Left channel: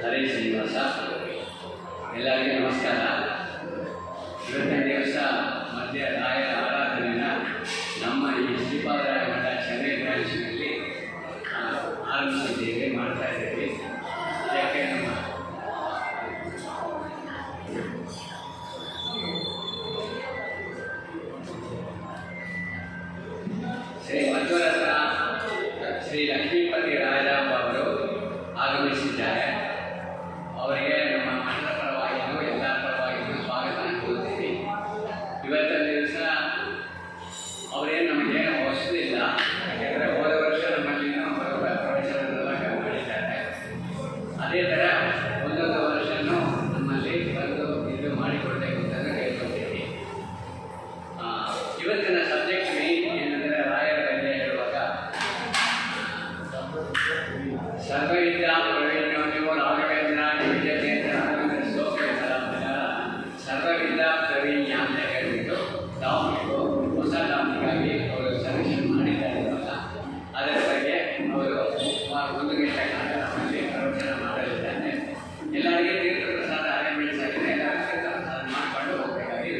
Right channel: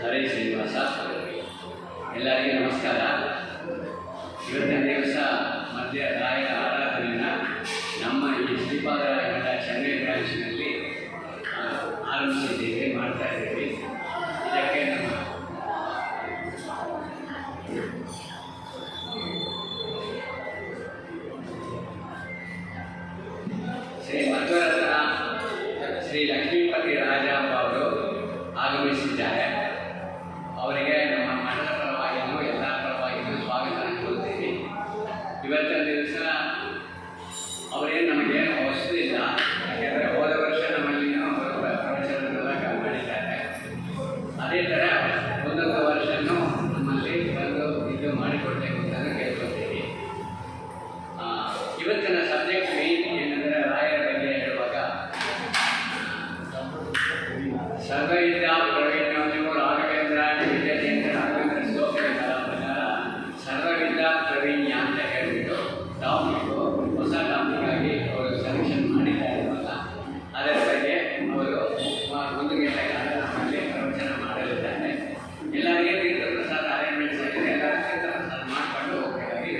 ಹರೇ ಶ್ರೀನಿವಾಸ. ಎಲ್ಲರಿಗೂ ನಮಸ್ಕಾರ. ಇವತ್ತಿನ ದಿವಸ ಮಧ್ಯ ರಾಯರ ಆರಾಧನೆಯನ್ನು ನಮ್ಮ ಈ ಶ್ರೀಪಾದರಾಯ ಮಠ ಚೆನ್ನೈ ಬ್ರಾಂಚ್ನಲ್ಲಿ ಆರಂಭಿಸಿದ್ದೇವೆ, ಮಾಡ್ತಾ ಇದ್ದೇವೆ. ಯಾಕೆ ನಮ್ಮ ಶ್ರೀ ಮಧ್ವರತ್ನ ಶ್ರೀ ಲಕ್ಷ್ಮೀಪತಿ ರಾಜಾಂಬ ಅವರು ಆಗಮಿಸಿದ್ದಾರೆ. ಅವರಿಗೆ ನಮ್ಮ ಮಠದ ಪರವಾಗಿಯೂ ಎಲ್ಲರ ಪರವಾಗಿಯೂ ಸ್ವಾಗತ ಕೋರುತ್ತೀವಿ. ಇವತ್ತಿನ ದಿವಸ ಅವರೇನು ನಮಗೇನು ಹೊಸದಿಲ್ಲ, ಯಾಕೆಂದರೆ ಹೋದ ವರ್ಷ ನಮ್ಮಲ್ಲಿನೂ ಪ್ರವಚನದೆಲ್ಲ ಮಾಡಿದ್ದಾರೆ. ಅದೇ ಥರ ಒಂದೊಂದು ವರ್ಷವೂ ನಮ್ಮಲ್ಲಿ ಬಂದು ಇದು ಮಾಡಿಕೊಡ್ಬೇಕು ಅಂತ ಕೇಳ್ಕೊಳ್ತೀವಿ. ಇವತ್ತಿನ ಸಬ್ಜೆಕ್ಟ್ ಮೇನ್ ಏನಂದರೆ ರಾಯರ ಬಗ್ಗೆ ಹೇಳುವಾಗ ಸರ್ವವಿದ್ಯಾ ಪ್ರವೀಣ್ಯೋ ರಾಘವೇಂದ್ರ ವಿದ್ಯಾಚೇಂದ್ರ ರಾಘವೇಂದ್ರ ಶ್ಲೋಕಗಳ ಪ್ರಕಾರ ಸರ್ವವಿದ್ಯಾ ಪ್ರವೀಣ್ಯ ಅಂತ ಹೇಳಿಬಿಟ್ಟು ಟಾಪಿಕ್ ಹೊಸ ಟಾಪಿಕ್ಕಾಗಿ ಅವರು ಸೆಲೆಕ್ಷನ್ ಮಾಡಿದ್ದಾರೆ. ಅದರ ಬಗ್ಗೆ ಅವರು ಒಂದು ಗಂಟೆ ಕಾಲ ನಮ್ಮಲ್ಲಿ ಪ್ರವಚನ ಮಾಡಲಿದ್ದಾರೆ. ಎಲ್ಲರಿಗೆ ತೀರ್ಥ ಪ್ರಸಾದ ಅರೇಂಜ್ಮೆಂಟ್ಸ್ ಆಗಿದೆ. ಎಲ್ಲರೂ ತೀರ್ಥ ಪ್ರಸಾದ ಮಾಡಿಕೊಂಡು ಹೋಗಬೇಕಾಗಿ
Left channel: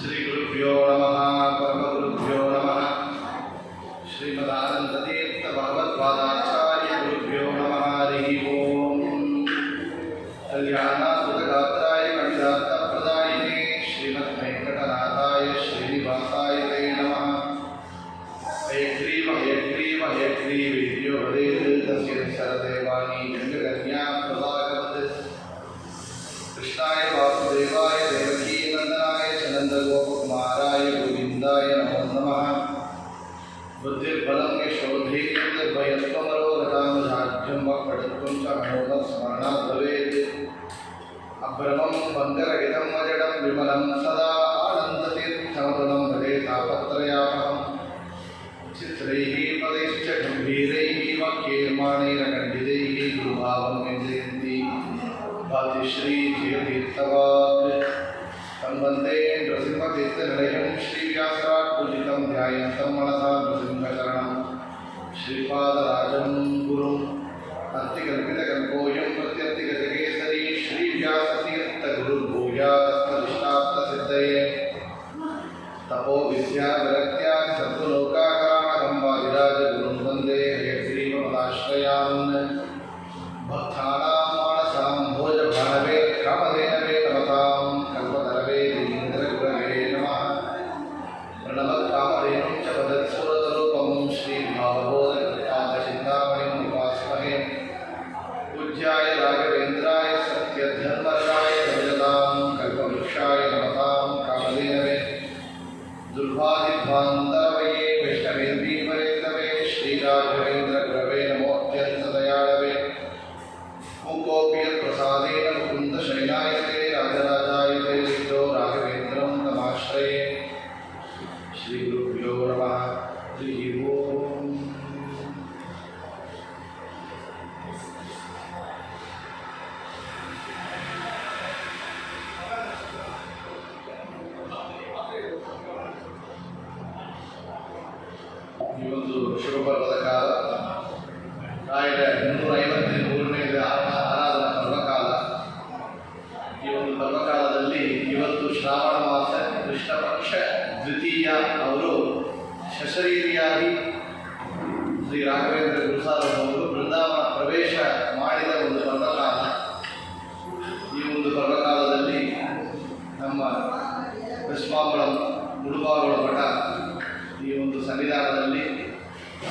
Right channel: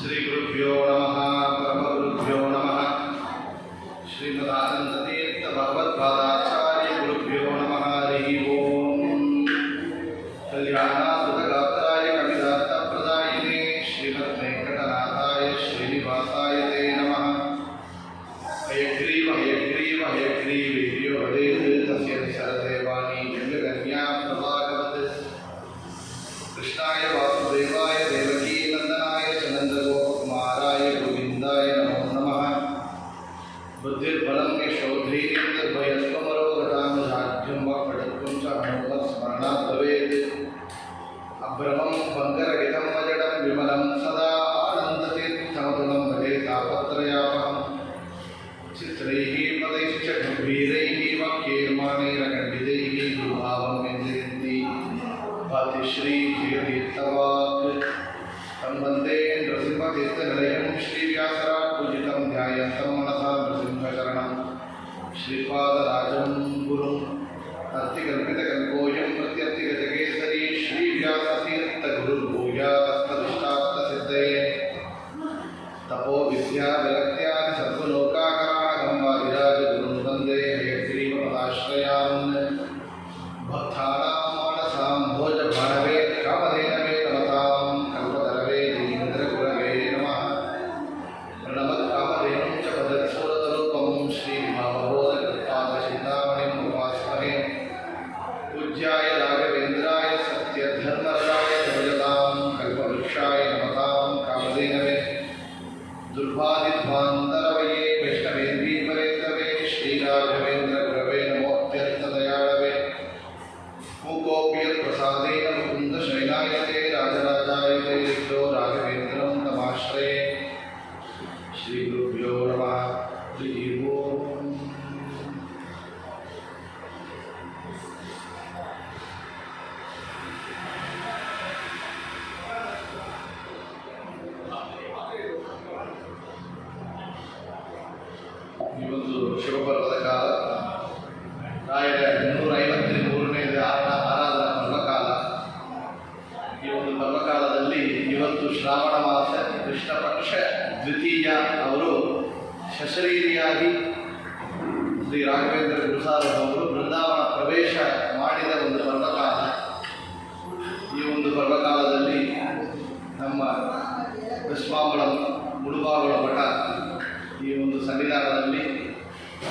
ಶ್ರೀ ಗುರುಭ್ಯೋ ನಮಃ ಪರಮಗುರುಭ್ಯೋ ನಮಃ. ಶ್ರೀಮದಾನಂದತೀರ್ಥ ಭಗವತ್ಪಾದಾಚಾರ್ಯ ಗುರುಭ್ಯೋ ನಮಃ. ಹರಿ ಓಂ. ಕಲ್ಯಾಣಾದ್ಭುತಗಾತ್ರಾಯ ಕವಿತಾರ್ಥಪ್ರದಾಯಿನೇ ಶ್ರೀಮದ್ ವೆಂಕಟನಾಥಾಯ ಶ್ರೀನಿವಾಸಾಯ ತೇ ನಮಃ. ಹಯಗ್ರೀವ ಹಯಗ್ರೀವ ಹಯಗ್ರೀವೇರ್ಯೋ ಹರೇತ್ ತಸ್ಯ ಶರದೇವಾನಿ ಗಂಗಕನ್ಯಾ ಪ್ರಭಾಗವತ್. ಕೃಷ್ಣಾಯ ವಾಸುದೇವಾಯ ದೇವಕೀ ನಂದನಾಯ ನಂದಗೋಪಕುಮಾರಾಯ ಗೋವಿಂದಾಯ ನಮೋ ನಮಃ. ಬುದ್ಧಿರ್ಬಲಂ ಯಶೋಧೈರ್ಯಂ ನಿರ್ಭಯತ್ವಮರೋಗತಾಂ ಧಾರ್ಢ್ಯಂ ವಾಕ್ಪಟುತ್ವಂ ಚ ಮನೋಮತ್ ಸ್ಮರಣಾತ್ ಭವೇತ್. ಅಭ್ರಮಂ ಬಂಕರಹಿತಂ ಅಜಡಂ ವಿಮಲಂ ಸದಾ ಆನಂದತೀರ್ಥಮತುಲಂ ಭಜೆ ತಾಪತ್ರಯಾಪಹಂ. ಚಿತ್ರೈಃ ಪದೈಶ್ಚ ಗಂಭೀರೈಃ ವಾಕ್ಯೈರ್ಮಾಣೈರಖಂಡಿತೈಃ ಗುರುಭಾವಂ ವ್ಯಂಜಯಂತಿ ಭಾತಿ ಶ್ರೀ ಧಿಯತೀರ್ಥವಾಕ್. ವಂದೇ ನೃಸಿಂಹತೀರ್ಥನಿಲಯಂ ಶ್ರೀವ್ಯಾಸರಾಟ್ ಪೂಜಿತಂ ಧ್ಯಾಯಂತಂ ಮನಸಾ ನೃಸಿಂಹಚರಣಂ. ಶ್ರೀಪಾದರಾಜಂ ಗುರುಂ ಅರ್ತಿಕಲ್ಪಿತಕಲ್ಪೋಯಂ ಪ್ರತ್ಯರ್ತಿಗಜಕೇಸರಿ ಶ್ರೀವ್ಯಾಸತೀರ್ಥಗುರುರ್ಭೂಯಾತ್ತದಿಷ್ಟಾರ್ಥಸಿದ್ಧಯೇ. ತಪೋ ವಿದ್ಯಾ ವಿರಕ್ತ್ಯಾದಿ ಸರ್ವಲೋಕಾಕರಾಣಕಂ ವಾದಿರಾಜಗುರುಂ ವಂದೇ ಹಯಗ್ರೀವಪದಾಶ್ರಯಾನ್. ಭಕ್ತಾನಾಂ ಮಾನಸಾಂ ಭೋಜಭಾನವೇ ಕಾಮಧೇನವೇ ನಮತಾಂ ಕಲ್ಪತರವೇ ಜಯೀಂದ್ರಗುರವೇ ನಮಃ. ಪ್ರಣಮತ್ಕಾಮಧೇನುಂ ಚ ಪದತ್ಸುರತರೂಪಂ ಶ್ರೀಭಾವಬೋಧಕೃತ್ಪಾದಚಿಂತಾಮಣಿಂ ಉಪಾಸ್ಮಹೇ. ಪೂಜ್ಯಾಯ ರಾಘವೇಂದ್ರಾಯ ಸತ್ಯಧರ್ಮರಾಯ ಭಜತಾಂ ಕಲ್ಪವೃಕ್ಷಾಯ ನಮತಾಂ ಕಾಮಧೇನವೇ. ದುರ್ವಾದಿಧ್ವಾಂತರವಯೇ ವೈಷ್ಣವೇಂದ್ರೀಪರೇಂದವೇ ಶ್ರೀರಾಘವೇಂದ್ರಗುರವೇ ನಮೋऽತ್ಯಂತದಯಾಳವೇ. ಮೂಕೋಪಿ ಯತ್ಪ್ರಸಾದೇನ ಮುಕುಂದ ಶಯನಾಯತೆ ರಾಜರಾಜಾಯತೆ ರಿಕ್ತೋ ರಾಘವೇಂದ್ರಂ ತಮಾಶ್ರಯೇ. ಶ್ರೀ ಗುರುಭ್ಯೋ ನಮಃ. ಹರಿ ಓಂ. ಈ ಒಂದು ಶುಭಪರ್ವದ ಕಾಲ ರಾಯರ 153ನೇ ಆರಾಧನಾ ಪರ್ವಕಾಲ. ಈ ಒಂದು ಪರ್ವಕಾಲದಲ್ಲಿ ಇವತ್ತು ಶ್ರಾವಣ ಮಾಸ ಕೃಷ್ಣ ಪಕ್ಷ ದ್ವಿತೀಯ ಅವರು ಸಶರೀರಿಯಾಗಿ ಶ್ರೀ ರಾಘವೇಂದ್ರ ಗುರುಸಾರ್ವಭೌಮರು ಬೃಂದಾವನ ಪ್ರವೇಶ ಮಾಡಿದ ಒಂದು ಪರ್ವಕಾಲ. ಈ ಒಂದು ಪರ್ವಕಾಲದಲ್ಲಿ ನಮ್ಮ ಕೃಷ್ಣಾಂಬಳಂ ಮುಳುಬಾಗಿಲು ಮಠ ಈ ಒಂದು ಸನ್ನಿಧಾನದಲ್ಲಿ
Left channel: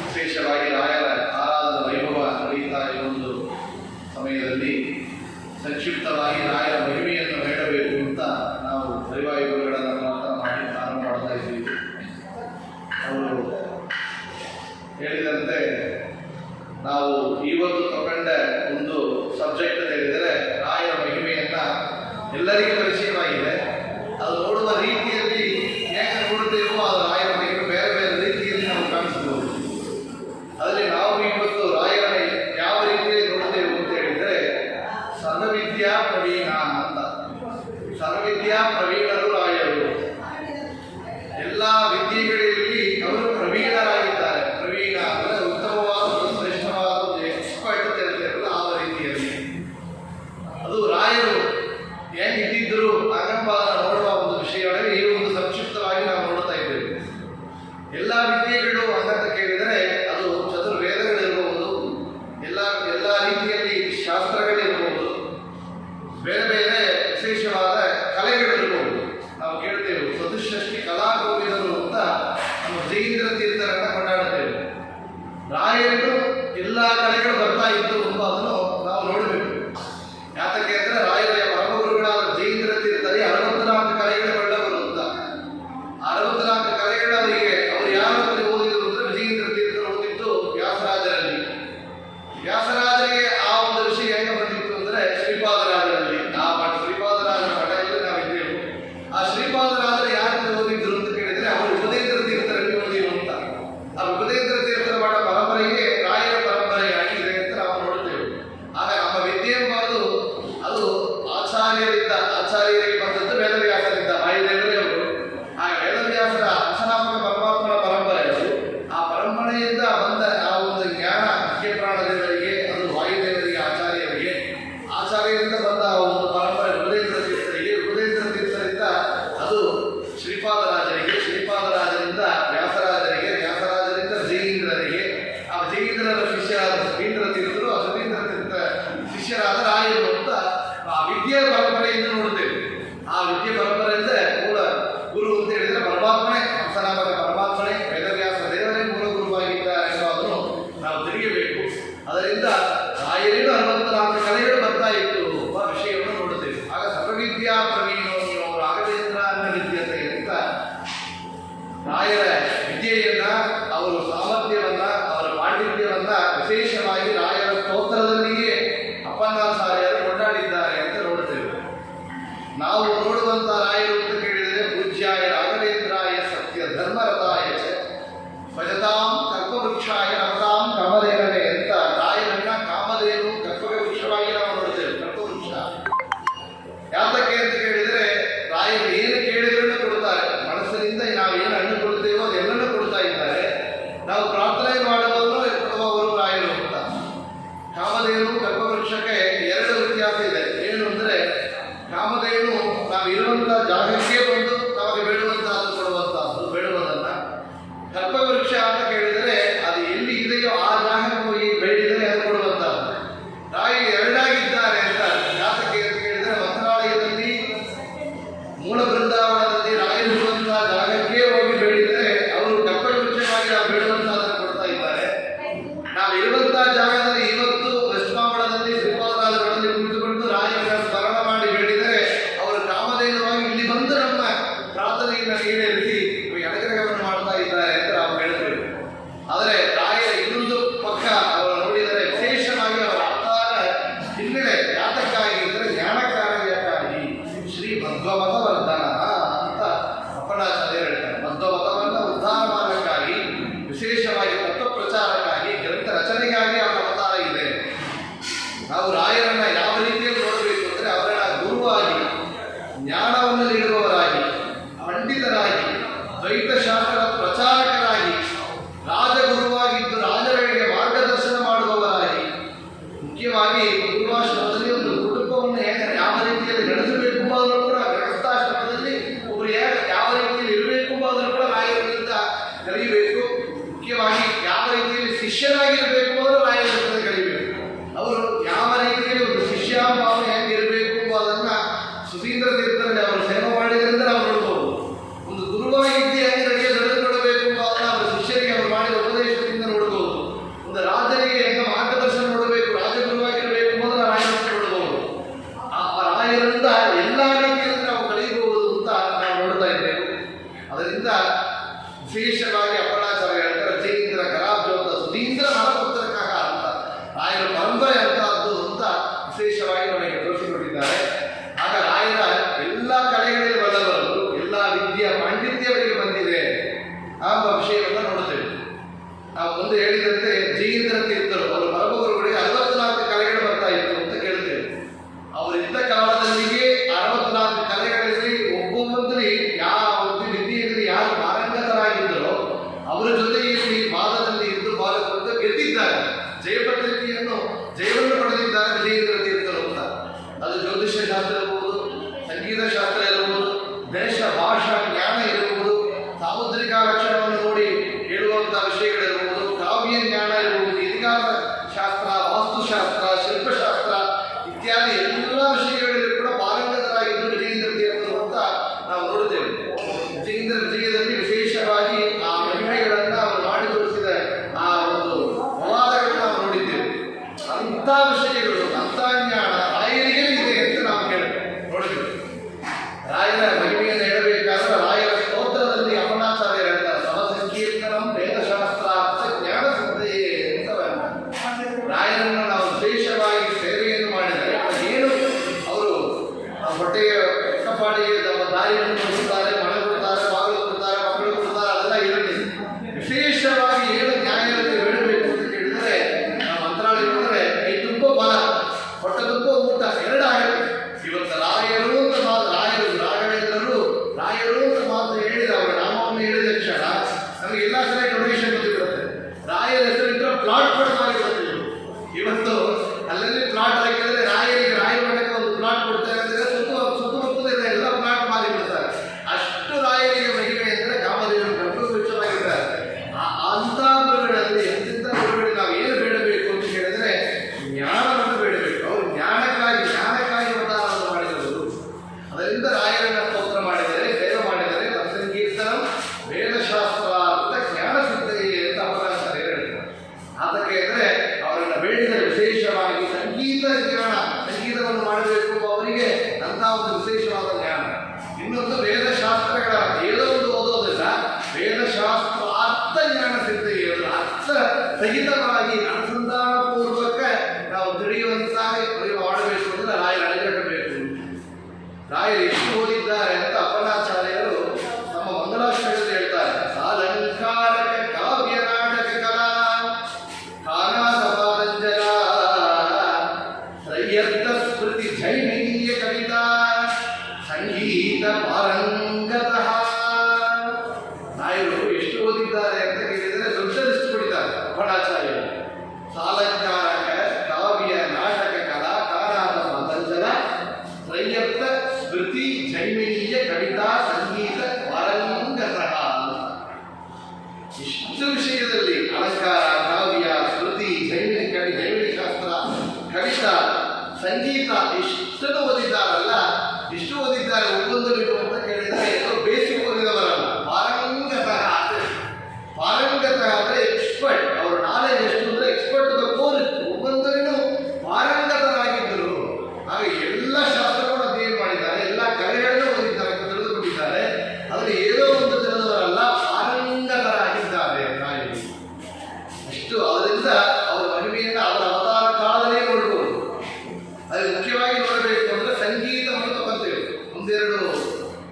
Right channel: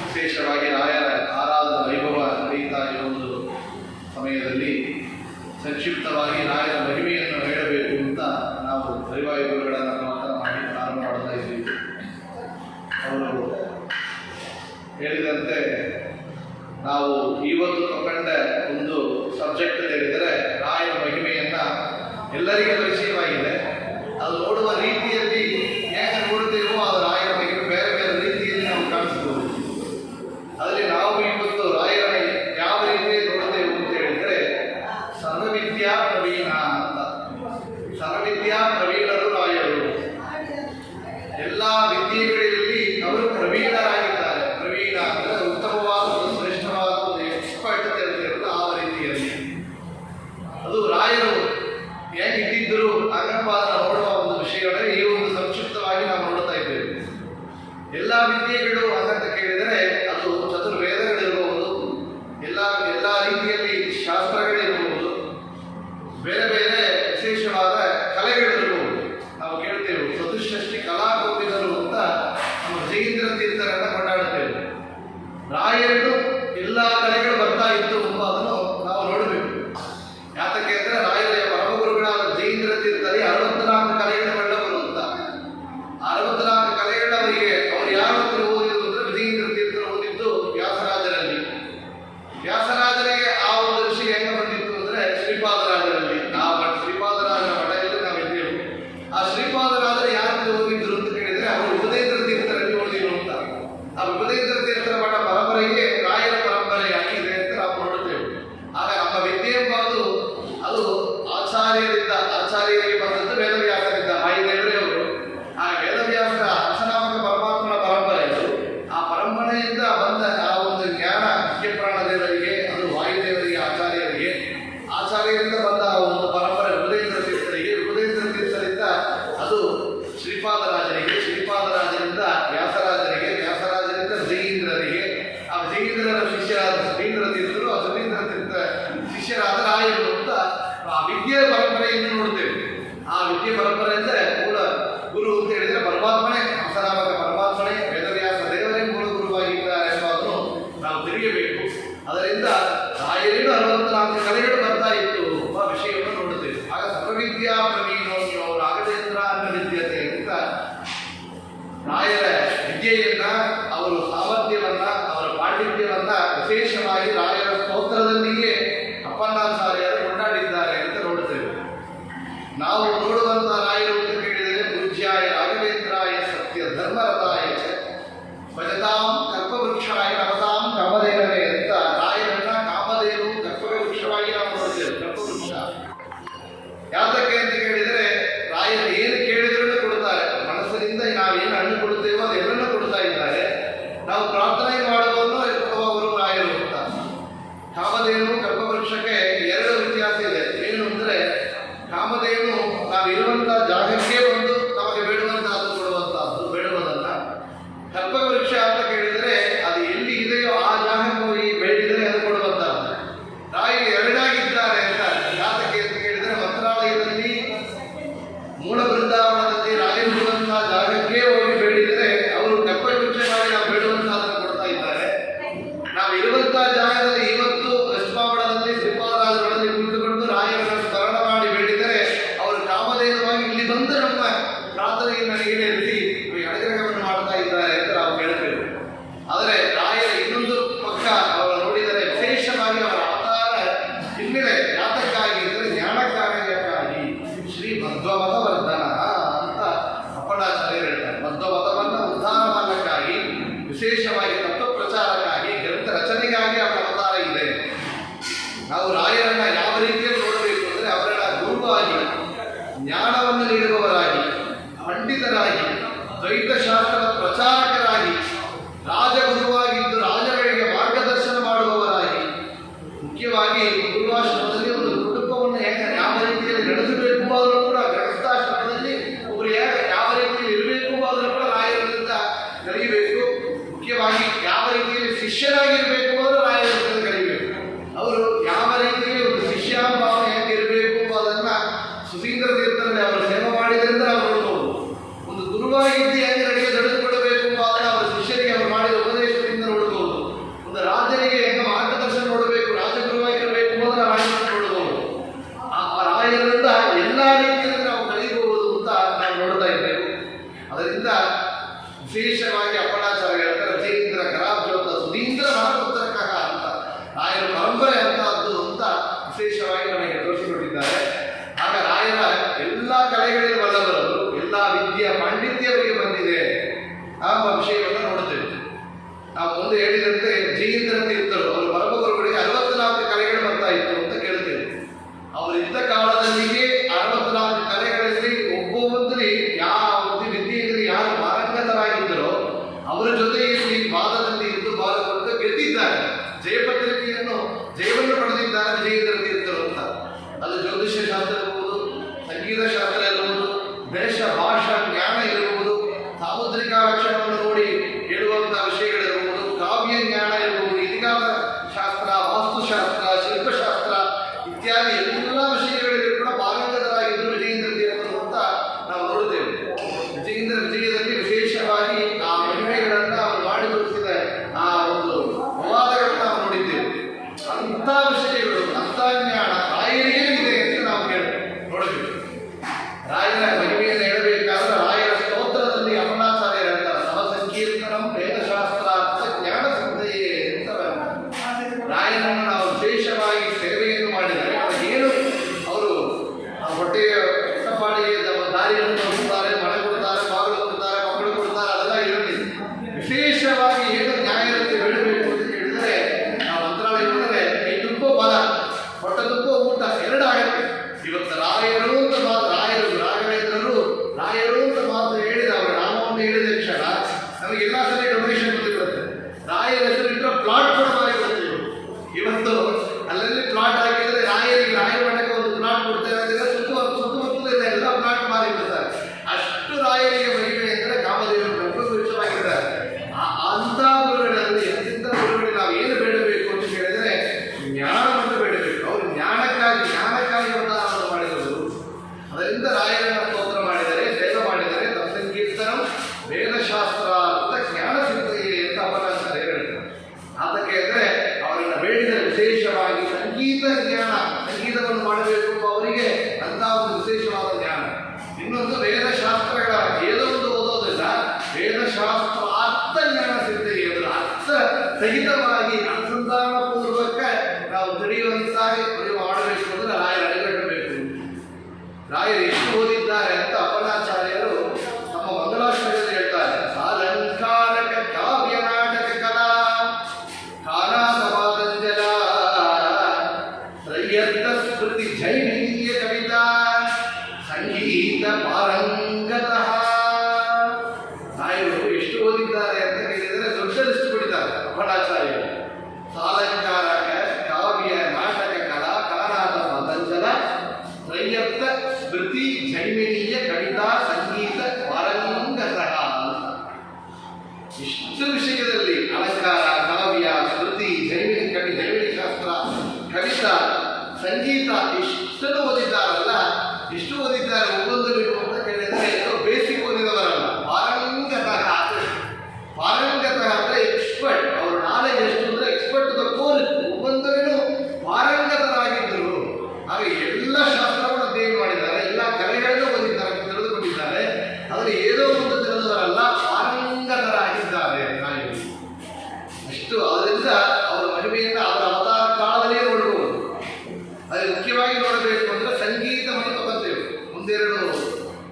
ವಿಶೇಷವಾಗಿ ರಾಯರ ಆರಾಧನಾ ವೈಭವ ನಡೀತಾ ಈ ಒಂದು ಸಮಯದಲ್ಲಿ ಸಂಕ್ಷಿಪ್ತವಾಗಿ ರಾಯರ ಮಹಿಮೆಯನ್ನು ಹೇಳಬೇಕು ಅಂತ ನಾವು ಹರಿವಾಯುಗಳನ್ನು ಮಾತನಾಡಿ ಪ್ರಾರಂಭ ಮಾಡ್ತಾ ಇದ್ದೀವಿ. ಅವರು ಹೇಳಿದಂತೆ ನಾವು ಇವತ್ತು ತಗೊಂಡ ಒಂದು ಸಬ್ಜೆಕ್ಟ್ ಹೇಳಿದರೆ ರಾಯರ ಮಹಿಮೆಯನ್ನ ಎಲ್ಲರಿಗೂ ಪರಿಚಯವಾಗಿದೆ. ಅದು ನೋಡುವ ರೀತಿಯಲ್ಲಿ ಹೇಗೆ ನೋಡುತ್ತೇವೋ ಅದು ರಾಯರ ಮಹಿಮೆ ಬೇರೆ ಬೇರೆ ರೀತಿಯಲ್ಲಿ ನಾವು ಕಾಣಿಸಬಹುದು. ಅದರಲ್ಲಿ ನಾವು ಇವತ್ತು ರಾಯರ ಯಾವ ರೀತಿಯಲ್ಲಿ ನೋಡುತ್ತೇವೆ ಅಂತ ಹೇಳಿದರೆ ಸರ್ವವಿದ್ಯಾ ಪ್ರವೀಣ ಅಂತ. ಸರ್ವವಿದ್ಯಾ ಪ್ರವೀಣರು ರಾಯರು. ಎಲ್ಲ ವಿದ್ಯೆಗಳಲ್ಲಿ ಅವರು ಪ್ರವೀಣರಾಗಿದ್ದಾರೆ. ಪ್ರವೀಣ ಅಂದರೆ ಉತ್ತಮವಾದ ಶ್ರೇಷ್ಠವಾದ ಎಕ್ಸ್ಪರ್ಟ್ ಅಂತ ಹೇಳ್ತೇವಲ್ಲ ಆ ರೀತಿಯಲ್ಲಿ ಅದು ರಾಯರು ಹೇಗಿದ್ದರು ಅನ್ನೋದನ್ನು ನೋಡುವ ಒಂದು ವಿಷಯಗಳಲ್ಲಿ ಈ ಒಂದು ಸಂಕ್ಷಿಪ್ತವಾಗಿ ನಾವು ನೋಡ್ತಾ ಇದ್ದೇವೆ. ಎಲ್ಲ ವಿದ್ಯೆಗಳು ಅಂತ ಕೇಳಿದರೆ ಅದು ಚತುರ್ವೇದಗಳಿರಬಹುದು, ಎಲ್ಲ ರೀತಿಯಲ್ಲಿ ಶಾಸ್ತ್ರಗಳಿರಬಹುದು, ಬೇರೆ ಬೇರೆ ವಿಶೇಷವಾದ ಕಲೆಗಳಿರಬಹುದು. ನಾವು ಕೇಳ್ತೇವೆ ಚತುಷ್ಷಷ್ಟಿ ಕಲಾಕೋವಿದರು ಅಂತ ನಮ್ಮ ಜಯೇಂದ್ರ ತೀರ್ಥರನ್ನ ಕೊಂಡಾಡುತ್ತೇವೆ. ರಾಯರು ಎಲ್ಲ ಕಲೆಗಳು ಬರ್ತಾ ಇತ್ತು ಎಂಬುದನ್ನು ನಾವು ನೋಡಬೇಕು. ಯಾತಕ್ಕೆ ಅಂದರೆ ರಾಯರ ಪರಮಗುರುಗಳಾದ ಜಯೇಂದ್ರ ತೀರ್ಥರಿಗೆ 64 ಕಲೆಗಳು ಬಳ್ಳವರು ಅಂತ. 64 ಕಲೆಗಳು ಅವರಿಗೆ ಅವರು ಯಾರಲ್ಲಿ ಓದಿದ್ರು ಅಂದರೆ ವಿಜಯೇಂದ್ರ ತೀರ್ಥರು ಓದಿದ್ದು ವ್ಯಾಸರಾಜರಲ್ಲಿ. ವ್ಯಾಸರಾಜರಿಗೆ ಆ ಒಂದು ವಿಷಯ ಹೆಂಗೆ ಬಂದಿತ್ತು ಅಂದರೆ ಶ್ರೀಪಾದರಾಜರಲ್ಲಿ. ಶ್ರೀಪಾದರಾಜರ ಮಠದಲ್ಲಿ ನಾವು ಇದ್ದೇವೆ. ಆ ಶ್ರೀಪಾದರಾಜರು ಯಾರಲ್ಲಿ ಓದಿದ್ರು ಅಂತ ಕೇಳಿದರೆ ಅವರು ವಿಪದೇಂದ್ರ ತೀರ್ಥರಲ್ಲಿ ಓದಿದ್ರು ಅಂತ. ಆ ವಿಪದೇಂದ್ರ ತೀರ್ಥರ ಮಠ ಪರಂಪರೆಗೆ ರಾಯರ ಪರಂಪರೆಯಾಗಿದೆ ಅಂತ ನಾವು ನೋಡುತ್ತೇವೆ. ಆಗ ನಮ್ಮ ವಿದ್ಯೆ ಎಂಬುದು ಅದು ಆಚಾರ್ಯರಿಗೆ ಬಂದದ್ದು ವೇದವ್ಯಾಸರಿಂದ, ವಾಯುದೇವರೇ. ಆ ವೇದವ್ಯಾಸರ ಹಂಸನಾಮಕ ಪರಮಾತ್ಮನ ಪರಂಪರೆ ಅದು. ಆ ಪರಂಪರೆಯಿಂದ ಬಂದ ಆ ಒಂದು ಜ್ಞಾನ ಮುಖ್ಯಪ್ರಾಣದೇವರಿಗೆ, ಅದು ವಾಯುದೇವರಿಗೆ, ಆಚಾರ್ಯರಿಂದ ಬಂದ ಆ ಒಂದು ಪರಂಪರೆ ವಿಪದೇಂದ್ರ ತೀರ್ಥರಿಗೆ, ವಿಪದೇಂದ್ರ ತೀರ್ಥರಿಂದ ಅದು ಶ್ರೀಪಾದರಾಜರಿಂದ ವ್ಯಾಸರಾಜರಿಗೆ, ವ್ಯಾಸರಾಜರಿಂದ ವಿಜಯೇಂದ್ರರಿಗೆ, ಆ ವಿಜಯೇಂದ್ರರ ಶಿಷ್ಯರಾದ ಸುಧೀಂದ್ರ ತೀರ್ಥರು, ಆ ಸುಧೀಂದ್ರ ತೀರ್ಥ ಶಿಷ್ಯರಾದ ರಾಯರು ಅಂತ ಆ ವಿದ್ಯೆ ಪರಂಪರೆಯಿಂದ ನೋಡುತ್ತೇವೆ. ಆ ವಿದ್ಯೆ ಪರಂಪರೆ ಅಂದರೆ ಮೂಲ ಗುರು ಅಂತ ಹೇಳಿದರೆ ಪರಮಾತ್ಮನೇ, ಹಂಸನಾಮಕ ಪರಮಾತ್ಮನೇ, ವೇದವ್ಯಾಸ ದೇವರೇ ಮೂಲ ಗುರುವಾಗಿದ್ದಾರೆ ಎಂಬುದನ್ನು ನಾವು ತಿಳಿಯಬೇಕು. ಅದರಿಂದ ರಾಯರೇನು 64 ಕಲೆಗಳು ಬರ್ತಾ ಇತ್ತು ಎಂಬ ವಿಷಯವನ್ನು ನೋಡುತ್ತೇವೆ. ಆಗ ಸರ್ವವಿದ್ಯಾ ಪ್ರವೀಣೋ ರಾಘವೇಂದ್ರ ಅನ್ನ ವಿದ್ಯತೆ ಅಂತ ರಾಯರ ವಿದ್ಯೆಯನ್ನ, ಅವರ ಸಾಮರ್ಥ್ಯವನ್ನ, ಅವರ ಪಾಂಡಿತ್ಯವನ್ನ ವಿಶೇಷವಾಗಿ ರಾಯರ ಸ್ತೋತ್ರದಲ್ಲಿಯೇ ಅಪ್ಪಣ್ಣಾಚಾರ್ಯರು ಕೊಂಡಾಡಿದ್ದಾರೆ ಅಂತ ನೋಡುತ್ತೇವೆ. ನಾವು ನೋಡುವಂಥ ರಾಯರು ಅಂತ ಕೇಳಿದರೆ ಪೂಜ್ಯಾಯ ರಾಘವೇಂದ್ರಾಯ ಸತ್ಯ ಧರ್ಮರಥಾಯ ಭಜತಾಂ ಕಲ್ಪವೃಕ್ಷಾಯ ನಮತಾಂ ಕಾಮಧೇನವೇ ಅಂತ ರಾಯರನ್ನ ಕಾಮಧೇನು ಕಲ್ಪವೃಕ್ಷವಾಗಿ ನಾವು ನೋಡುತ್ತೇವೆ. ಕಲ್ಪವೃಕ್ಷ ಯಾತಕ್ಕೆ ಅಂತ ಕೇಳಿದರೆ ರಾಯರು ಏನು ಕೇಳಿದ್ರೂ ಕೊಡ್ತಾರೆ. ಮನಸ್ಸಿನಿಂದ ನಾವೇನು ಹಣ್ಣು ಕೊಡುತ್ತೇವೋ ಅದೆಲ್ಲನೂ ಕೊಡ್ತಾ ಇದ್ದಾರೆ. ನಾವು ಪ್ರಾರ್ಥನೆ ಮಾಡುವವನು ಅವರು ರಾಯರು ಅಂತ. ಕಾಮಧೇನು ಕಲ್ಪವೃಕ್ಷಕ್ಕೆ 2 ವ್ಯತ್ಯಾಸ ಇದೆ. ಏನು ಅಂದರೆ ಕಾಮಧೇನು ನಾವಿರುವಂಥ ಜಾಗಕ್ಕೆ ಬಂದು ನಮಗೆ ಬೇಡುವಂತಹದ್ದು ಕೊಡುವಂತಹದ್ದು, ಬೇಡುವುದಲ್ಲ. ಕಲ್ಪವೃಕ್ಷ ಅಂತ ಕೇಳಿದರೆ ಅದು ಎಲ್ಲಿ ಇದೆಯೋ ಆ ಜಾಗಕ್ಕೆ ಹೋಗಿ ಬೇಡಿದರೆ ಅದು ಕೊಡುವಂತಹದ್ದು. ರಾಯಿ 2 ಆಗಿದ್ದಾರೆ ಅಂತ. ಯಾತಕ್ಕೆ ಅಂತ ಕೇಳಿದರೆ ಮಂತ್ರಾಲಯದಲ್ಲಿ ಮೂಲ ಬೃಂದಾವನದಲ್ಲಿ ರಾಯರಿರುವಂತಹ ಜಾಗಕ್ಕೆ ಹೋಗಿ ಬೇಡಿದರೆ ಅವರು ಕಲ್ಪವೃಕ್ಷವಾಗಿ ನಾವು ಬೇಡುವಂತಹದನ್ನು ಕೊಡ್ತಾ ಇದ್ದಾರೆ. ನಾವು ಇರುವಂತಹ ಜಾಗದಲ್ಲಿ ಇವತ್ತು ವೆಸ್ಟ್ಮಾಂಬಳದಲ್ಲಿ ಶ್ರೀಪಾದರಾಜರಲ್ಲಿ ಕುಳಿತುಕೊಂಡು ರಾಯರನ್ನು ಸ್ಮರಣ ಮಾಡಿ ಬೇಡಿದರೆ ಅವರು ಕಾಮಧೇನುವಾಗಿ ಇಲ್ಲಿ ಬಂದು ನಮ್ಮ ಪ್ರಾರ್ಥನೆಯನ್ನು ಈಡೇರಿಸಿ ಅನುಗ್ರಹವನ್ನು ಮಾಡ್ತಾ ಇದ್ದಾರೆ ಅಂತ ನಾವು ಹೇಳ್ತೇವೆ. ಆದರೆ ರಾಯರ ಇನ್ನೊಂದು ಪಕ್ಕ ಅವರು ನೋಡಿದರೆ ವಿಶೇಷವಾಗಿ ಅವರ ಆಧಾರ ಹಿನ್ನೆಲೆ ಯಾತಕ್ಕಾಗಿ ಅಂದರೆ ಜ್ಞಾನಕಾರ್ಯಕ್ಕಾಗಿ ಶ್ರೀ ಮಧ್ವಮತವರ್ಧನ ಅಂತ ಅಪ್ಪಣ್ಣಾಚಾರ್ಯರು ಹೇಳ್ತಾರೆ. ಮಧ್ವಮತವನ್ನು ಉದ್ಧಾರ ಮಾಡಕ್ಕಾಗಿ, ವಿಶೇಷವಾಗಿ ತತ್ವ ಪ್ರಚಾರಕ್ಕಾಗಿ, ಗ್ರಂಥ ರಚನೆಗಾಗಿ ಅವರ ಅವತಾರ ಇದೆ. ನಾವು ರಾಯರನ್ನ ಯಾವ ರೀತಿಯಲ್ಲಿ ನೋಡಬೇಕು ಅಂದರೆ ಅವರನ್ನ ಗುರುವಾಗಿ, ಜ್ಞಾನವನ್ನು ನೀಡುವವರಾಗಿ, ಪಂಡಿತರಾಗಿ, ದ್ವೈತಶಾಸ್ತ್ರದ ಪ್ರಚಾರಕರಾಗಿ, ರಾಜಗುರುವಾಗಿದ್ದು ರಾಜರಿಗೆ ಮಾರ್ಗದರ್ಶನ ಮಾಡುವವರಾಗಿ, ಮುಖ್ಯವಾಗಿ ಪೂರ್ವಾಶ್ರಮದಲ್ಲಿ ಒಂದು ಕುಟುಂಬವನ್ನು ಹೇಗೆ ಯಾವ ರೀತಿಯಲ್ಲಿ ನಡೆಸಬೇಕು ಎಂಬುದನ್ನು ಕೂಡ, ಗೃಹಸ್ಥಾಶ್ರಮದಲ್ಲಿ ಒಬ್ಬರು ಯಾವ ರೀತಿಯಲ್ಲಿ ಇರಬೇಕು ಎಂಬುದನ್ನು ಕೂಡ ರಾಯರಿಂದ ಕಲಿಯಬೇಕು. ಮುಖ್ಯವಾಗಿ ಯಾವ ರೀತಿಯಲ್ಲಿ ಶಿಷ್ಯರಾಗಿರಬೇಕು ಎಂಬುದನ್ನು ರಾಯರಿಂದ ಕಲಿಯಬೇಕು. ಅವರು ಯಾವ ರೀತಿಯಲ್ಲಿ ಒಂದು ಶಿಷ್ಯಾಭಾವ ಹೇಗೆ ಇರಬೇಕು ಎಂಬುದನ್ನು ಸುಧೀಂದ್ರ ತೀರ್ಥರಲ್ಲಿ ಅವರು ಸೇವೆ ಮಾಡಿದ್ರಿಂದ ನಾವು ನೋಡ್ಬೋದು. ಒಂದು ಗುರುವಾಗಿದ್ದು ಹೇಗೆ ನಡೆದುಕೊಡಬೇಕು ಎಂಬುದನ್ನು ಅವರ ಶಿಷ್ಯರಿಗೆ ಅವರು ಮಾಡಿದ ಉಪದೇಶದಿಂದ ನೋಡಬಹುದು. ಒಂದು ರಾಜನಿಗೆ ಹೆಂಗೆ ಮಾರ್ಗದರ್ಶನ ನೋಡಬೇಕು, ರಾಜಗುರುವಾಗಿರಬೇಕು ಎಂಬುದನ್ನು ರಾಯರನ್ನು ನೋಡಬಹುದು. ಆ ರಾಯರಿಂದ ಎಲ್ಲ ರೀತಿಯಲ್ಲಿ ನಾವು ಕಲಿಯಬಹುದು ಅಂತ ನಾವು ನೋಡ್ತಾ ಇದ್ದೇವೆ. ಅದರಿಂದ ವಿಶೇಷವಾಗಿ ಅಪ್ಪಣ್ಣಾಚಾರ್ಯ ಹೇಳ್ತಾರೆ, ಜಯೇಂದ್ರ ಕರಾಬ್ಜೋತ ಸುಧೀಂದ್ರ ಮನಪುತ್ರಕಃ ಅಂತ. ಆ ವಿಷಯವನ್ನು ನೋಡುತ್ತೇವೆ. ನಾವು ಮುಂದೆ ಹೇಳಿದಂತೆ ಜಯೇಂದ್ರ ತೀರ್ಥರು ಅವರು ಪರಮಗುರುಗಳಿಗೆ 64 ಕಲೆಗಳು ಬರ್ತಾ ಇತ್ತು ಅಂತ ಕೇಳ್ತೇವೆ. ಅವರಿದ್ದ ಕಾಲದಲ್ಲಿಯೇ 64 ಕಲೆಗಳಲ್ಲಿ ಒಬ್ಬೊಬ್ಬರಲ್ಲಿ ಯಾವ ಒಂದು ವಿದ್ಯೆಯಲ್ಲಿ ಯಾರು ಪಾರಂಗತರಾಗಿದ್ದರೋ ಅವರ ಜೊತೆಯಲ್ಲಿ ವಾದದಲ್ಲಿ ಇದ್ದು ಪಾಲ್ಗೊಂಡು ಗೆದ್ದಿದ್ದಾರೆ. ಜಯವನ್ನು ಪಡೆದಿದ್ದಾರೆ ವಿಜಯೇಂದ್ರ ತೀರ್ಥರು ಅಂತ. ಅದು ಜ್ಯೋತಿಷ್ಯ ಶಾಸ್ತ್ರ ಇರಬಹುದು, ಸಂಗೀತ ಶಾಸ್ತ್ರ ಇರಬಹುದು, ದೇಶ ಭಾಷಾ ಜ್ಞಾನ ಇರಬಹುದು, ಸಾಮುದ್ರಿಕ ಲಕ್ಷಣವನ್ನು ನೋಡಿ ಹೇಳುವಂತಹ ವಿಷಯಗಳಿರಬಹುದು, ಕಾವ್ಯ ಜ್ಞಾನ ಇರಬಹುದು, ಇತಿಹಾಸ ಶಾಸ್ತ್ರ, ವಾಸ್ತುಶಾಸ್ತ್ರ, ಶಿಲ್ಪಶಾಸ್ತ್ರ ಇತ್ಯಾದಿ ಎಲ್ಲ ವಿಷಯಗಳಲ್ಲಿ ಕೂಡ ಪಾರಂಗತರಾಗಿದ್ದು ವಿಜಯೇಂದ್ರ ತೀರ್ಥರು ಅಂತ ನಾವು ನೋಡುತ್ತೇವೆ. ವಿಜಯದಲ್ಲಿ ವಿಶೇಷವಾಗಿ ಆ ಮಹಿಮೆಗಳನ್ನು ಅವರು ಮಾಡಿ ತೋರಿಸಿದ ಆ ಒಂದು ಸಂವಾದಗಳನ್ನು ನಾವು ನೋಡಿದ್ದೇವೆ. ಅಂಥ ವಿಷಯಗಳು, ಅಂಥ ಜ್ಞಾನ ರಾಯರಿಗೆ ಇದೆ ಅಂತ ನಾವು ನೋಡಬೇಕು. ರಾಯರ ಮಹಿಮೆಯನ್ನು ಹೇಳಬೇಕಾದ್ರೆ ರಾಯರ ಸ್ತೋತ್ರದಲ್ಲಿ ಅಪನಾಚಾರ್ಯರು ಹೇಳ್ತಾರೆ, ಸಮಸಂಕೀರ್ತನಂ ವೇದಶಾಸ್ತ್ರಾರ್ಥ ಜ್ಞಾನ ಸಿದ್ಧಯೇ ಅಂತ. ರಾಯರನ್ನು ನಾವು ವಿಶೇಷವಾಗಿ ಸೇವೆಯನ್ನು ಮಾಡಿದರೆ ಏನು ಅವರು ಹೊಟ್ಟೆಯ ಹೊಟ್ಟಪಾಡಿಗೆ ನಮ್ಮ ದಾರಿಯನ್ನು ಕೊಡುತ್ತಾರೆ, ಮನೆ ಕೊಡ್ತಾರೆ, ಬಾಗಿಲು ಕೊಡ್ತಾರೆ, ಮಕ್ಕಳು ಕೊಡ್ತಾರೆ, ಅದೆಲ್ಲ ಇರಲಿಲ್ಲ. ವಿಶೇಷವಾಗಿ ಏನು ನ್ಯಾಯತೆ ಬೇಡಬೇಕು ಅಂತ ಕೇಳಿದರೆ ನಾವು ಮಂತ್ರಾಲಯ ಹೋದರೆ ಈ ತುಂಬ ಬಲ, ಹೊಟ್ಟೆ ತುಂಬ ಊಟ ಎರಡಾಯಿತು. ಇವತ್ತು ರಾಯರು ಅಂತ ಮಾತು, ರಾಘವೇಂದ್ರರು ರಾಯರು ಅಂತ ಮಾತು ಹೇಳಿದ ಅವರ ನಾಮವನ್ನು ಹೇಳಿದ ಕ್ಷಣ ನಮಗೆ ಎಲ್ಲ ಸಲ ಡೊನೇಷನ್ ಬಂದು ಬಿಡುತ್ತೆ. ರಾಯರ ಹೆಸರಿಟ್ಟರೆ ಪ್ಲಾಟ್ ಕೂಡ ಮಾರಿ ಬಿಡುತ್ತೆ. ಇವತ್ತು ಅಲ್ಲಲ್ಲಿ ಪ್ಲಾಟ್ ಹಾಕಿದರೆ ರಾಯರಿಗೆ ರಾಯರ ಮಠಕ್ಕೆ ಒಂದು ಪ್ಲಾಟ್ ಕೊಡ್ತೇವೆ ಅಂದರೆ ಸುತ್ತಮುತ್ತಲಿನ ಎಲ್ಲ ಪ್ಲಾಟ್ ಮಾರಿ ಬಿಡ್ತಾರೆ. ಅಷ್ಟು ರಾಯರಿಗೆ ಮಹಿಮೆ ಅಂದರೆ ಕಾಮದೇವರು ಗರ್ಭವಿಷವಾಗಿದ್ದಾರೆ. ಅಂಥ ಗುರುಗಳಲ್ಲಿ ಎಂತೆಂಥ ಗುರುಗಳಿಗೆ ನಾವು ಏನು ಬೇಡಬೇಕು ಅಂತ ಹೇಳಿದರೆ ಜ್ಞಾನವನ್ನು ಬೇಡಬೇಕು. ಅವರು ಜ್ಞಾನಕ್ಕಾಗಿ ಅವತಾರವನ್ನು ಮಾಡಿದರು. ಅದರಿಂದ ರಾಯರನ್ನ ಸ್ತೋತ್ರ ಮಾಡಿದರೆ, ಸೇವೆ ಮಾಡಿದರೆ ತತ್ಸಂಕೀರ್ತನಂ ವೇದಶಾಸ್ತ್ರಾರ್ಥ ಜ್ಞಾನ ಸಿದ್ಧಯೇ ಅಂತ ಅಪನಾಚಾರ್ಯರು ಹೇಳ್ತಾರೆ. ಅದಕ್ಕೆ ಅಂದರೆ ಅವರನ್ನು ಬೇಡಿದರೆ ವಿಶೇಷವಾಗಿ ಸಂಗೀತವನ್ನು ಮಾಡಬೇಕು ಅವರಿಗೆ ಅಂತ ಒಂದು ವಿಶೇಷವಾದ ಜ್ಞಾನ. ಇನ್ನೊಂದು ವೇದಶಾಸ್ತ್ರಗಳ ಏನೋ ಒಂದು ಓದೋದಿಲ್ಲ, ವೇದಶಾಸ್ತ್ರ ಅರ್ಥ ಜ್ಞಾನ ಸಿದ್ಧಯೇ, ಅರ್ಥ ಸಹಿತವಾಗಿ ಅನುಸಂಧಾನ ಪೂರ್ವಕ ನಾವು ತಿಳಿಯುವಂತಾಗಿ ಮಾಡಬೇಕು ಅಂದರೆ ರಾಯರು ಅಡಿಗಟ್ಟಬೇಕು. ರಾಯರು ಎಷ್ಟು ಓದಿದ್ದಾರೆ ಅಂತ ಅಪನಾಚಾರ್ಯರು ತಮ್ಮ ಮಂಗಲಾಷ್ಟಕದಲ್ಲಿ ಹೇಳ್ತಾರೆ. ಸಾಲಂಕಾರಕ ಕಾವ್ಯ ನಾಟಕ ಕಲಾ ಖಾನಾಸವಾದಂಜಲ ರಯ್ಯರ್ಥ ಸ್ಮೃತಿ ಜೈಮಿನೀಯ ಕವಿತಾ ಸಂಗೀತ ಪಾರಂಗತಃ. ರಾಯರು ಎಷ್ಟು ಓದಿದ್ದಾರೆ ಅಂತ ಕೇಳಿದರೆ ದೊಡ್ಡ ಲಿಸ್ಟ್ ಬಿಟ್ಟಿದ್ದಾರೆ ಅಪನಾಚಾರ್ಯರು. ಸಾಲಂಕಾರಕ ಕಾವ್ಯ ನಾಟಕ ಕಲಾ ಖಾನಾದ ಪತಂಜಲ ರಯ್ಯರ್ಥ ಸ್ಮೃತಿ ಜೈಮಿನೀಯ ಕವಿತಾ ಸಂಗೀತ ಪಾರಂಗತಃ. ಇಷ್ಟು ವಿಷಯದಲ್ಲಿ ಅಲಂಕಾರ, ಕಾವ್ಯ, ಸ್ಮೃತಿ, ಜೈಮಿನಿ ಶಾಸ್ತ್ರ, ಕವಿತಾ, ಸಂಗೀತ ಇಷ್ಟನ್ನು ಓದಿದ್ದಾರಲ್ಲ. ಇಷ್ಟು ಓದಿದ್ದಾರೆ ಒಬ್ಬೊಂದರಿಗೂ ಅಂತ ಕೇಳಿದರೆ ಬೇಸಿಕ್ ಓದಿದವರಲ್ಲ. ಪಾರಂಗತಃ ಅಂದರೆ ಎಕ್ಸ್ಪರ್ಟ್. ಅವರ ನಾಲೆಜ್ ಎಷ್ಟು ಅಂದರೆ ಎಕ್ಸ್ಪರ್ಟ್ ಕೋರ್ ಇತ್ತು. ಒಬ್ಬೊಂದರಿಗೂ ಪಾರಂಗತರಾಗಿದ್ದರು. ಹಾಗೆ ಎಲ್ಲ ಶಾಸ್ತ್ರವನ್ನು ಅಧ್ಯಯನ ಮಾಡಿದ್ದಾರೆ, ಎಲ್ಲ ಕಲೆಗಳನ್ನು ಓದಿದ್ದಾರೆ, ತಿಳಿದುಕೊಂಡಿದ್ದಾರೆ. ಆದರೆ ಏನೋ ಒಂದು ತಿಳಿದವರಲ್ಲ, ಪಾರಂಗತರಾಗಿದ್ದಾರೆ ರಾಯರು. ಅಷ್ಟು ಅದರಿಂದ ಅವರ ಮಹಿಮೆಯನ್ನು ಅವರ ಅವತಾರ ಕಾಲದಲ್ಲೇ ನೋಡಬಹುದು. ಅದು ಮುಖ್ಯವಾಗಿ ನೋಡಬೇಕು ಅಂದರೆ ಸಂಗೀತ ಮತ್ತು ತಪ್ಪಂತೇವೆ. ಒಂದೆರಡು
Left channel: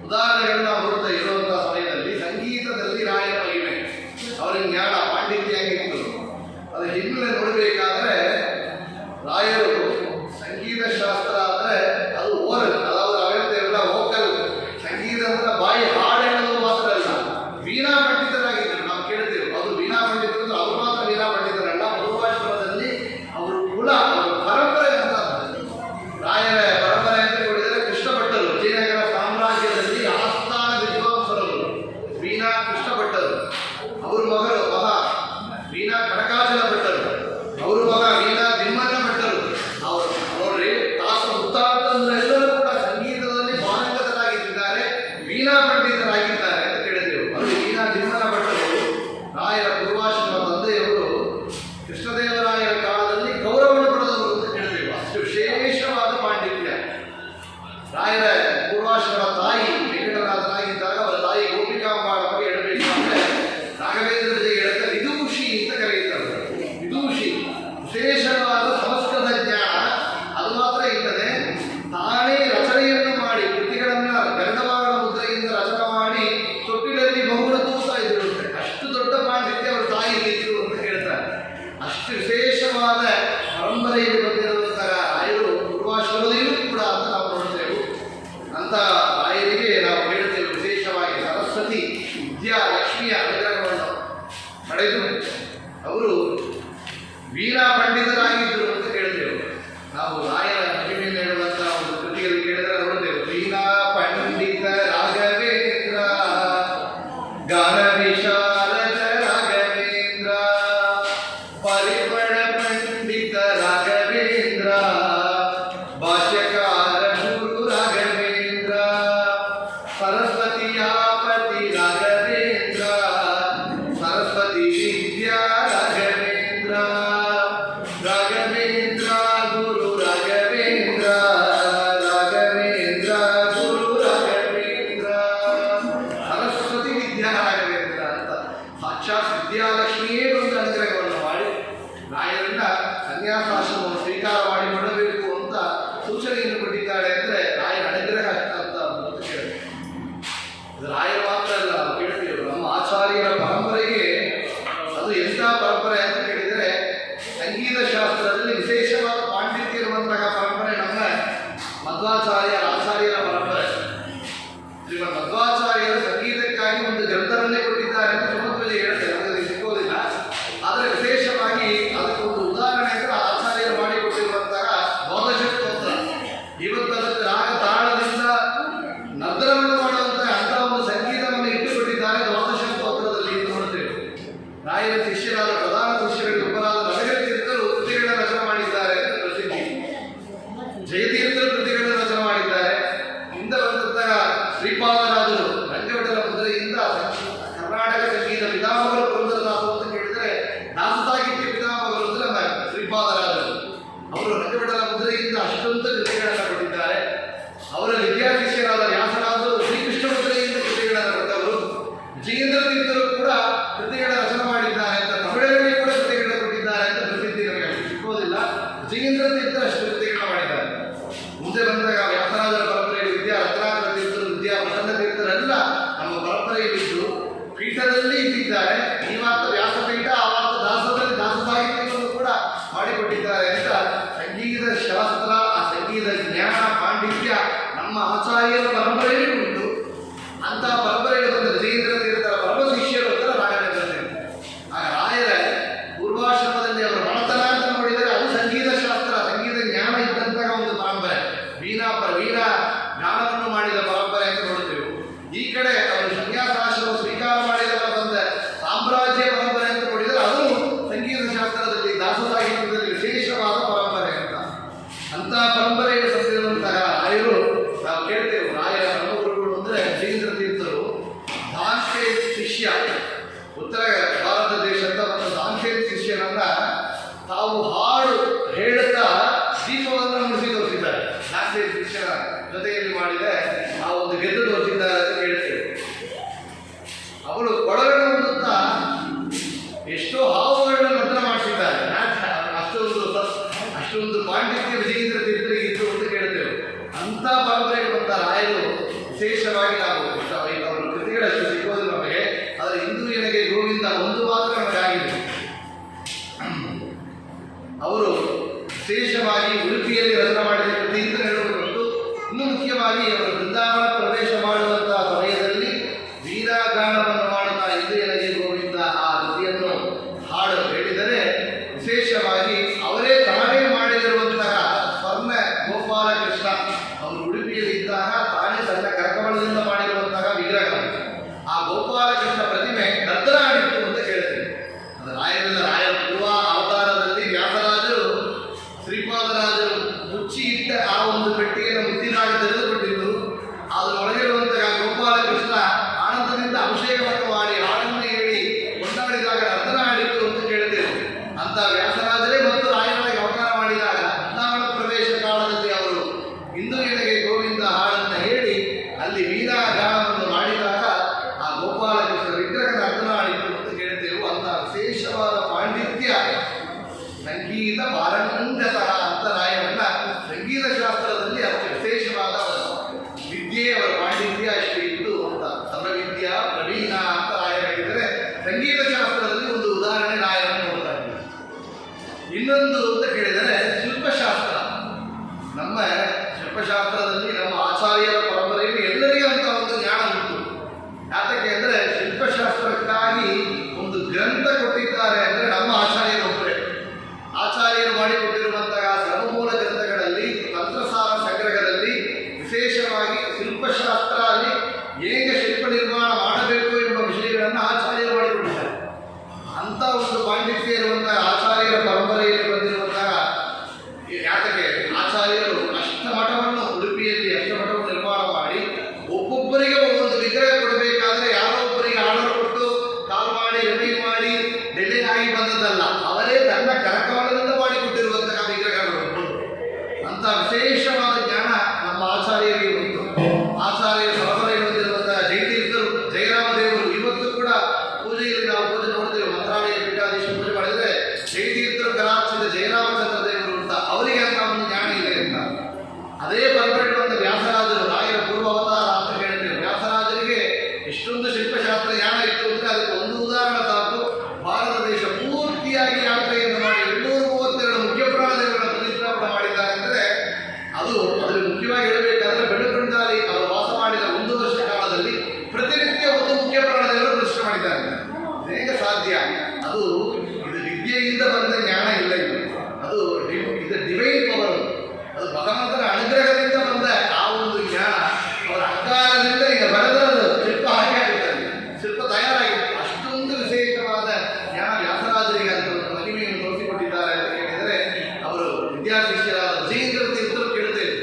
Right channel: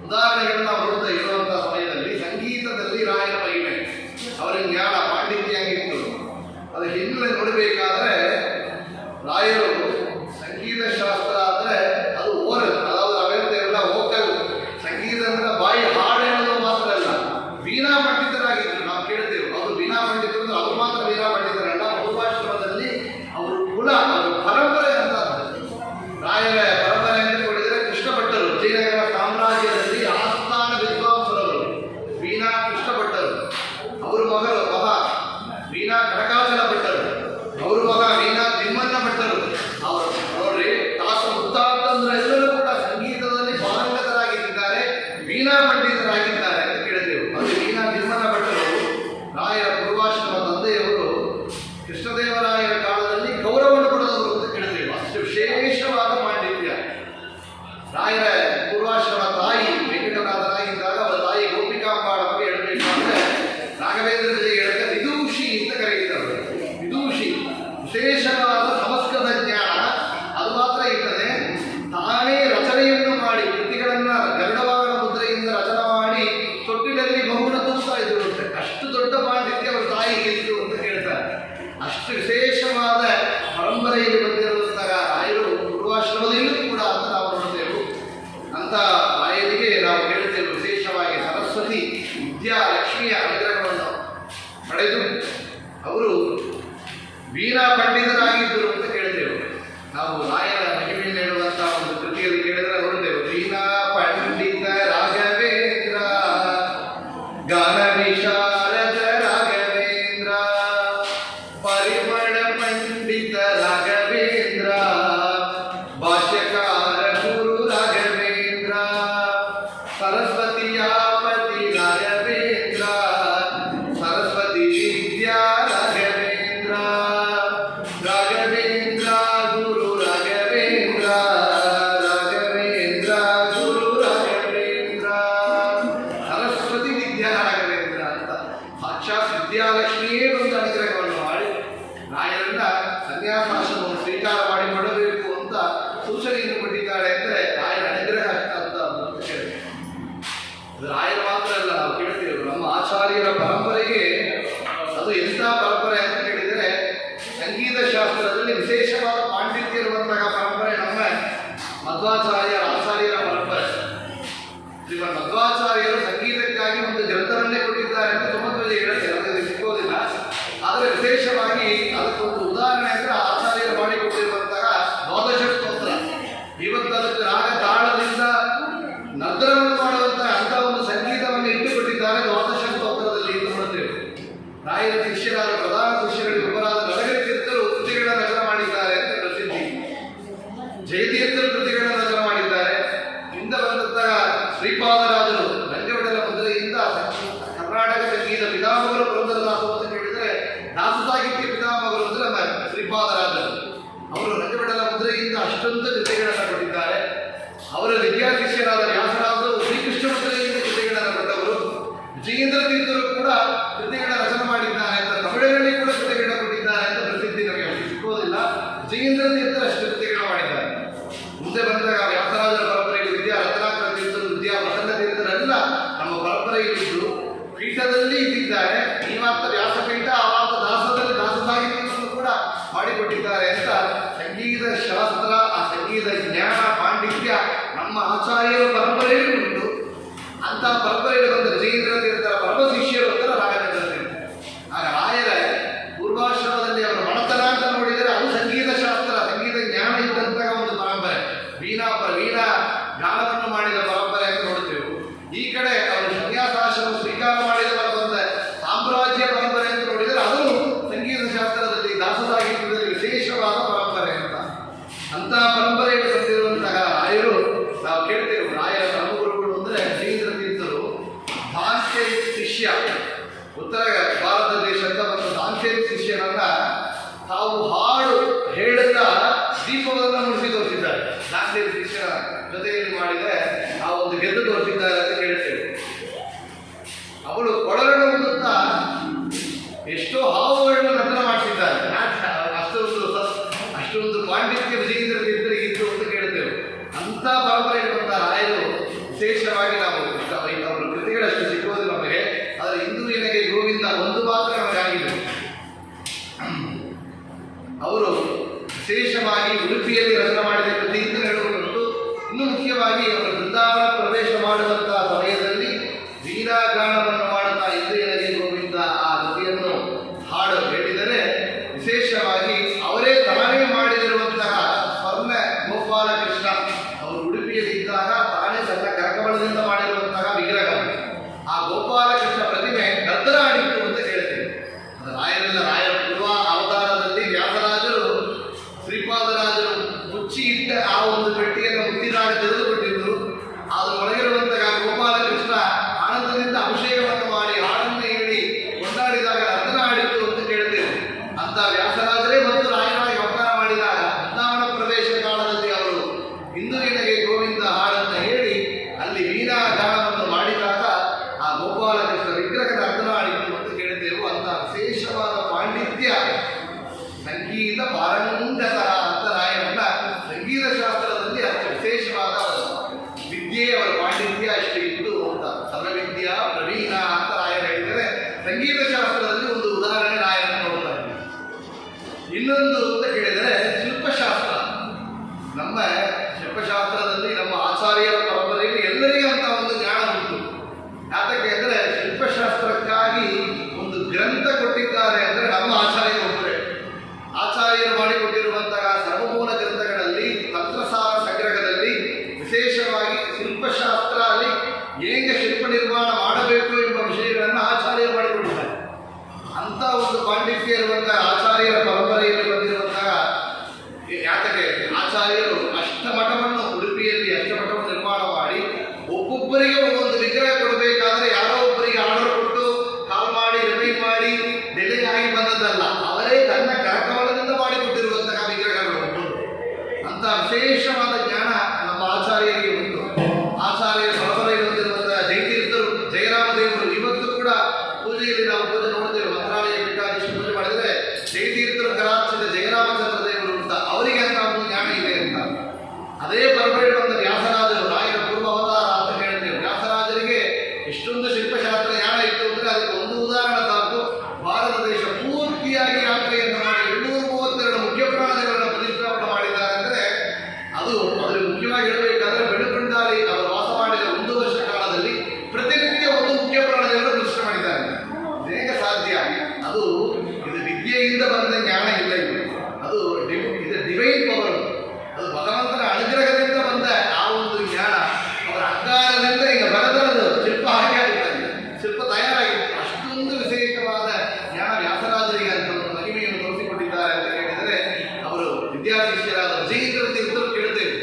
ಉದಾಹರಣೆಗಳನ್ನು ನಾವು ನೋಡ್ತಾ ಇರುವಂಥ ಸಮಯದಲ್ಲಿ ಸಂಗೀತದಲ್ಲಿ ರಾಯರ ಮಹಿಮೆ, ಅವರ ಜ್ಞಾನ ಪಾಂಡಿತ್ಯ ಆಗಿತ್ತು. ಅದು ಹಿನ್ನೆಲೆ ನೋಡಬೇಕಾದ್ರೆ ರಾಯರು ಸಂಗೀತ ಶಾಸ್ತ್ರ ಅಂದರೆ ಅದು ಓರಲ್, ಅದಾவது ಅವೆಲ್ಲ ವೋಕಲ್ ಸಂಗೀತ ಅಂದರೆ ಬಾಯಿ ಹಾಡು ಹೇಳೋದು ಮಾತ್ರ ಅಲ್ಲ, ವೀಣಾ ಪಂಡಿತರಾಗಿದ್ದರು. ನಾವು ಕೇಳ್ತೇವೆ ಅವರು ವೀಣಾ ಪಂಡಿತರು, ಅವರು ಮಾತ್ರ ವೀಣಾ ಪಂಡಿತರಲ್ಲ. ಪೂರ್ವಾಶ್ರಮದಲ್ಲಿ ಅವರು ಕುಲ, ಅವರ ಪರಂಪರೆ ಅಂತ ರಾಯರ ಪರಂಪರೆ ಅಂತ ನೋಡಿದರೆ ಕೃಷ್ಣ ಭಟ್ಟರು ವಿಜಯನಗರ ಸಾಮ್ರಾಜ್ಯದಲ್ಲಿ ಆಸ್ಥಾನ ವಿದ್ವಾಂಸರವರು ವೀಣಾ ಕೃಷ್ಣ ಭಟ್ಟರು. ಅವರು ಮಗಳು ವೀಣಾ ಕನಕಾಚಲ ಭಟ್ಟರು, ಅವರು ಮಗ ವೀಣಾ ತಿಮ್ಮಣ್ಣ ಭಟ್ಟರು. ಅವರು ನೋಡ್ರಿ ತಾಸು ಮುತ್ತಾಂತಂದ್ರೆ ಎಲ್ಲರೂ ಕೂಡ ಸಂಗೀತದಲ್ಲಿ ಪಾರಂಗತರಾಗಿದ್ದಾರೆ, ವೀಣಾ ಪಂಡಿತರಾಗಿದ್ದಾರೆ ಅಂತ ಕೇಳಿದೆವು. ಅವರು ವೀಣಾ ತಿಮ್ಮಣ್ಣ ಭಟ್ಟರು ರಾಯರ ಪೂರ್ವಾಶ್ರಮ ತಂದೆಯವರು ಕೃಷ್ಣದೇವರಾಯರ ಕಾಲದಲ್ಲಿ ಗೌರವವನ್ನು ಪಡೆದವರು ಅಂತ ಕೇಳಿದೆವು. ಅಷ್ಟು ವಿಶೇಷವಾದ ಪಾಂಡಿತ್ಯ. ರಾಯರ ಪೂರ್ವಾಶ್ರಮ ತಾಯಿ ವೆಂಕಟನಾಥರಾಗಿದ್ದಾಗ ಅವರ ತಾಯಿ ಗೋಪಿಕಾಂಬಾಳ ಬಗ್ಗೆ ಹೇಳಬೇಕಾದ್ರೆ ರಾಘವೇಂದ್ರ ವಿಜಯಗಳ ವಿದೂಷಿ ಅಂತ ಕರೆಯುತ್ತಾರೆ. ವಿದೂಷಿ ವಿಶೇಷವಾದ ಸಂಸ್ಕೃತ ಜ್ಞಾನ ಅದು ಮಾತ್ರ ಇರ್ತದೆ. ತಾನೇ ರಚನೆಯನ್ನು ಮಾಡಿ ಕೃತಿಗಳನ್ನು ಗರುಡವಾಹನ ಮುದ್ರೆಯಿಂದ ರಚನೆ ಮಾಡಿ ತೊಟ್ಟಿಲಲ್ಲಿ ಬಹುಗುಣ ತೂಗ್ತಾ ಇದ್ರು ಅಂತೆ. ಅಷ್ಟು ದೊಡ್ಡ ಪಾಂಡಿತ್ಯ ಅವರ ತಾಯಿಗೆ ಇತ್ತು ಅಂತ ಹೇಳ್ತಾರೆ. ಅಷ್ಟು ವಿಶೇಷವಾದ ಪರಂಪರೆಯಲ್ಲಿ ಬಂದಿರುವಂತಹ ರಾಯರು ಪೂರ್ವಾಶ್ರಮದಲ್ಲೂ ಕೂಡ ಅಂತ ನಾವು ನೋಡ್ತೇವೆ. ಅಂತ ರಾಯರಿಗೆ ನಾವು ಹೇಳ್ತೇವೆ ವಿಶೇಷವಾಗಿ ಸರಸ್ವತಿ ವಿದ್ಯಾ ಲಕ್ಷ್ಮಿಯ ಅನುಗ್ರಹವನ್ನು ಪಡೆದು ಅವರು ವೀಣಾ ಪಂಡಿತರಾಗಿದ್ದರು ಅಂತ ಕೇಳ್ತೇವೆ. ನಾವು ರಾಯರ ಮಹಿಮೆಯನ್ನು ಹೇಳುವಂತಹ ಒಂದು ಕೃತಿಯಲ್ಲಿ ಕೇಳಿದ್ರೆ ನೋಡ್ತೇವೆ. ವೀಣಾ ಪಂಡಿತ ರಾಘವೇಂದ್ರ ಗಾನ ವಿಶಾರದ ರಾಘವೇಂದ್ರ ಪರಿಮಳ ಪಂಡಿತ ರಾಘವೇಂದ್ರ ಭಾಷ್ಯಕಾರ ಗುರು ರಾಘವೇಂದ್ರ ಸರಸ್ವತಿಯ ಪತಿ ರಾಘವೇಂದ್ರ ಸರಸ್ವತಿ ವಿದ್ಯಾ ರಾಘವೇಂದ್ರ ರಾಘವೇಂದ್ರ ಗುರು ರಾಘವೇಂದ್ರ ರಾಘವೇಂದ್ರ ಗುರು ರಾಘವೇಂದ್ರ ಸರಸ್ವತಿ ವಿದ್ಯಾ ರಾಘವೇಂದ್ರ ಅಂತ ಸಾಕ್ಷಾತ್ ವಿದ್ಯಾಲಕ್ಷ್ಮಿಯೇ ಒಂದು ಅನುಗ್ರಹವನ್ನು ಮಾಡಿ ರಾಯರನ್ನ ಸನ್ಯಾಸಾಶ್ರಮವನ್ನು ಸ್ವೀಕಾರ ಮಾಡಿ ಮಾಡಬೇಕು ಅಂತ ಸೂಚನೆಯನ್ನು ಕೊಟ್ಟಿದ್ದಾರೆ. ಅಂದರೆ ರಾಯರ ಅನುಗ್ರಹ ಅಂತ ಕೇಳಿದೆ. ರಾಯರು ಮಾತ್ರ ಅಲ್ಲ, ನಾವು ಕೇಳ್ತೇವೆ ನಮ್ಮ ಆಚಾರ್ಯರ ಪರಂಪರೆಗೆ ಅದು ಎಂಥ ಪರಂಪರೆ ಅಂತ ಕೇಳಿದರೆ ಸಂಗೀತ ಶಾಸ್ತ್ರದಲ್ಲಿ ವಿಶೇಷವಾದ ಪಾಂಡಿತ್ಯ ಇರುವಂತಹ ಪರಂಪರೆ ನಮ್ಮ ಮಧ್ವಾಚಾರ್ಯರ ಆಚಾರ್ಯರ ಪರಂಪರೆ. ಶ್ರೀಮನ್ ಮಧ್ವಾಚಾರ್ಯರು ಸಂಗೀತಕ್ಕಾಗಿ ಒಂದು ಗ್ರಂಥವನ್ನೇ ಕೊಟ್ಟಿದ್ದಾರೆ ಅಂತ ಸುಮಧ್ವಜಿ ಹೇಳ್ತಾರೆ. ನಮಗೆ ಸಿಗೋದಿಲ್ಲ. ಆದರೆ ವಿಶೇಷವಾಗಿ ಅದಕ್ಕೊಂದು ಉದಾಹರಣೆ ಅಂದರೆ ಆಚಾರ್ಯರು ಮಾಡಿಕೊಟ್ಟಿರುವಂತಹ ದ್ವಾದಶ ಸ್ತೋತ್ರ. ಇವತ್ತು ಅದಕ್ಕೆ ರಾಗ ತಾಳದಿಂದ ನರ್ದನವನ್ನು ಮಾಡುವಂತಹ ಅಂತಹ ಒಂದು ಸಂಗೀತವನ್ನು ಇಟ್ಟುಕೊಟ್ಟಿದ್ದಾರೆ ದ್ವಾದಶ ಸ್ತೋತ್ರದಲ್ಲಿ ಎಂದು ನೋಡುತ್ತೇವೆ. ರಾಯರ ಶಿಷ್ಯರಾದ ಪ್ರಧಾನ ಶಿಷ್ಯರಲ್ಲಿ ಒಬ್ಬರಾದ ನರಹರಿ ತೀರ್ಥರು ಕೃತಿಗಳ ರಚನೆ ಮಾಡಿದ್ದಾರೆ ಅಂತ ಪ್ರಸಿದ್ಧಿ. ಜಯತೀರ್ಥರು ಕೃತಿಗಳ ರಚನೆ ಮಾಡಿದ್ದಾರೆ. ಹಿಂದೆ ಬಂದಂತಹ ಶ್ರೀಪಾದರಾಜರು ರಂಗವಿಠಲ ಮುದ್ರೆಯಿಂದ ಕರ್ನಾಟಕ ಸಂಗೀತ ಪಿತಾಮಹರು ಪುರಂದರದಾಸರು ಅಂತ ಕೇಳಿದರೆ ದಾಸ ಸಾಹಿತ್ಯ ಪಿತಾಮಹರು ಅಂದರೆ ನಮ್ಮ ಶ್ರೀಪಾದರಾಜರು. ಅವರು ರಂಗವಿಠಲ ಮುದ್ರೆಯಿಂದ ಅಷ್ಟೊಂದು ಕೃತಿಗಳನ್ನು ಕೊಟ್ಟಿದ್ದಾರೆ. ಅವರ ವಿದ್ಯಾಶಿಷ್ಯರಾದ ವ್ಯಾಸರಾಜರು ಶ್ರೀಕೃಷ್ಣ ಮುದ್ರೆಯಿಂದ ಕೃತಿಗಳನ್ನು ಕೊಟ್ಟವರು. ವಿಜಯೇಂದ್ರ ತೀರ್ಥರು ಕೂಡ ಕೃತಿಗಳ ರಚನೆ ಮಾಡಿದ್ದಾರೆ ಅಂತ ತಮಿಳರಲ್ಲಿ ಕೂಡ ಕೃತಿಗಳನ್ನು ಕೊಟ್ಟಿದ್ದಾರೆ ಅಂತ ಪ್ರಸಿದ್ಧಿ ನಮಗೆ ಅಷ್ಟು ಸಿಕ್ಕೋದಿಲ್ಲ. ವಿಜಯೇಂದ್ರ ತೀರ್ಥರು ಅಷ್ಟು ಕೃತಿಗಳನ್ನು ಮಾಡಿದ್ದಾರೆ. ಮುಂದೆ ಬಂದಾಗ ವ್ಯಾಸರಾಜರ ಪರಂಪರೆಯಲ್ಲಿ ವಿದ್ಯಾ ರತ್ನಾಕರ ತೀರ್ಥರು ವಿದ್ಯಾ ಪ್ರಸನ್ನ ತೀರ್ಥರೆಲ್ಲ ನಮ್ಮ ಪರಂಪರೆಯಲ್ಲಿದ್ದು ಪೀಠದಲ್ಲಿ ಇದ್ದಿದ್ದಾರೆ. ಈ ಮಾತ್ರ ವ್ಯಾಸಪೀಠ ಆ ಮಾತ್ರ ದಾಸದಲ್ಲಿ ದಾಸ ಸಾಹಿತ್ಯವನ್ನು ಕೂಡ ಮಾಡಿಕೊಟ್ಟಿದ್ದಾರೆ ಅಂತ ಸಂಗೀತ ಶಾಸ್ತ್ರ ಆ ಸಂಗೀತ ಜ್ಞಾನ ಪಾಂಡಿತ್ಯ ನಮ್ಮ ಆಚಾರ್ಯರ ಪರಂಪರೆಯಲ್ಲಿ ಉಂಟು. ಅಂತ ಪರಂಪರೆಯಲ್ಲಿ ಬಂದ ವಿಜಯೇಂದ್ರ ತೀರ್ಥರ ಪರಮ ಶಿಷ್ಯರು ಅಂತ ರಾಘವೇಂದ್ರ ತೀರ್ಥರು. ಆಗ ರಾಯರ ಪೂರ್ವಾಶ್ರಮದಲ್ಲಿ ಅವರ ಮಣತನ ಅಂತ ನೋಡಿದರೆ ಅದು ಸಂಗೀತ ಶಾಸ್ತ್ರ ಸಂಗೀತ ಜ್ಞಾನ ಇದ್ದಂತಹ ಒಂದು ಪರಂಪರೆ. ವೀಣಾ ಗಾನವನ್ನು ಮಾಡಿದ ಪರಂಪರೆ ಅಂತ ನೋಡುತ್ತೇವೆ. ಈ ಕಡೆ ಅವರು ಸನ್ಯಾಸಾಶ್ರಮ ಸ್ವೀಕಾರ ಮಾಡಿದವರ ಬಂದ ಸಾಮ್ರಾಜ್ಯ ಪರಂಪರೆ ಅಂತ ನೋಡಿದರೆ ಅದು ಸಂಗೀತ ಶಾಸ್ತ್ರದಲ್ಲಿ ದಾಸ ಸಾಹಿತ್ಯದಲ್ಲಿ ವಿಶೇಷವಾದ ಪರಂಪರೆ ಅಂತ ಪರಂಪರೆಯಲ್ಲಿ ಬಂದಿರುವಂತಹ ರಾಯರು ನಾವು ಕೇಳ್ತೇವೆ. ರಾಯರ ಪರಮಗುರುಗಳು ಅಂದರೆ ವಿಜಯೇಂದ್ರ ತೀರ್ಥರು ದಾನ್ಸೇನ್ ಶಿಷ್ಯ, ಉತ್ತರ ಭಾರತ ದೇಶದ ಒಂದು ದಾನ್ಸೇನ್ ಶಿಷ್ಯನನ್ನ ತಾವು ಹಾಡು ಹೇಳುತ್ತಾ ದೀಪವನ್ನು ಮುಡಿಸಿ ತೋರಿಸಿದ್ದಾರೆ. ದಾನ್ಸೇನ್ ಶಿಷ್ಯನ ಜೊತೆಯಲ್ಲಿ ಮಾಡಿದೆ ಆ ಒಂದು ಗೆದ್ದು ತೋರಿಸಿದ್ದಾರೆ ಅಂತ ಕೇಳ್ತೇವೆ. ಅವಳು ಕೊಳಲನ್ನು ಊದುತ್ತಾ ಎಷ್ಟೋ ಹಾವುಗಳನ್ನು ನಟನ ಮಾಡಿಸಿದ್ದಾರೆ. ಅಷ್ಟೊಂದು ಪಾಂಡಿತ್ಯ ವಿಜಯೇಂದ್ರ ತೀರ್ಥರಿಗೆ ಇತ್ತು ಅಂತ ಕೇಳ್ತೇವೆ. ಅಂಥ ಪರಂಪರೆಗೆ ಬಂದ ರಾಯರು ವಿಶೇಷವಾಗಿ ನಾವು ಅವರ ಕೃತಿಗಳಷ್ಟು ಸಿಗೋದಿಲ್ಲ ನಮಗೆ. ಆದರೆ ಇಂದು ನನಗೆ ಗೋವಿಂದ ಒಂದು ಮಾತ್ರ ನಮಗಾಗಿದೆ. ಅವರು ವಿಶೇಷವಾಗಿ ಉಡುಪಿಯಲ್ಲಿ ರಚನೆ ಮಾಡಿದ ಕೃತಿ ಅಂತ ಹೇಳುವುದುಂಟು. ಇನ್ನು ಮುಖ್ಯವಾಗಿ ಅವರು ಬೃಂದಾವನ ಪ್ರವೇಶ ಮಾಡುವಂತಹ ಸಮಯದಲ್ಲಿ ವೀಣಾಗಾನವನ್ನು ಮಾಡುತ್ತಾ ಇಂದು ನನಗೆ ಗೋವಿಂದ ಆ ಕೃತಿಯನ್ನು ಹಾಡು ಹೇಳಿದರೆ ವಿಶೇಷವಾಗಿ ಅವರೇ ತಾನೇ ಮಾಡಿದಿರುವಂತಹ ಸ್ವರ್ಣ ಗೋಪಾಲಕೃಷ್ಣ ಅವರು ಉಡುಪಿಯಲ್ಲಿ ಇದ್ದಾಗ ತಾನೇ ಸಣ್ಣ ಕರಕಮಲದಿಂದ ಮಾಡಿರುವಂತಹ ವಿಗ್ರಹ. ಆ ಗೋಪಾಲಕೃಷ್ಣ ಪ್ರತಿಮೆ ನರ್ತನ ಆಡಿತ್ತು ಅಂತ ಕೇಳ್ತೇವೆ. ಅದು ರಾಯರ ಪೂರ್ವ ಅವತಾರದಲ್ಲಿ ವ್ಯಾಸರಾಜರು ಶ್ರೀಪಾದರಾಜರು ಮುಚ್ಚಿ ಇಟ್ಟ ಆ ಒಂದು ಪೆಟ್ಟಿಯನ್ನು ಮುತ್ತಿನಾಗ ತೆಗೆದುಕೊಟ್ಟಿದ್ರು. ಅದರೊಳಗಿರುವಂತಹ ಗೋಪಾಲಕೃಷ್ಣ ಆನಂದದಿಂದ ಅಭಿಷೇಕವನ್ನು ಮಾಡಿ ಹಾಡನ್ನು ಹೇಳಿ ಕೊಂಡಾಡಿದಾಗ ನರ್ತನ ಆಡಿತ್ತು ಅಂತ ಕೇಳ್ತೇವೆ. ಅಂತ ವ್ಯಾಸರಾಜರೇ ಮತ್ತು ರಾಯರಾಗಿ ಅವತಾರ ಮಾಡಿದಾಗ ಬೃಂದಾವನ ಪ್ರವೇಶ ಕಾಲದಲ್ಲಿ ಅವರು ಇಂದು ನಿನಗೆ ಗೋವಿಂದ ಹಾಡನ್ನು ಹೇಳಿ ಅಲ್ಲಿ ವೀಣಾ ಗಾನವನ್ನು ಮಾಡಿದಾಗ ಆ ಗೋಪಾಲಕೃಷ್ಣ ವಿಗ್ರಹದ ನರ್ತನ ಆಡಿತ್ತು ಅಂತ ಕೇಳ್ತೇವೆ. ಅಂತ ವಿಶೇಷವಾದ ಪಾಂಡಿತ್ಯ ಸಂಗೀತ ಪಾರಂಗತಃ ಅಂತ ರಾಯರನ್ನ ಸಂಗೀತ ಶಾಸ್ತ್ರದಲ್ಲಿ ಅಷ್ಟು ವಿಶೇಷವಾದ ವಿದ್ಯೆ ಅವರ ಪಾಂಡಿತ್ಯ ಅಷ್ಟು ಇತ್ತು ಅಂತ ಸರ್ವವಿದ್ಯಾ ಪ್ರವೀಣ ಅಂತ ರಾಯರು ಹೇಳಿದರೆ ಸಂಗೀತ ಶಾಸ್ತ್ರದಲ್ಲಿ ಒಂದು ಉದಾಹರಣೆ ರಾಯರನ್ನು ನೋಡ್ತಾ ಇದ್ದೀವಿ. ಇನ್ನೊಂದು ಅಂತ ಕೇಳಿದರೆ ಶಿಲ್ಪಶಾಸ್ತ್ರ. ನಮ್ಮ ಶಿಲ್ಪಶಾಸ್ತ್ರದಲ್ಲಿ ನಮ್ಮ ಆಚಾರ್ಯರ ಪರಂಪರೆಯಲ್ಲಿ ಎಲ್ಲರಿಗೂ ಅಂತ ಒಂದು ಜ್ಞಾನ ಉಂಟು. ಯಾತಕ್ಕೆ ಅಂದರೆ ಶಿಲ್ಪಶಾಸ್ತ್ರಕ್ಕಾಗಿ ಒಂದು ಗ್ರಂಥ ಕೊಟ್ಟಿದ್ದಾರೆ ಅಂದರೆ ನಮ್ಮ ಆಚಾರ್ಯರೊಬ್ಬರೇ. ಆಚಾರ್ಯರು ಮಾಡಿಕೊಟ್ಟಿರುವಂತಹ ಸರ್ವಮೂಲ ಗ್ರಂಥಗಳಲ್ಲಿ ತಂತ್ರಸಾರ ಸಂಗ್ರಹದಲ್ಲಿ ವಿಶೇಷವಾಗಿ ಶಿಲ್ಪಶಾಸ್ತ್ರ ಅಲ್ಲಿ ಹೇಗೆ ಶಿಲ್ಪ ನಿರ್ಮಾಣ ಮಾಡಬೇಕು ಎಂಬ ವಿಷಯಗಳನ್ನು ಆಚಾರ್ಯರು ಮಾಡಿಕೊಟ್ಟಿದ್ದಾರೆ. ಅಂಥ ಒಂದು ಪಾಂಡಿತ್ಯ ಇರುವಂತಹ ಆಚಾರ್ಯರ ಪರಂಪರೆಯಲ್ಲಿ ಬಂದಿರುವಂತಹ ಯಾತಕ್ಕೆ ಆಚಾರ್ಯರು ಅಷ್ಟಮಠವನ್ನು ಉಡುಪಿಯಲ್ಲಿ ಅಷ್ಟಮಠವನ್ನು ನಿರ್ಮಾಣ ಮಾಡಿ ಒಬ್ಬೊಬ್ಬರಿಗೆ ಒಂದೊಂದು ವಿಗ್ರಹ ಕೊಡಬೇಕಾದ್ರೆ ಯಾರೋ ಒಬ್ಬರಿಗೆ ಆರ್ಡರ್ ಕೊಟ್ಟು ಕಾಲ್ ಮಾಡಿ ರಿಮೈಂಡ್ ಮಾಡಿ ಡೆಲ್ಲಿ ಆಗಿ ಬಂದದ್ದಲ್ಲ, ಅವರೇ ತನ್ನ ಕರಕಮಲದಿಂದ ಮಾಡಿಕೊಟ್ಟಿರುವಂತಹ ವಿಗ್ರಹಗಳು. ಅಂತ ವಿಶೇಷವಾದ ಜ್ಞಾನ ನಮ್ಮ ಆಚಾರ್ಯರಿಗೆ ಉಂಟು. ಆಚಾರ್ಯರ ಪರಂಪರೆಗೆ ಹೊಂದಿರುವಂತಹ ಜಯತೀರ್ಥರು, ಜಯರಾಮದೇವರು ಇವತ್ತು ಕೂಡ ಪೂಜೆಯಲ್ಲಿ ನಾವು ಪೂಜೆ ನೋಡ್ತೇವೆ. ಮಂತ್ರಾಲಯ ಪೀಠಾಧೀಶ ಪೂಜೆ ಮಾಡಿದರೆ ಜಯತೀರ್ಥರು ಕರಾಚಿದ ಜಯರಾಮಚಂದ್ರ ದೇವರು ಅಂತ ಅವರಿಗೆ ಅಂತ ಒಂದು ಜ್ಞಾನ ಇದೆ ಅಂತ. ಅದೇ ಪರಂಪರೆಗೆ ಬಂದ ವ್ಯಾಸರಾಜರು, ರಾಯರ ಪೂರ್ವ ಅವತಾರ ಅಂತ ಹೇಳ್ತೇವೆ. ವ್ಯಾಸರಾಜರಿಗೆ ಎಷ್ಟೊಂದು ಶಿಲ್ಪಶಾಸ್ತ್ರ ಜ್ಞಾನ ಇತ್ತು ಅಂದರೆ ಅದಕ್ಕೆ ಒಂದು ಉದಾಹರಣೆ ಸಾಕು. ಭಾರತ ದೇಶ ಪೂರ್ತಿಯಾಗಿ ಯಾತ್ರೆಯನ್ನು ಮಾಡಿ 232 ಮುಖ್ಯ ಪ್ರಾಣದೇವರನ್ನು ಪ್ರತಿಷ್ಠಾಪನೆ ಮಾಡಿದ್ದಾರೆ ಅಂದರೆ ಅದರಲ್ಲಿ ಮುಖ್ಯವಾಗಿ ಹೇಳಬೇಕಾದ್ರೆ ಬೆಳುಕಂಡಾಲಿ ಅವರು ವಾಸ ಮಾಡಿದ 1 ವರ್ಷ ಕಾಲದಲ್ಲಿ ಪ್ರತಿನಿತ್ಯ ಒಂದು ಮುಖ್ಯ ಪ್ರಾಣದೇವರು ಪ್ರತಿಷ್ಠೆ ಮಾಡಿದ್ದಾರೆ. ಹೇಗೆ ಸಾಧ್ಯ? ಇದು ವಿದ್ಯೆಯಿಂದ ಬಂದ ಜ್ಞಾನ ಇಲ್ಲ. ಇದು ಡಿವೈನ್ ಪವರ್, ಅದು ಭಗವಂತನ ಅನುಗ್ರಹದಿಂದ ಬಂದ ಆ ಒಂದು ಜ್ಞಾನ. ಅವರ ಅಹಂಕಾರದಿಂದ ಈಗ ಬರೆದರದು ಶಿಲ್ಪ ಹಾಗೆ ಆಗಿದ್ದಾರೆ, ಶಿಲ್ಪ ತಯಾರಾಗಿತ್ತು. ಅಷ್ಟೊಂದು ವಿಶೇಷವಾದ ಜ್ಞಾನ ವ್ಯಾಸರಾಜರಿಗೆ ಅಂತ ಒಂದು ಮಹಿಮೆಯನ್ನು ತೋರಿಸಿಕೊಟ್ಟಿದ್ದಾರೆ ಅಂತ ಹೇಳಿದರೆ ಅವರು ವಿದ್ಯಾಶಿಷ್ಯರಾದ ವಿಜಯೇಂದ್ರ ತೀರ್ಥರು ಕೇಳುತ್ತೇವೆ.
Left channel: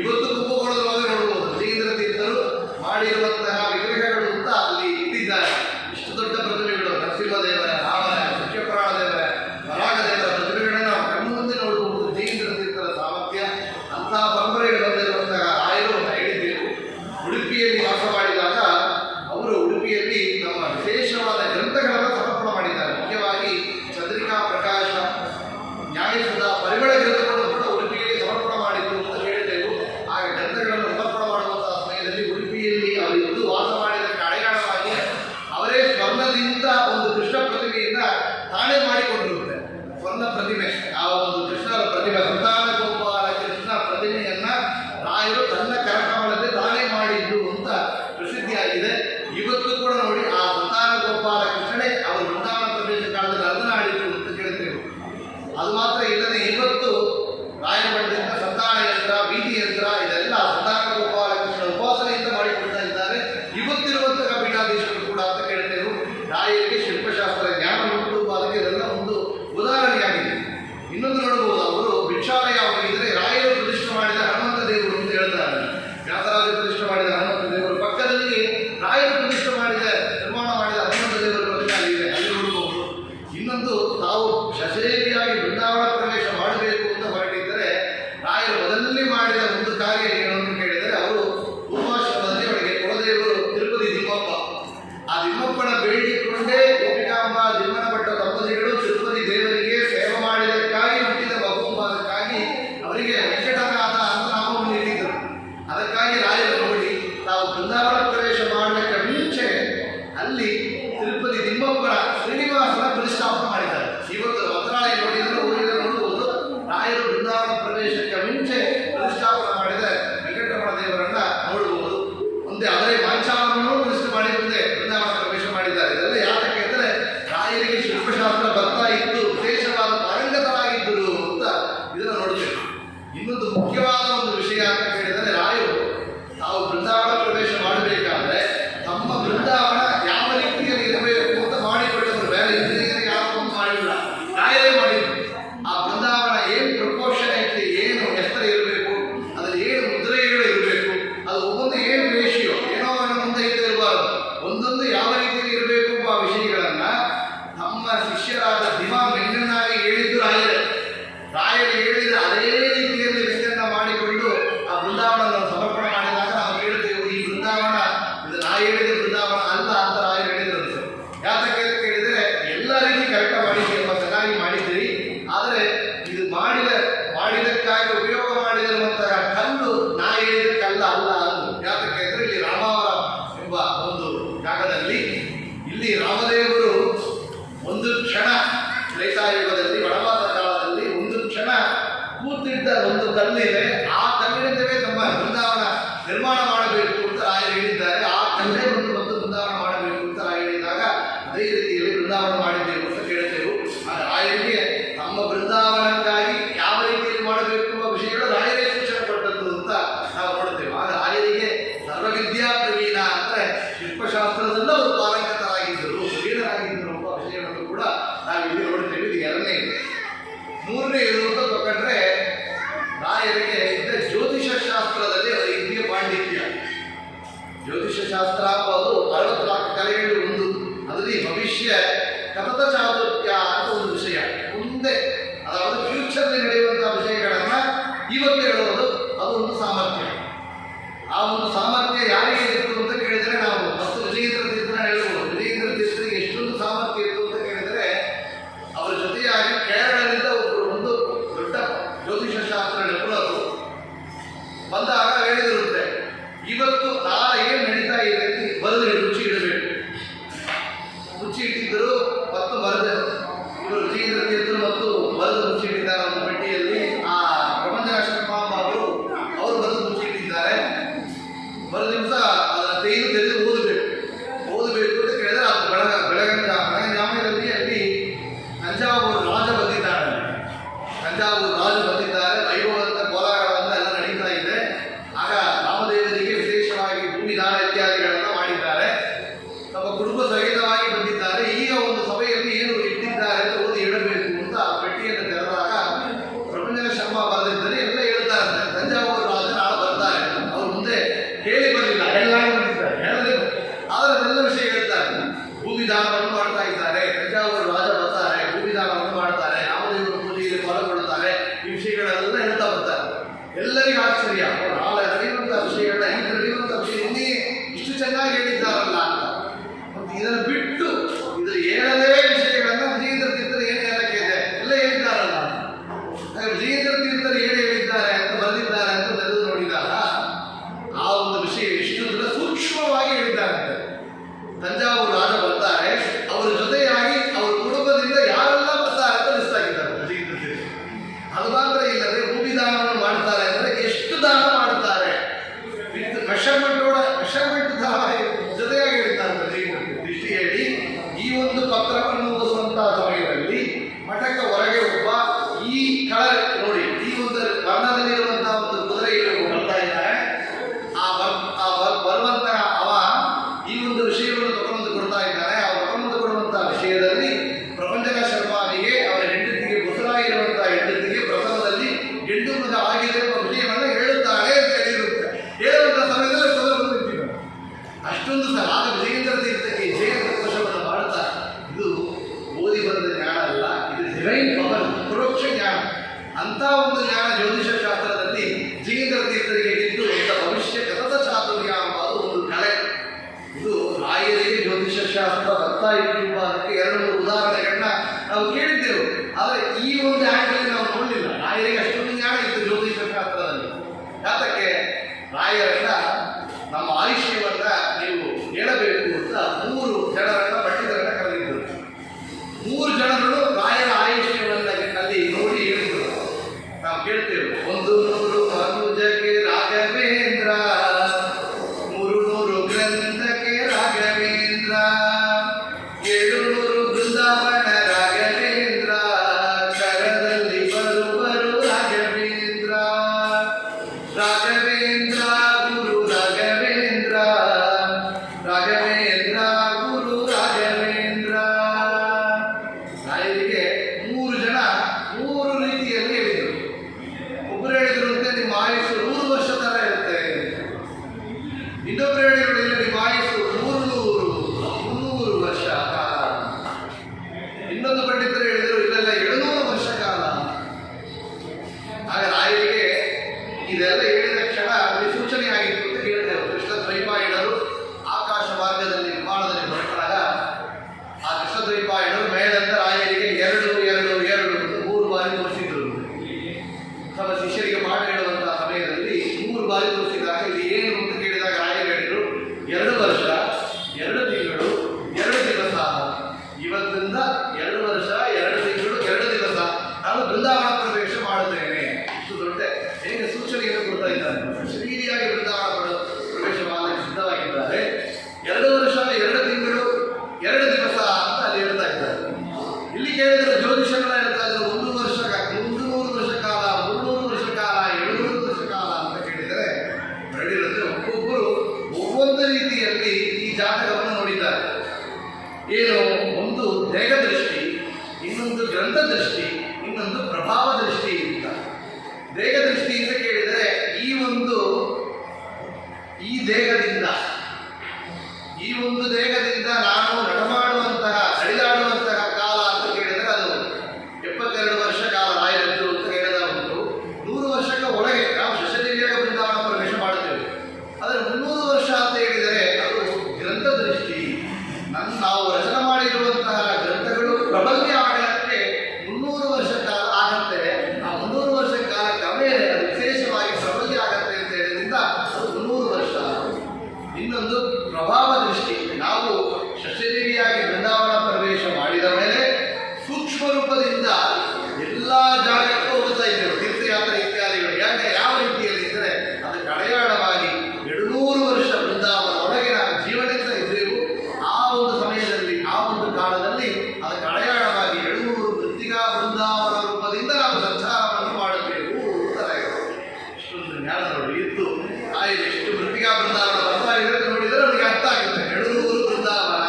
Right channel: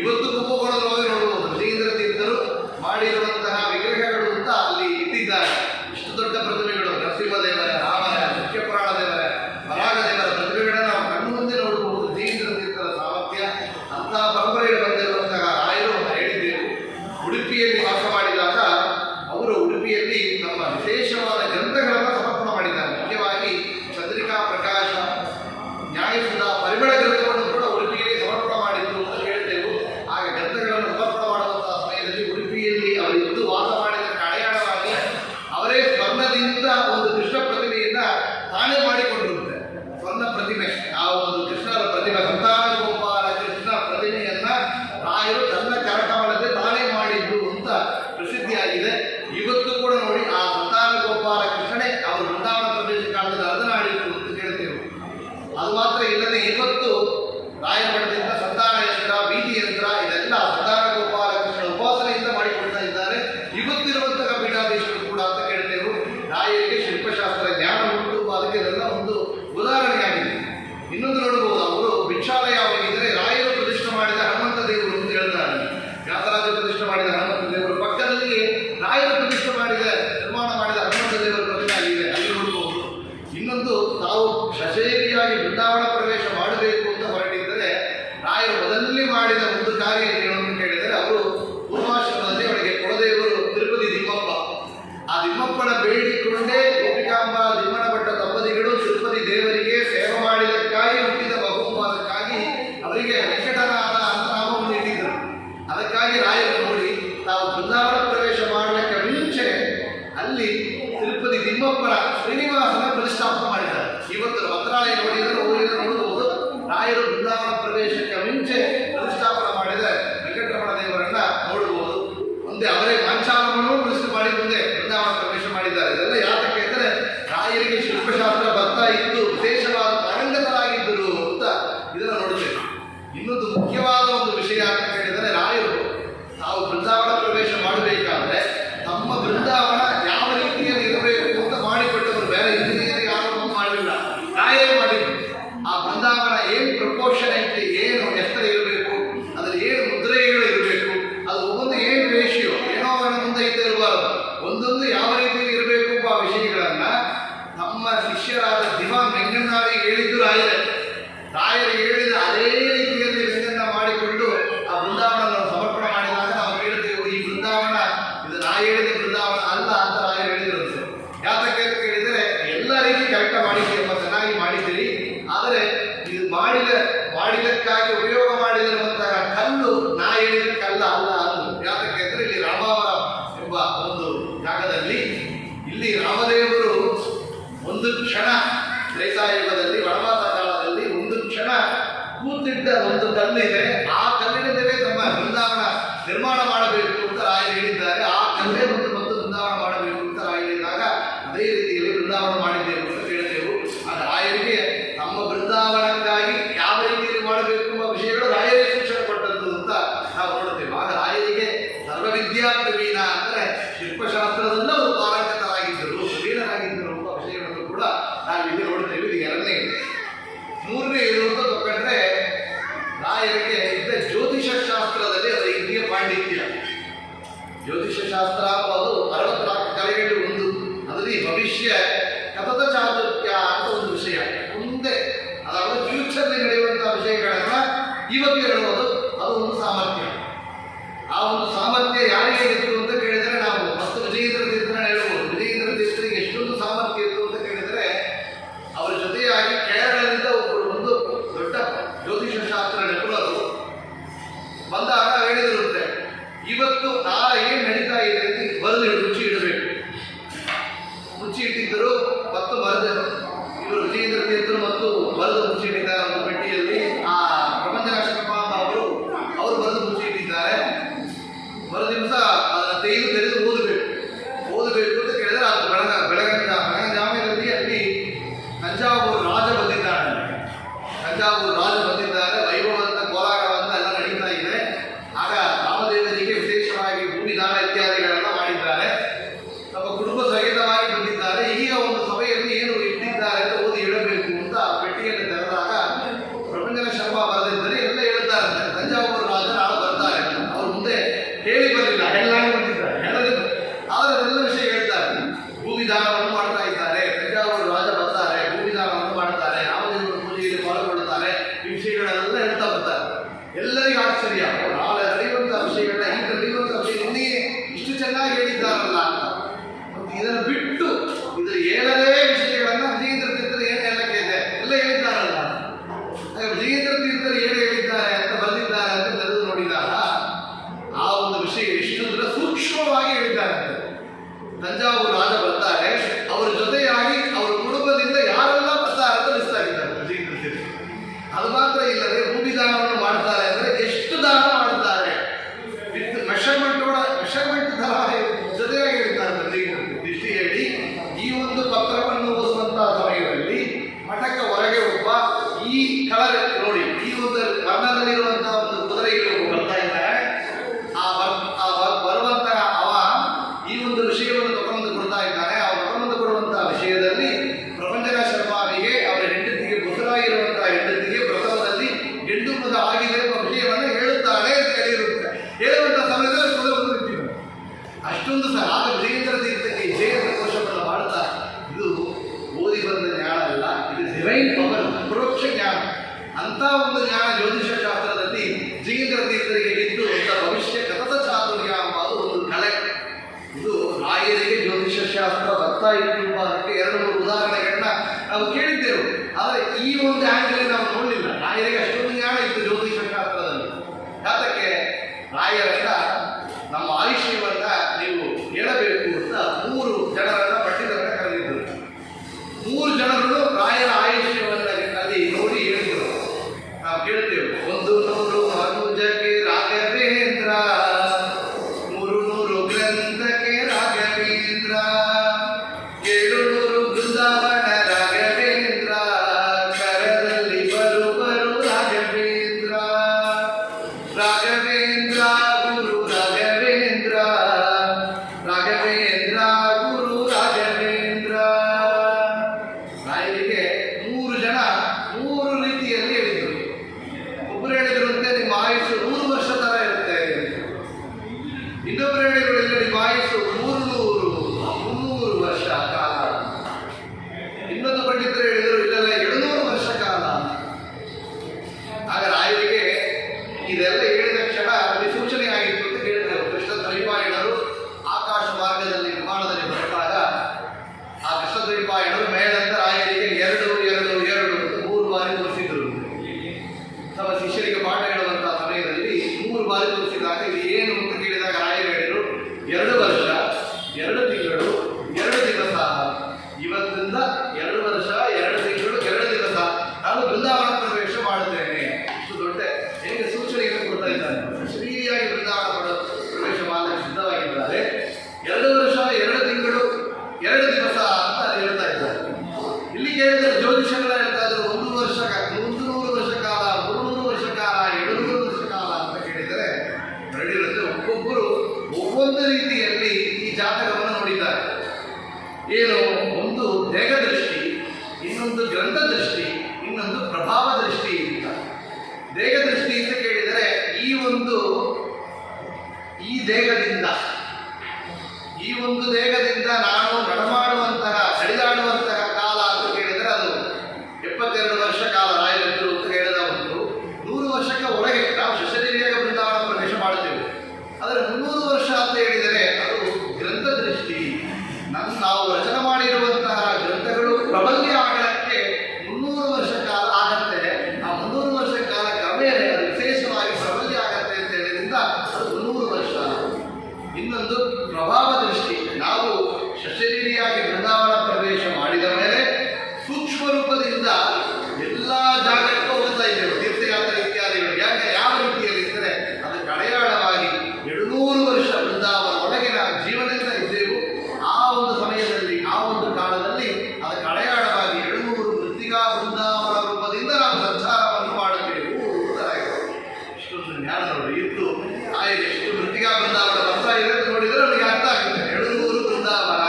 ಇವತ್ತು ಕುಂಭಕೋಣದಲ್ಲಿ ನೋಡಬಹುದು ವಿಜಯೇಂದ್ರ ತೀರ್ಥರು ಮಾಡಿರುವಂತಹ ವಿಗ್ರಹಗಳು ಅಂತ ಅಲ್ಲಿ ಇಟ್ಟಿದ್ದಾರೆ. ಇಷ್ಟು ದೊಡ್ಡ ಪ್ರತಿಮೆಗಳು ನರಸಿಂಹದೇವರ, ರಾಮನ, ಮುಖ್ಯಪ್ರಾಣದೇವರ, ವರಾಗದೇವರ ಪ್ರತಿಮೆಗಳನ್ನು ನಾವು ಕಣ್ಣು ಮುಂದೆ ನೋಡಬಹುದು. ವಿಜಯೇಂದ್ರ ತೀರ್ಥರ ಸಾಮರ್ಥ್ಯ. ಅಂತಹ ಪರಂಪರೆಗೆ ಬಂದಿರುವಂತಹ ರಾಯರು ಅಂತ ಹೇಳಿದ್ದೆವು. ಉಡುಪಿಯಲ್ಲಿ ವಾಸ ಮಾಡಿದಾಗ ಅವರು ಉಡುಪಿಯಲ್ಲಿ ನಮ್ಮ ವಿಶೇಷವಾದ ಗ್ರಂಥಗಳನ್ನು ಸಮರ್ಪಣೆ ಮಾಡಿದ್ದಾರೆ. ಮುಖ್ಯವಾಗಿ ಚಂದ್ರಿಕಾ ಪ್ರಕಾಶ, ನ್ಯಾಯಸುಧ, ಪರಿಮಳ ಗ್ರಂಥವನ್ನು ಕೂಡ ಉಡುಪಿಯಲ್ಲಿ ಸಮರ್ಪಣೆ ಮಾಡಿದ್ದು ಅಂತ ಹೇಳ್ತೇವೆ. ಆಗ ಗ್ರಂಥಗಳನ್ನು ಸಮರ್ಪಣೆ ಮಾಡುವಂತಹ ಸಮಯದಲ್ಲಿ ಉಡುಪಿಯಲ್ಲಿ ಅವರಿದ್ದು ವಾಸ ಮಾಡಿದ್ದಕ್ಕೆ ಅಡೆಯಾಳವಾಗಿ ಅವರೇ ಸ್ವರ್ಣದಿಂದ ಒಂದು ಕೃಷ್ಣ ಪ್ರತಿಮೆಯನ್ನ ತಾನೇ ಮಾಡಿಕೊಂಡಿರುತ್ತೆ. ಸ್ವರ್ಣ ಪ್ರತಿಮೆ, ಆ ಒಂದು ಕೃಷ್ಣರ ಪ್ರತಿಮೆ, ಸಂತಾನ ಗೋಪಾಲ ಕೃಷ್ಣ ಪ್ರತಿಮೆಯನ್ನ ರಾಯರು ತನ್ನ ಕರಕಮಲದಲ್ಲಿ ತಾನೇ ಮಾಡಿದ್ದು ಅಂತ ಪ್ರಸಿದ್ಧಿಯಾಗಿದೆ. ಇವತ್ತು ಕೂಡ ನೋಡಿ ಆ ಸಂತಾನ ಗೋಪಾಲ ಕೃಷ್ಣನೇ ಅವರು ವೃಂದಾವನ ಪ್ರದೇಶ ಕಾಲದಲ್ಲಿ ಅರ್ಧನಾಡಿತ್ತು ಅಂತ ಕೇಳ್ತೇವೆ. ಅದು ಮಾತ್ರ ಇಲ್ಲದೆ ಇವತ್ತು ರಾಯರ ಮಠದಿಂದ ಸಂತಾನ ಯಂತ್ರ, ಬೀದಿ ಯಂತ್ರ ಇದೆಲ್ಲ ಸಂತಾನ ಗೋಪಾಲ ಕೃಷ್ಣ ಉಪಾಸನೆಯಿಂದ ಮಾಡಿಕೊಳ್ತಾ ಇದ್ದಾರೆ ಇವತ್ತಿರುವಂತಹ ಪೀಠಾಧೀಶರು ಕೂಡ ಅಂತ ಕೇಳ್ತೇವೆ. ರಾಯರಿಗೆ ಶಿಲ್ಪಶಾಸ್ತ್ರ ಜ್ಞಾನ ಉಂಟು, ಅದಕ್ಕೆ ಇದೆಲ್ಲ ಒಂದು ಉದಾಹರಣೆಯಾಗಿದೆ. ಇನ್ನೊಂದು ನೋಡಬಹುದು, ಅವರು ಭಿಕ್ಷಾಲಯ ಹೋಗಿದ್ದರೆ ರಾಯರು ಪ್ರತಿಷ್ಠೆ ಮಾಡಿದ ಹನುಮಂತ ದೇವರು ಅಂತ ಹೇಳ್ತಾರೆ. ವ್ಯಾಸರಾಜ ಪ್ರತಿಷ್ಠೆ ಮಾಡಿದ ಹನುಮಂತ ದೇವರು ಪಕ್ಕದಲ್ಲಿ ರಾಯರು ಪ್ರತಿಷ್ಠೆ ಮಾಡಿದ ನಿರ್ಮಾಣ ಮಾಡಿದ ಹನುಮಂತ ದೇವರ ಪ್ರತಿಮೆ ಆಗಿದೆ, ಅಲ್ಲಿ ನೋಡಬಹುದು. ಇನ್ನೊಂದು, ತಾವು ಸಶರೀರಿಯಾಗಿ ಬೃಂದಾವನ ಪ್ರವೇಶ ಮಾಡಬೇಕು ಅಂತ ಹೊರಟಿದ್ದರೆ ರಾಯರು ಮೊದಲಲ್ಲಿ ಮಾಡಿದ ಒಂದು ಕಾರ್ಯ ಏನು ಅಂತ ಕೇಳಿದರೆ ಅವರು ಪೂರ್ವಾಶ್ರಮದಲ್ಲಿ ಅವರಿಗೆ ಕುಲದೇವರು ತಿರುಪತಿ ತಿಮ್ಮಪ್ಪ. ಆ ತಿಮ್ಮಪ್ಪನ ಬೇಡಿಕೊಂಡೇ ಗೋಪಿಕಾಂಬ ದಿಮ್ಮನ ಭಟ್ಟ ದಂಪತಿಗಳು ತಿರುಪತಿ ದೇವರಿಗೆ ಸೇವೆ ಮಾಡಿದಕ್ಕಾಗಿ ಹುಟ್ಟಿದ ಮಗುವಾದಕ್ಕಾಗಿ ಅವರಿಗೆ ವೆಂಕಟನಾಥ ಅಂತ ನಾಮವನ್ನು ನೀಡಿದರು. ಅದಕ್ಕಾಗಿ ರಾಯರು ನೋಡಿ ತಾವು ಬೃಂದಾವನ ಪ್ರವೇಶ ಮಾಡಲಿಕ್ಕೆ ಮುಂಚೆ ಅಲ್ಲಿ ತಿರುಪತಿ ತಿಮ್ಮಪ್ಪನ ಶ್ರೀನಿವಾಸನ ಪ್ರತಿಷ್ಠಾಪನೆ ಮಾಡಿದ್ದಾರೆ. ಇವತ್ತು ಮಂತ್ರಾಲಯ ನೋಡಿದರೆ ಹೋಗಿದರೆ ನೋಡಬಹುದು, ರಾಯರು ಬೃಂದಾವನ ಪ್ರವೇಶಕ್ಕೆ ಮುಂಚೆ ಪ್ರತಿಷ್ಠಾಪನೆ ಮಾಡಿದ ವೆಂಕಟರಮಣ ದೇವರನ್ನ ನೋಡಬಹುದು. ಮುಂದೆ ಅವರೇ ಪಾಂಚಾಲವನ್ನು ಪ್ರತಿಷ್ಠೆ ಮಾಡಿ ಮುಂದೆ ಬೃಂದಾವನ ಪ್ರವೇಶ ಮಾಡಿದ್ದಾರೆ. ಇದೆಲ್ಲ ಯಾತಕ್ಕೆ ಅಂದರೆ ರಾಯರಿಗೆ ಶಿಲ್ಪಶಾಸ್ತ್ರ ಬರ್ತಾ ಇದ್ದು ವಿಶೇಷವಾದ ಪಾರಂಗತರಾಗಿದ್ದರು ಅಂತ ಇದನ್ನು ನೋಡುತ್ತೇವೆ. ಇನ್ನೊಂದು ಮುಖ್ಯವಾದ ಒಂದು ವಿಷಯ ಅಂತ ಕೇಳಿದರೆ ರಾಯರು ತಾವು ಬೃಂದಾವನ ಪ್ರವೇಶ ಮಾಡಬೇಕಾದ್ರೆ ತಮ್ಮ ಬೃಂದಾವನ ಯಾವ ರೀತಿಯಲ್ಲಿ ಇರಬೇಕು ಅಂತ ಮಾಡಿಕೊಟ್ಟವರು. ಬೇರೆ ಇಂಜಿನಿಯರ್ ಯಾರು ಮಾಡಿಲ್ಲ, ರಾಯರೇ ಮಾಡಿದ್ರು. ಆ ಬೃಂದಾವನ ಏನು ಪ್ರಪೋರ್ಷನೇಟ್ಲಿ, ಏನು ಎತ್ತರ ಇರಬೇಕು, ಅದ್ರಲ್ಲಿ ಏನು ಮುದ್ರೆಗಳು ಇರಬೇಕು, ಅದು ಒಬ್ಬೊಂದು ಏನು ರೇಷಿಯೋ, ಏನೋ ಮುಂದೆ ಇದ್ದೇ ಇರಬಾರದು, ಒಂದೊಂದು ಯಾವ ರೀತಿಯಲ್ಲಿ ಇರಬೇಕು ಎಂಬ ವಿಷಯಗಳನ್ನ ತಮ್ಮ ಶಿಷ್ಯರಾದ ದಿವಾನ್ ವೆಂಕಣ್ಣಾಗಿ ಹೇಳಿದ್ದು ರಾಯರೇ. ರಾಯರು ಹೇಳಿದ ಅದೇ ರೀತಿಯಲ್ಲಿ ವೆಂಕಣ್ಣ ಮಾಡಿಕೊಂಡು ಆ ಬೃಂದಾವನ ಸಮರ್ಪಣೆ ಮಾಡಿದಾಗ ನಾವು ಕೇಳ್ತೇವೆ, ಈ ಬೃಂದಾವನ ಇದು ನಾ ಹೇಳಿದ ಬೃಂದಾವನ ಅಲ್ಲ ಅಂತ ರಾಯರು ಹೇಳಿದ್ರು. ಯಾತಕ್ಕೆ ಅಂತ ಕೇಳಿದರೆ ಎಲ್ಲ ರೀತಿ ಕರೆಕ್ಟ್ ಮಾಡಿದ್ದೀರಿ, ತುಂಬ ಚೆನ್ನಾಗಿ ಮಾಡಿದ್ದೀರಿ, ಆದರೆ ಇದು ಮಾಡಿದಕ್ಕಾಗಿ ಉಪಯೋಗ ಮಾಡಿದಿರುವಂತಹ ಕಲ್ಲು ನಾ ಹೇಳಿದ ಕಲ್ಲ ಅಲ್ಲ ಅಂದು. ಯಾತಕ್ಕೆ ಅಂದರೆ ಇಲ್ಲಿ ರಾಮಾವರ ಎಂಬ ಒಂದು ಜಾಗದಲ್ಲಿ ಇಲ್ಲಿ ರಾಮದೇವರು ಒಂದು ಕ್ಷಣ ತ್ರೇತಾಯುಗದಲ್ಲಿ ವನವಾಸ ಕಾಲದಲ್ಲಿ ಒಂದು ಕ್ಷಣ ಕೂತಿದ್ದ ಒಂದು ಕಲ್ಲಿದೆ. ಆ ಕಲ್ಲಿನಲ್ಲೇ ತಮ್ಮ ಬೃಂದಾವನ ನಿರ್ಮಾಣ ಮಾಡಬೇಕು ಅಂತ ರಾಯರು ಹೇಳಿದ್ದಾರೆ. ಆ ಕಲ್ಲೇ ಮತ್ತು ಬೃಂದಾವನ ಮಾಡಬೇಕು ಅಂತ ರಾಯರು ಹೇಳಿದಾಗ ಅದೇ ರೀತಿಯಲ್ಲಿ ಬೃಂದಾವನ ಮಾಡಿದ್ದೇವೆ ಅಂತ ಕೇಳ್ತೇವೆ. ಆಗ ರಾಯರಿಗೆ ನಮ್ಮ ಬೃಂದಾವನಕ್ಕಾಗಿ ಯಾವ ರೀತಿಯಲ್ಲಿ ಮಾಡಬೇಕು ಎಂಬ ವಿಷಯಗಳು ರಾಯರೇ ಸೂಚನೆ ಕೊಟ್ಟದ್ದು ಅಂತ ನಾವು ನೋಡ್ತೇವೆ. ಆಗ ರಾಯರಿಗೆ ಸರ್ವವಿದ್ಯಾ ಪ್ರವೀಣ ಅಂದರೆ ಶಿಲ್ಪಶಾಸ್ತ್ರದಲ್ಲ ಅವರು ಪಾರಂಗತರಾಗಿದ್ದರು, ಪ್ರವೀಣರಾಗಿದ್ದರು ಎಂಬ ವಿಷಯಗಳನ್ನು ಕೂಡ ನಾವು ಇಲ್ಲಿ ನೋಡ್ತೇವೆ. ಇದು ಎರಡನೇ. ಮೂರನೇದು ಅಂತ ತಗೊಂಡ್ರೆ ರಾಯರಿಗೆ ಇದ್ದ ಜ್ಯೋತಿಷ ಶಾಸ್ತ್ರದಲ್ಲಿ ವೈದ್ಯ ಪಾಂಡಿತ್ಯ. ಜ್ಯೋತಿಷ ಶಾಸ್ತ್ರ ಅದು 64 ಕಲೆಗಳಲ್ಲಿ ಒಂದು. ಅದರಲ್ಲಿ ಭವಿಷ್ಯ ಕಥದ ಚಾತುರ್ಯ ಅಂತ ಒಂದು ವಿಷಯ, ಮುಂದೆ ಅದಾவது ಫ್ಯೂಚರ್ಲಿ ನಡೆಯುವಂತಹ ವಿಷಯಗಳನ್ನು ಇವತ್ತು ಹೇಳುವುದು ಅದು ಒಂದು ಸಾಮರ್ಥ್ಯ. ಆ ಒಂದು ಸಾಮರ್ಥ್ಯ ಯಾರಿಗೆ ಇತ್ತು ಅಂತ ಕೇಳಿದರೆ ನಾವು ಮತ್ತು ವಿಜಯೇಂದ್ರ ತೀರ್ಥನ ಹೇಳ್ಬೋದು. ವಿಜಯೇಂದ್ರ ತೀರ್ಥರಿಗೆ ಎಷ್ಟೊಂದು ಸಾಮರ್ಥ್ಯ ಇತ್ತು ಅಂತ ಕೇಳಿದರೆ ಅವರ ಜೊತೆಯಾಗಿ ಕೇರಳದಿಂದ ಒಬ್ಬರು ಒಂದು ದೊಡ್ಡ ಜ್ಯೋತಿಷ ಶಾಸ್ತ್ರ ನಿಪುಣರು ಬಂದಾಗ ಹೇಳಿದಿರುತ್ತೆ, ಇವತ್ತು ನಾಳೆ ಏನು ನಡೀತಾ ಇದೆ ಅಂತ ಬರೆದು ಮುಚ್ಚಿ ಇಡಬೇಕು. ಮುಚ್ಚಿ ಇಟ್ಟಿದ್ದರು ಮತ್ತು ಬರೆದರು. ಇವರು ವಿಜಯೇಂದ್ರ ತೀರ್ಥರು ಮತ್ತು ಬರೆದು ಮುಚ್ಚಿ ಇಟ್ಟಿದ್ದಾರೆ ಒಂದು ಪೆಟ್ಟಿಯಲ್ಲಿ. ಆ ಪ್ರಪಂಚ ಶರ್ಮಾಂಬ ಅವರು ಬರೆದು ಮುಚ್ಚಿ ಇಟ್ಟಿದ್ದಾರೆ. ಮರುದಿವಸ ಅದನ್ನು ತೆಗೆದು ಓದಬೇಕು ಅಂತ ಕೇಳಿದ್ರೆ ಅದು ಬೆಳಗಿನ ಜಾಮದಲ್ಲಿ ಅಲ್ಲಿ ತಂಜಾವೂರು ರಾಜ ಬಂದಿದ್ದಾರೆ. ವೈಭವಂತ ಕೋಲಾಹಲವಂತ ಎಲ್ಲ ನಡೀತಾ ಇದೆ. ಆಗ ರಾಮದೇವರಿಗೆ ವಿಶೇಷವಾಗಿ ಭೂಮಿದಾನ ಇತ್ಯಾದಿಗಳನ್ನು ಮಾಡಿದ್ದಾರೆ. ತಮ್ಮ ಕುಟುಂಬ ಸಹಿತವಾಗಿ ಬಂದಿದ್ದಾರೆ. ಈಗ ಒಂದು ಸಭೆಯಲ್ಲಿ ಏನು ಇಟ್ಟಿದ್ದಾರೆ ಅಂತ ಓದಿ ಹೇಳಬೇಕು ಅಂತ ಪೆಟ್ಟಿಯನ್ನು ತೆರೆದಾಗ ಪ್ರಪಂಚನ ಶರ್ಮ ಬರೆದಿದ್ದರೆ ಎಲ್ಲ ಹೇಳ್ತಾರೆ, ತಂಜಾವೂರು ರಾಜ ನಾಳೆ ಬರ್ತಾರೆ ಅಂತ. ಅವ್ರ ಮುಂದೆ ಹೇಳಿ ಬರಲಿಲ್ಲ, ಹೇಳಲಾಗಿ ಬಂದಿದ್ದಾರೆ, ಹೇಳಲಿಲ್ಲ. ಆದರೆ ಅದೆಲ್ಲ ವಿಷಯ ಹೇಳ್ತಾರೆ. ಭೂಮಿದಾನವನ್ನು ಮಾಡ್ತಾ ಇದ್ದಾರೆ, ತಂಜಾವೂರು ರಾಜ ಬರ್ತಾರೆ, ಭೂಮಿದಾನವನ್ನು ಮಾಡ್ತಾರೆ, ರಾಮದೇವರ ಪೂಜೆಯಲ್ಲಿ ಪಾಲ್ಗೊಳ್ಳುತ್ತಾರೆ. ಈ ವಿಷಯಗಳೆಲ್ಲ ಹೇಳ್ತಾ ಬರ್ತಾರೆ. ಎಲ್ಲರಿಗೂ ಆಶ್ಚರ್ಯ, ನಾಳೆ ನಡೆಯುವಂತಹ ವಿಷಯಗಳನ್ನ ಈಗ ನಡೆಯುವಂತಹ ವಿಷಯ ಇನ್ನೇ ಇಷ್ಟು ಚೆನ್ನಾಗಿ ಹೇಳಿದ್ದಾರಲ್ಲ ಅಂತ. ಮತ್ತು ಇದನ್ನು ಬಿಟ್ಟು ಇದು ಹೇಳಲೇ ವಿಷಯಗಳನ್ನು ವಿಜಯೇಂದ್ರ ತೀರ್ಥರು ಏನು ಹೇಳಕ್ಕೆ ಇದೆ ಎಲ್ಲ ಹೇಳಿದ್ದಾರಲ್ಲ. ಹಾಗೆ ವಿಜಯೇಂದ್ರ ತೀರ್ಥರು ಏನು ಹೇಳಿದ್ದಾರೆ ಅಂತ ಬರೆದಿದ್ದಾರೆ ಅಂತ ತೆರೆದು ನೋಡಿದಾಗ ಆ ಒಂದು ವಿಷಯ ಎಷ್ಟು ಸೂಕ್ಷ್ಮವಾಗಿ ಹೇಳಿದ್ದಾರೆ. ತಂಜಾವೂರು ರಾಜ ಬರ್ತಾರೆ, ಅವರ ಜೊತೆಯಾಗಿ ಅವರ ಕುಟುಂಬದಿಂದ ಯಾರೆಲ್ಲ ಬರ್ತಾರೆ ಅಂತ ಲಿಸ್ಟ್ ಆಗಿದ್ದಾರೆ ವಿಜಯೇಂದ್ರ ತೀರ್ಥರು. ಅದು ಮಾತ್ರ ಇಲ್ಲದೆ ಭೂಮಿದಾನವನ್ನು ಮಾಡ್ತಾರೆ ಅಂದರೆ ಎಷ್ಟು ದಾನ ಮಾಡುತ್ತಾರೆ ವಿತ್ ಮೆಷರ್ಮೆಂಟ್ ತರ ಜೊತೆಯಾಗಿ ಹೇಳಿದ್ದಾರೆ ವಿಜಯೇಂದ್ರ ದೃಷ್ಟಿ ಹೇಳಿ. ಈ ಒಂದು ಪತ್ರವನ್ನು ಓದುವಂತಹ ಸಮಯದಲ್ಲಿ ಮಠಕ್ಕೆ ಹೊರಗೆ ಒಬ್ಬ ಈ ಕಲರ್ ನೋಡಿ, ಈ ಒಂದು ವರ್ಣದಲ್ಲಿರುವಂತಹ ಒಂದು ಕುದುರೆಯಲ್ಲಿ ಬರ್ತಾ ಇದ್ದಾರೆ. ಬರುವಂತಹ ಅವ ಈ ಒಂದು ವಿಷಯವನ್ನು ತಗೊಂಡು ಕೊಡ್ತಾ ಇದ್ದಾನೆ. ಆ ತಗೊಂಡು ಕೊಡುವಂತಹ ವಿಷಯದಲ್ಲಿ ಪ್ರಪಂಚನ ಶರ್ಮಾವಿಗೆ ಅವರ ಹೆಂಡತಿಗೆ ಬುಸರಾಗಿರುವಂತಹ ಹೆಂಡತಿಗೆ ಪ್ರಸವದಲ್ಲಿ ಗಂಡು ಮಗ ಆಗಿದೆ ಎಂಬ ವಿಷಯವನ್ನು ಹೇಳುತ್ತಾಳೆ ಅಂತ ಹೇಳಿರುತ್ತೆ. ಹೇಳುವಂತಹ ಸಮಯದಲ್ಲಿ ಕುದುರೆ ಬಂದು ನಿಂತಿದ್ದಾನೆ. ಅಷ್ಟೊಂದು ಸಹ ಆಗ ವಿಜಯೇಂದ್ರ ತೀರ್ಥಕ್ಕೆ ಜಯಂತ ಕೋಶವನ್ನು ಮಾಡುತ್ತಾರೆ. ಇದು ಓದಿ ಬಂದ ಜ್ಞಾನ ಅಲ್ಲ, ಇದು ಡಿವೈನ್ ಪವರ್, ಪರೋಕ್ಷ ಜ್ಞಾನ. ಅಂತ ಒಂದು ಜ್ಞಾನ ಜ್ಯೋತಿಷ ಶಾಸ್ತ್ರದಲ್ಲಿ ವಿಜಯೇಂದ್ರ ತೀರ್ಥರಿಗೆ ಇದ್ದು ಅಂತ ಭವಿಷ್ಯ ಕಥದ ಚಾತುರ್ಯ ಎಂಬುದು ಒಂದು ಕಲೆ. ಇದು ರಾಯರಿಗೆ ಜ್ಯೋತಿಷ ಶಾಸ್ತ್ರ ಬರ್ತಾ ಇರುವ ಅದಕ್ಕೆ 2-3 ಉದಾಹರಣೆಗಳನ್ನ ನಾವು ಕೇಳಿದ್ದೆವು. ಆದರೆ ಈ ಒಂದು ಆ್ಯಂಗಲ್ ನಾವು ನೋಡಲಿಲ್ಲ. ರಾಯರಿಗೆ ಅಷ್ಟೊಂದು ಜ್ಞಾನ ಇತ್ತು ಜ್ಯೋತಿಷ ಶಾಸ್ತ್ರದಲ್ಲಿ. ಯಾತಕ್ಕೆ ರಾಯರನ್ನ ನಮ್ಮ ಆಯುಷ್ಯವನ್ನ ನೀವು ಹೇಳಬೇಕು ಅಂತ 3 ಜನರನ್ನ ಪಂಡಿತರನ್ನ ಕರೆದಿದ್ದರು. 3 ಜನರು ರಾಯರ ಆಯುಷ್ಯವನ್ನ ಅಲ್ಲಿ ನೋಡಿ ಹೇಳಿದರು. ನಾವು ಕೇಳ್ತೇವೆ, 100 ಮನುಜಕ್ಕೆ ರಾಘವೇಂದ್ರ, 300 ಗ್ರಂಥಕ್ಕೆ ರಾಘವೇಂದ್ರ, 700 ಬೃಂದಾವನ ರಾಘವೇಂದ್ರ, ಕರದಲ್ಲಿ ಬರು ರಾಘವೇಂದ್ರ, ರಾಘವೇಂದ್ರ ಗುರು ರಾಘವೇಂದ್ರ, ರಾಘವೇಂದ್ರ ಗುರು ಏನು, ಒಂದು ದೇಹ ದೃಷ್ಟಿ, ಇನ್ನೊಂದು ಗ್ರಂಥ ದೃಷ್ಟಿ, ಇನ್ನೊಂದು ಪ್ರಭಾವ ದೃಷ್ಟಿ ಅಂತ. ದೇಹ ದೃಷ್ಟಿ ಅಂತ ಕೇಳಿದರೆ ಈ ಒಂದು ದೇಹದಿಂದ ನಾನು ನಡಮಾಡುವಂತಹ ನಡೆದಾಡುವಂತಹ ಕಾಲ ಅಂತ ಕೇಳಿದರೆ ಅದು 72 ವರ್ಷ ಕಾಲ ರಾಯರಿದ್ದರು ಅಂತ ಹೇಳಿದ ಉಂಟು. 100 ವರ್ಷಕ್ಕೆ ಒಳಗೆ ನಾವು ಶಿಷ್ಯರಿಗೆ ಬೃಂದಾವನ ಪ್ರವೇಶ ಮಾಡುತ್ತೇವೆ. ಆದರೆ 300 ವರ್ಷ ಅಂತ ಹೇಳಿದರೆ ಅದು ಗ್ರಂಥ ದೃಷ್ಟಿ. ನಾವು ರಚನೆ ಮಾಡಿರುವಂತಹ ಗ್ರಂಥಗಳು ಪ್ರಬಲ್ಯ ಆಗಲಿಕ್ಕೆ 300 ವರ್ಷ ಕಾಲ ಆಗತ್ತೆ. ಆ 300 ವರ್ಷ ಕಾಲ ಕ್ರಮೇಣ ಅದು ವಿಶೇಷವಾಗಿ ಪ್ರಬಲ್ಯ ಆಗತ್ತೆ ಅಂತ ಹೇಳಿದ್ರಿಂದ ಅದು 300 ವರ್ಷ. ಇನ್ನೊಂದು ಪ್ರಭಾವ ದೃಷ್ಟಿ. ನಾವು ಶರೀರಿಯಾಗಿ ಬೃಂದಾವನ ಪ್ರವೇಶ ಮಾಡಿದ ಮೇಲೆ ಸೂಕ್ಷ್ಮ ರೂಪದಿಂದ ಎಲ್ಲ ಜಾಗಕ್ಕೂ ಹೋಗ್ತಾ ಇದ್ದೇವೆ, ತೀರ್ಥಯಾತ್ರೆ ಇತ್ಯಾದಿಗಳು. ಯಾಕೆ, ಯಾವ ರೀತಿಯಲ್ಲಿ ಇದ್ದರೆ ಅದು ಕಡೆಯಾಳವಾಗಿ 200 ವರ್ಷ ಬೃಂದಾವನ ಒಳಗೆ ನಾವು ಜೀವನದಿಂದ ಇದ್ದೆವು. ಆ ಒಂದು ಸಮಯದಲ್ಲಿ, ಆ ಒಂದು ಕಾಲದಲ್ಲಿ ಅದು ಕಡೆಯಾಳವಾಗಿ 200 ಮೃತ್ತಿಕಾ ಬೃಂದಾವನ ರೂಪದಿಂದ ನಾವು ಸಂಚಾರವನ್ನು ಮಾಡುತ್ತೇವೆ. ಇಷ್ಟೊಂದು ಜ್ಞಾನ ನೋಡಿ ಇತ್ತು. ಎಷ್ಟು ಮೃತ್ತಿಕಾ ಬೃಂದಾವನ ಬರ್ತಾ ಇದೆ ನೋಡಿದರೆ ಅವರಿಗೆ ಅರ್ಥ ಆಗುತ್ತೆ. 700 ಬೃಂದಾವನ,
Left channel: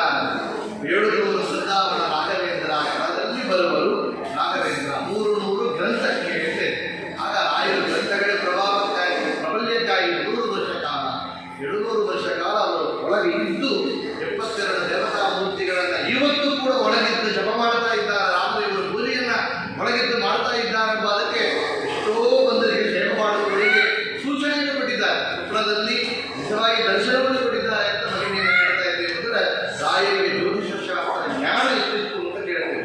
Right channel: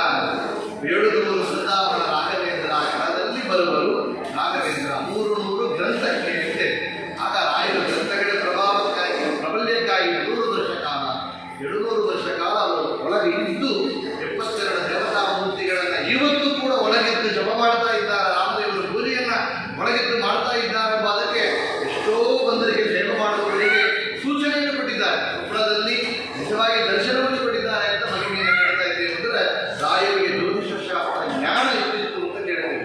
700 ಬೃಂದಾವನ ರಾಘವೇಂದ್ರ ಕಾಲದಲ್ಲಿ ಬರುವರು ರಾಘವೇಂದ್ರ 300 ಗ್ರಂಥಕ್ಕೆ ಇದೆ. ಆಗ ರಾಯರ ಗ್ರಂಥಗಳ ಪ್ರಭಾವಕ್ಕಾಗಿ, ಪ್ರಬಲ್ಯಕ್ಕಾಗಿ 100 ವರ್ಷ ಕಾಲ, 700 ವರ್ಷ ಕಾಲ ಅವರು ಒಳಗೆ ಇದ್ದು 72 ದೇವತಾ ಮೂರ್ತಿಗಳನ್ನು ಇವತ್ತು ಕೂಡ ಒಳಗಿದ್ದು ಜಪ ಮಾಡ್ತಾ ಇದ್ದಾರೆ. ರಾಮದೇವರ ಪೂಜೆಯನ್ನು ಒಳಗಿದ್ದು ಮಾಡ್ತಾ ಇದ್ದಾರೆ ಎಂಬ ಅದಕ್ಕೆ ಎಷ್ಟೋ ಬಂದರಿಗೆ ಸೇವೆ ಮಾಡುವವರಿಗೆ ಸೂಚನೆಯನ್ನು ಕೊಟ್ಟಿದ್ದಾರೆ. ಕೊಪ್ಪಳದಲ್ಲಿ ನಿಜವಾಗಿ ದರ್ಶನವನ್ನು ಕೊಟ್ಟಿದ್ದಾರೆ ಅಂತ ಮಹಿಮೆಯನ್ನು ಹೇಳ್ತಾ ಇದ್ದೇವೆ. ಅಂದರೆ ರಾಯರಿಗೆ ಜ್ಯೋತಿಷ ಶಾಸ್ತ್ರ ಜ್ಞಾನ ಎಷ್ಟಿತ್ತು ಅಂತ ಹೇಳ್ತೇವೆ.